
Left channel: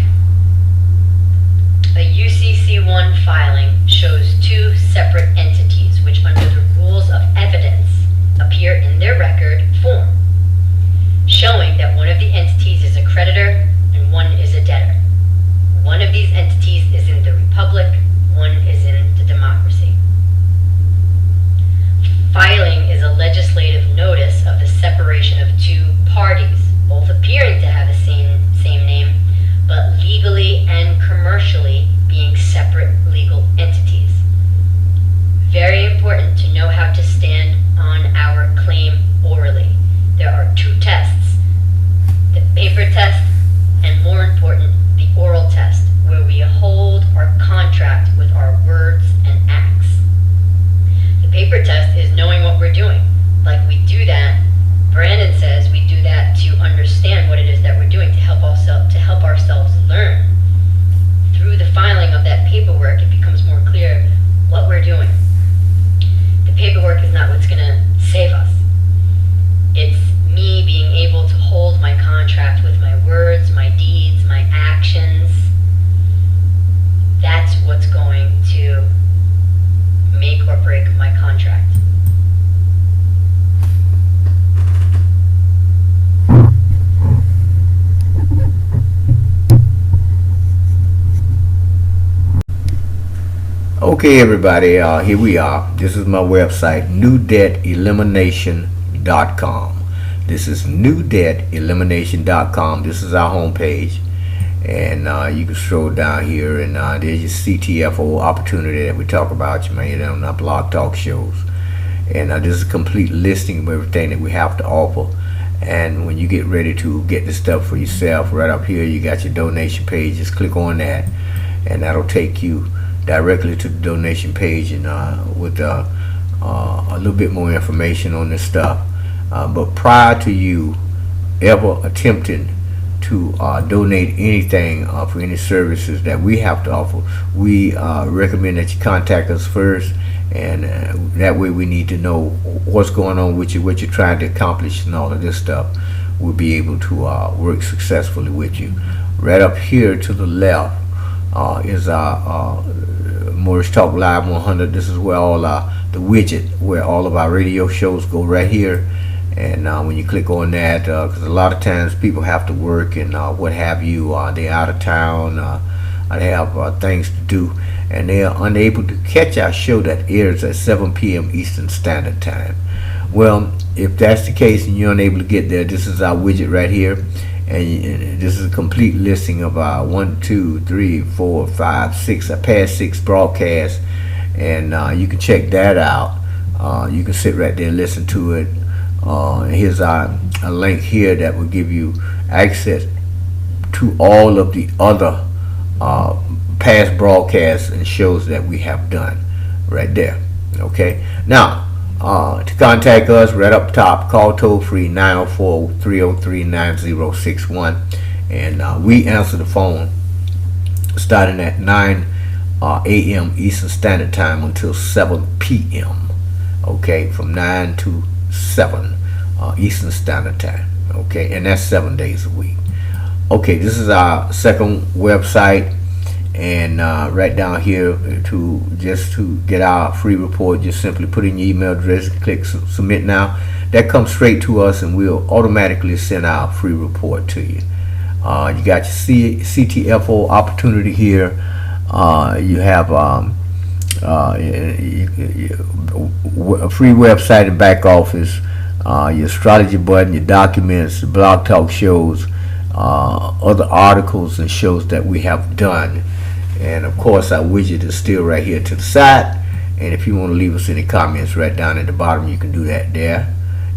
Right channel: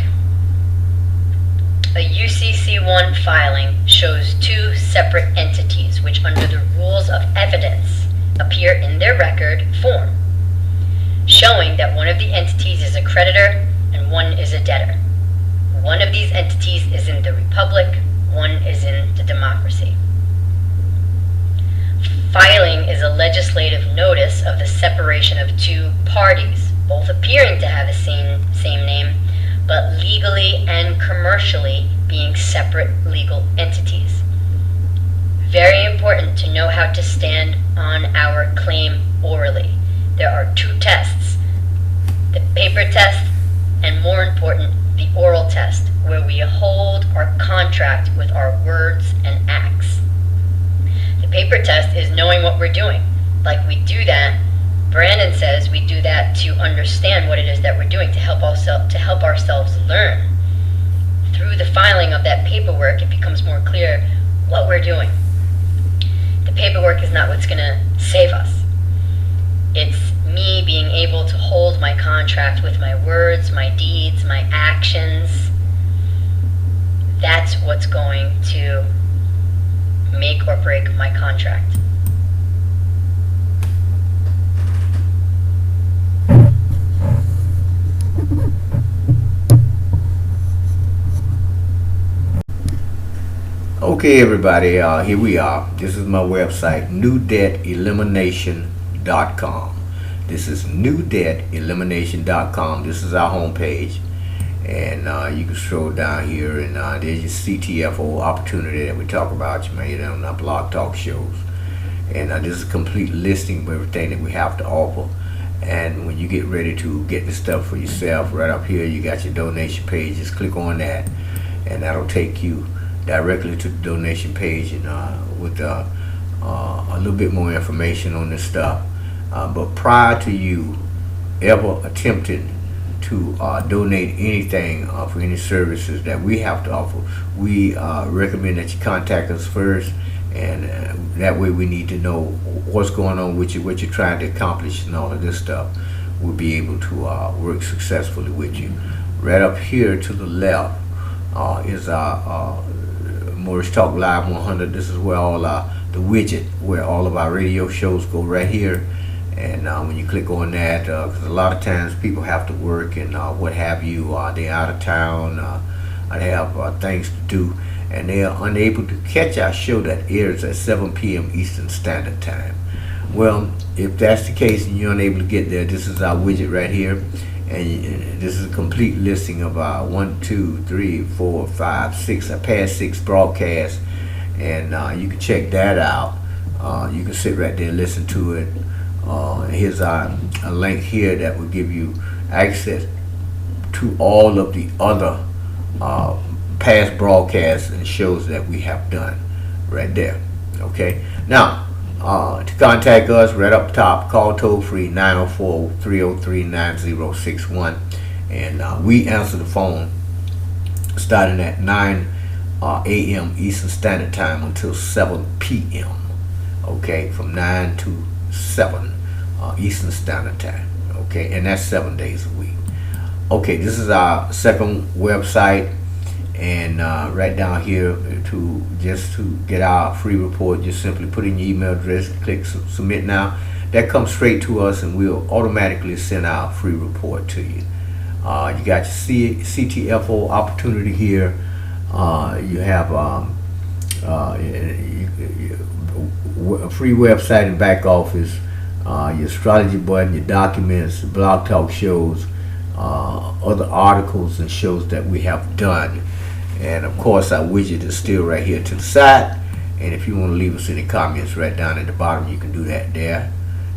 A UCC1 filing shows two separate entities which under the rules of evidence appear in their record form, showing that one of the entities is a creditor and one is a debtor. One of these entities is in the republic, one is in the democracy. Filing is a legislative notice of the separation of two parties, both appearing to have the same name, but legally and commercially being separate legal entities. Very important to know how to stand on our claim orally. There are two tests, the paper test and, more important, the oral test, where we hold our contract with our words and acts. The paper test is knowing what we're doing. Like we do that, Brandon says we do that to understand what it is that we're doing, to help ourselves learn. Through the filing of that paperwork, it becomes more clear what we're doing. The paperwork is not what's going to save us. It's me being able to hold my contract with my words, my deeds, my actions. That's what's going to make or break my contract. Okay, everybody, here we are. This is my website, newdebtelimination.com. This is newdebtelimination.com. This is our homepage. And you can scroll down here, and there's your CTFO opportunity that we talk about. You may hear on our blog talk shows. And this is a complete listing of everything that we have to offer. And when you get ready to get the stuff for yourself, right up here, you got your donation page. Just click on that, and that'll take you directly to the donation page, and with a little bit more information on this stuff. But prior to you ever attempting to donate anything for any services that we have to offer, we recommend that you contact us first, and that way we need to know what's going on with you, what you're trying to accomplish, and all of this stuff. We'll be able to work successfully with you. Right up here to the left is our Morris Talk Live 100. This is where all the widget where all of our radio shows go, right here. And when you click on that, because a lot of times people have to work and what have you, they're out of town, they have things to do, and they are unable to catch our show that airs at 7 p.m. Eastern Standard Time. Well, if that's the case and you're unable to get there, this is our widget right here. And this is a complete listing of our 1, 2, 3, 4, 5, 6, past 6 broadcasts, and you can check that out. You can sit right there and listen to it. Here's a link here that will give you access to all of the other past broadcasts and shows that we have done right there. Okay, now to contact us, right up top, call toll free 904-303-9061, and we answer the phone starting at 9 a.m. Eastern Standard Time until 7 p.m. Okay, from 9 to 7 Eastern Standard Time. Okay, and that's 7 days a week. Okay, this is our second website, and right down here to get our free report, just simply put in your email address and click submit now. That comes straight to us, and we'll automatically send our free report to you. You got your CTFO opportunity here. You have a free website and back office, your astrology button, your documents, blog talk shows, other articles and shows that we have done. And of course our widget is still right here to the side, and if you want to leave us any comments right down at the bottom, you can do that there.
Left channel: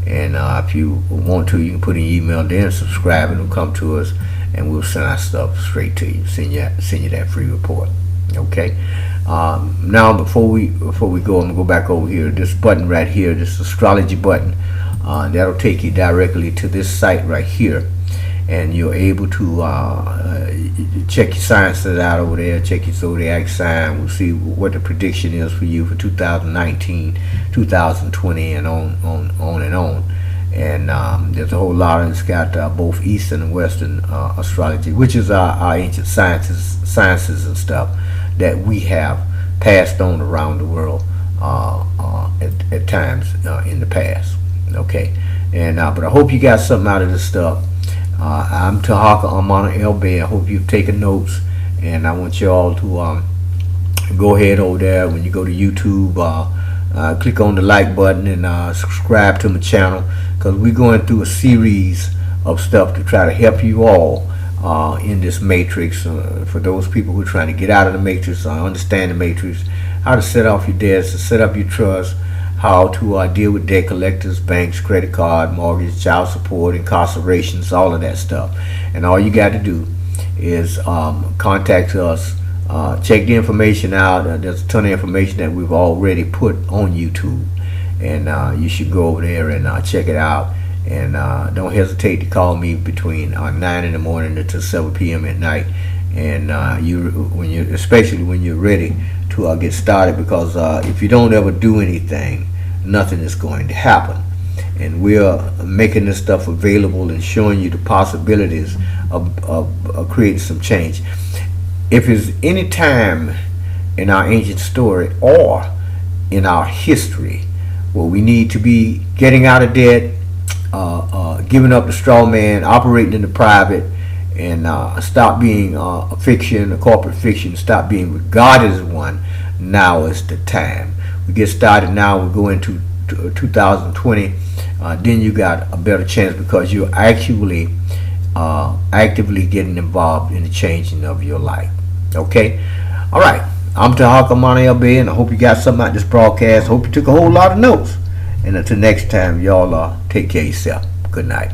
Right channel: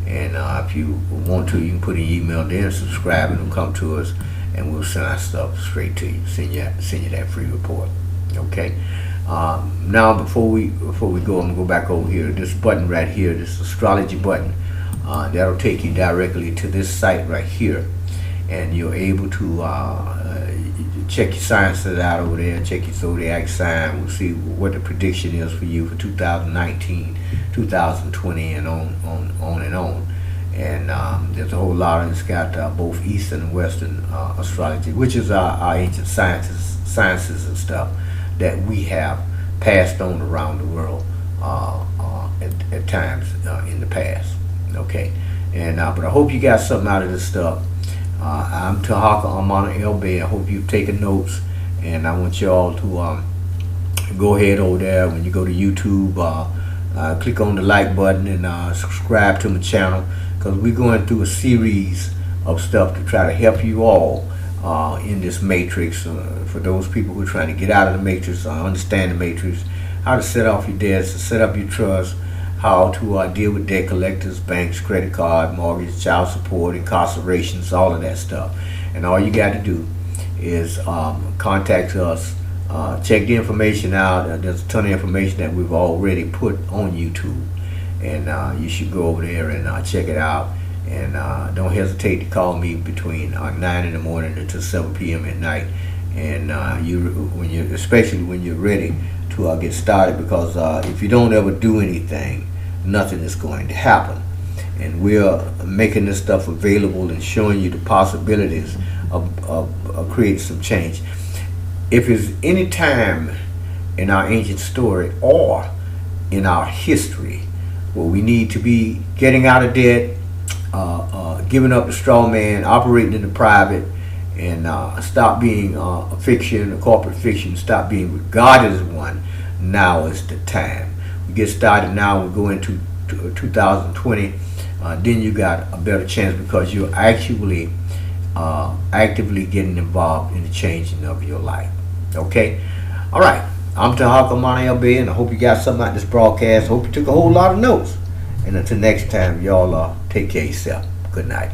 And if you want to, you can put an email there and subscribe, and it'll come to us. and we'll send our stuff straight to you. Send you that free report. Okay. Now before we go, I'm gonna go back over here. This button right here, this astrology button, that'll take you directly to this site right here, and you're able to check your sciences out over there. Check your zodiac sign. We'll see what the prediction is for you for 2019, 2020, and on and on. And there's a whole lot, and it's got both Eastern and Western astrology, which is our ancient sciences and stuff that we have passed on around the world at times in the past. Okay, and but I hope you got something out of this stuff. I'm Tahaka Amana LB. I hope you've taken notes, and I want you all to go ahead over there when you go to YouTube. Click on the like button and subscribe to my channel, because we're going through a series of stuff to try to help you all in this matrix. For those people who are trying to get out of the matrix, understand the matrix, how to set off your debts, to set up your trust, how to deal with debt collectors, banks, credit card, mortgage, child support, incarcerations, all of that stuff. And all you got to do is contact us. Check the information out. There's a ton of information that we've already put on YouTube, and you should go over there and check it out. And don't hesitate to call me between 9 in the morning until 7 p.m. at night. And especially when you're ready to get started, because if you don't ever do anything, nothing is going to happen. And we're making this stuff available and showing you the possibilities of creating some change. If there's any time in our ancient story or in our history where we need to be getting out of debt, giving up the straw man, operating in the private, and stop being a fiction, a corporate fiction, stop being regarded as one, now is the time. We get started now, we go into 2020, then you got a better chance, because you're actually actively getting involved in the changing of your life. Okay? All right. I'm Tahaka Mani LB, and I hope you got something out of this broadcast. Hope you took a whole lot of notes. And until next time, y'all take care of yourself. Good night.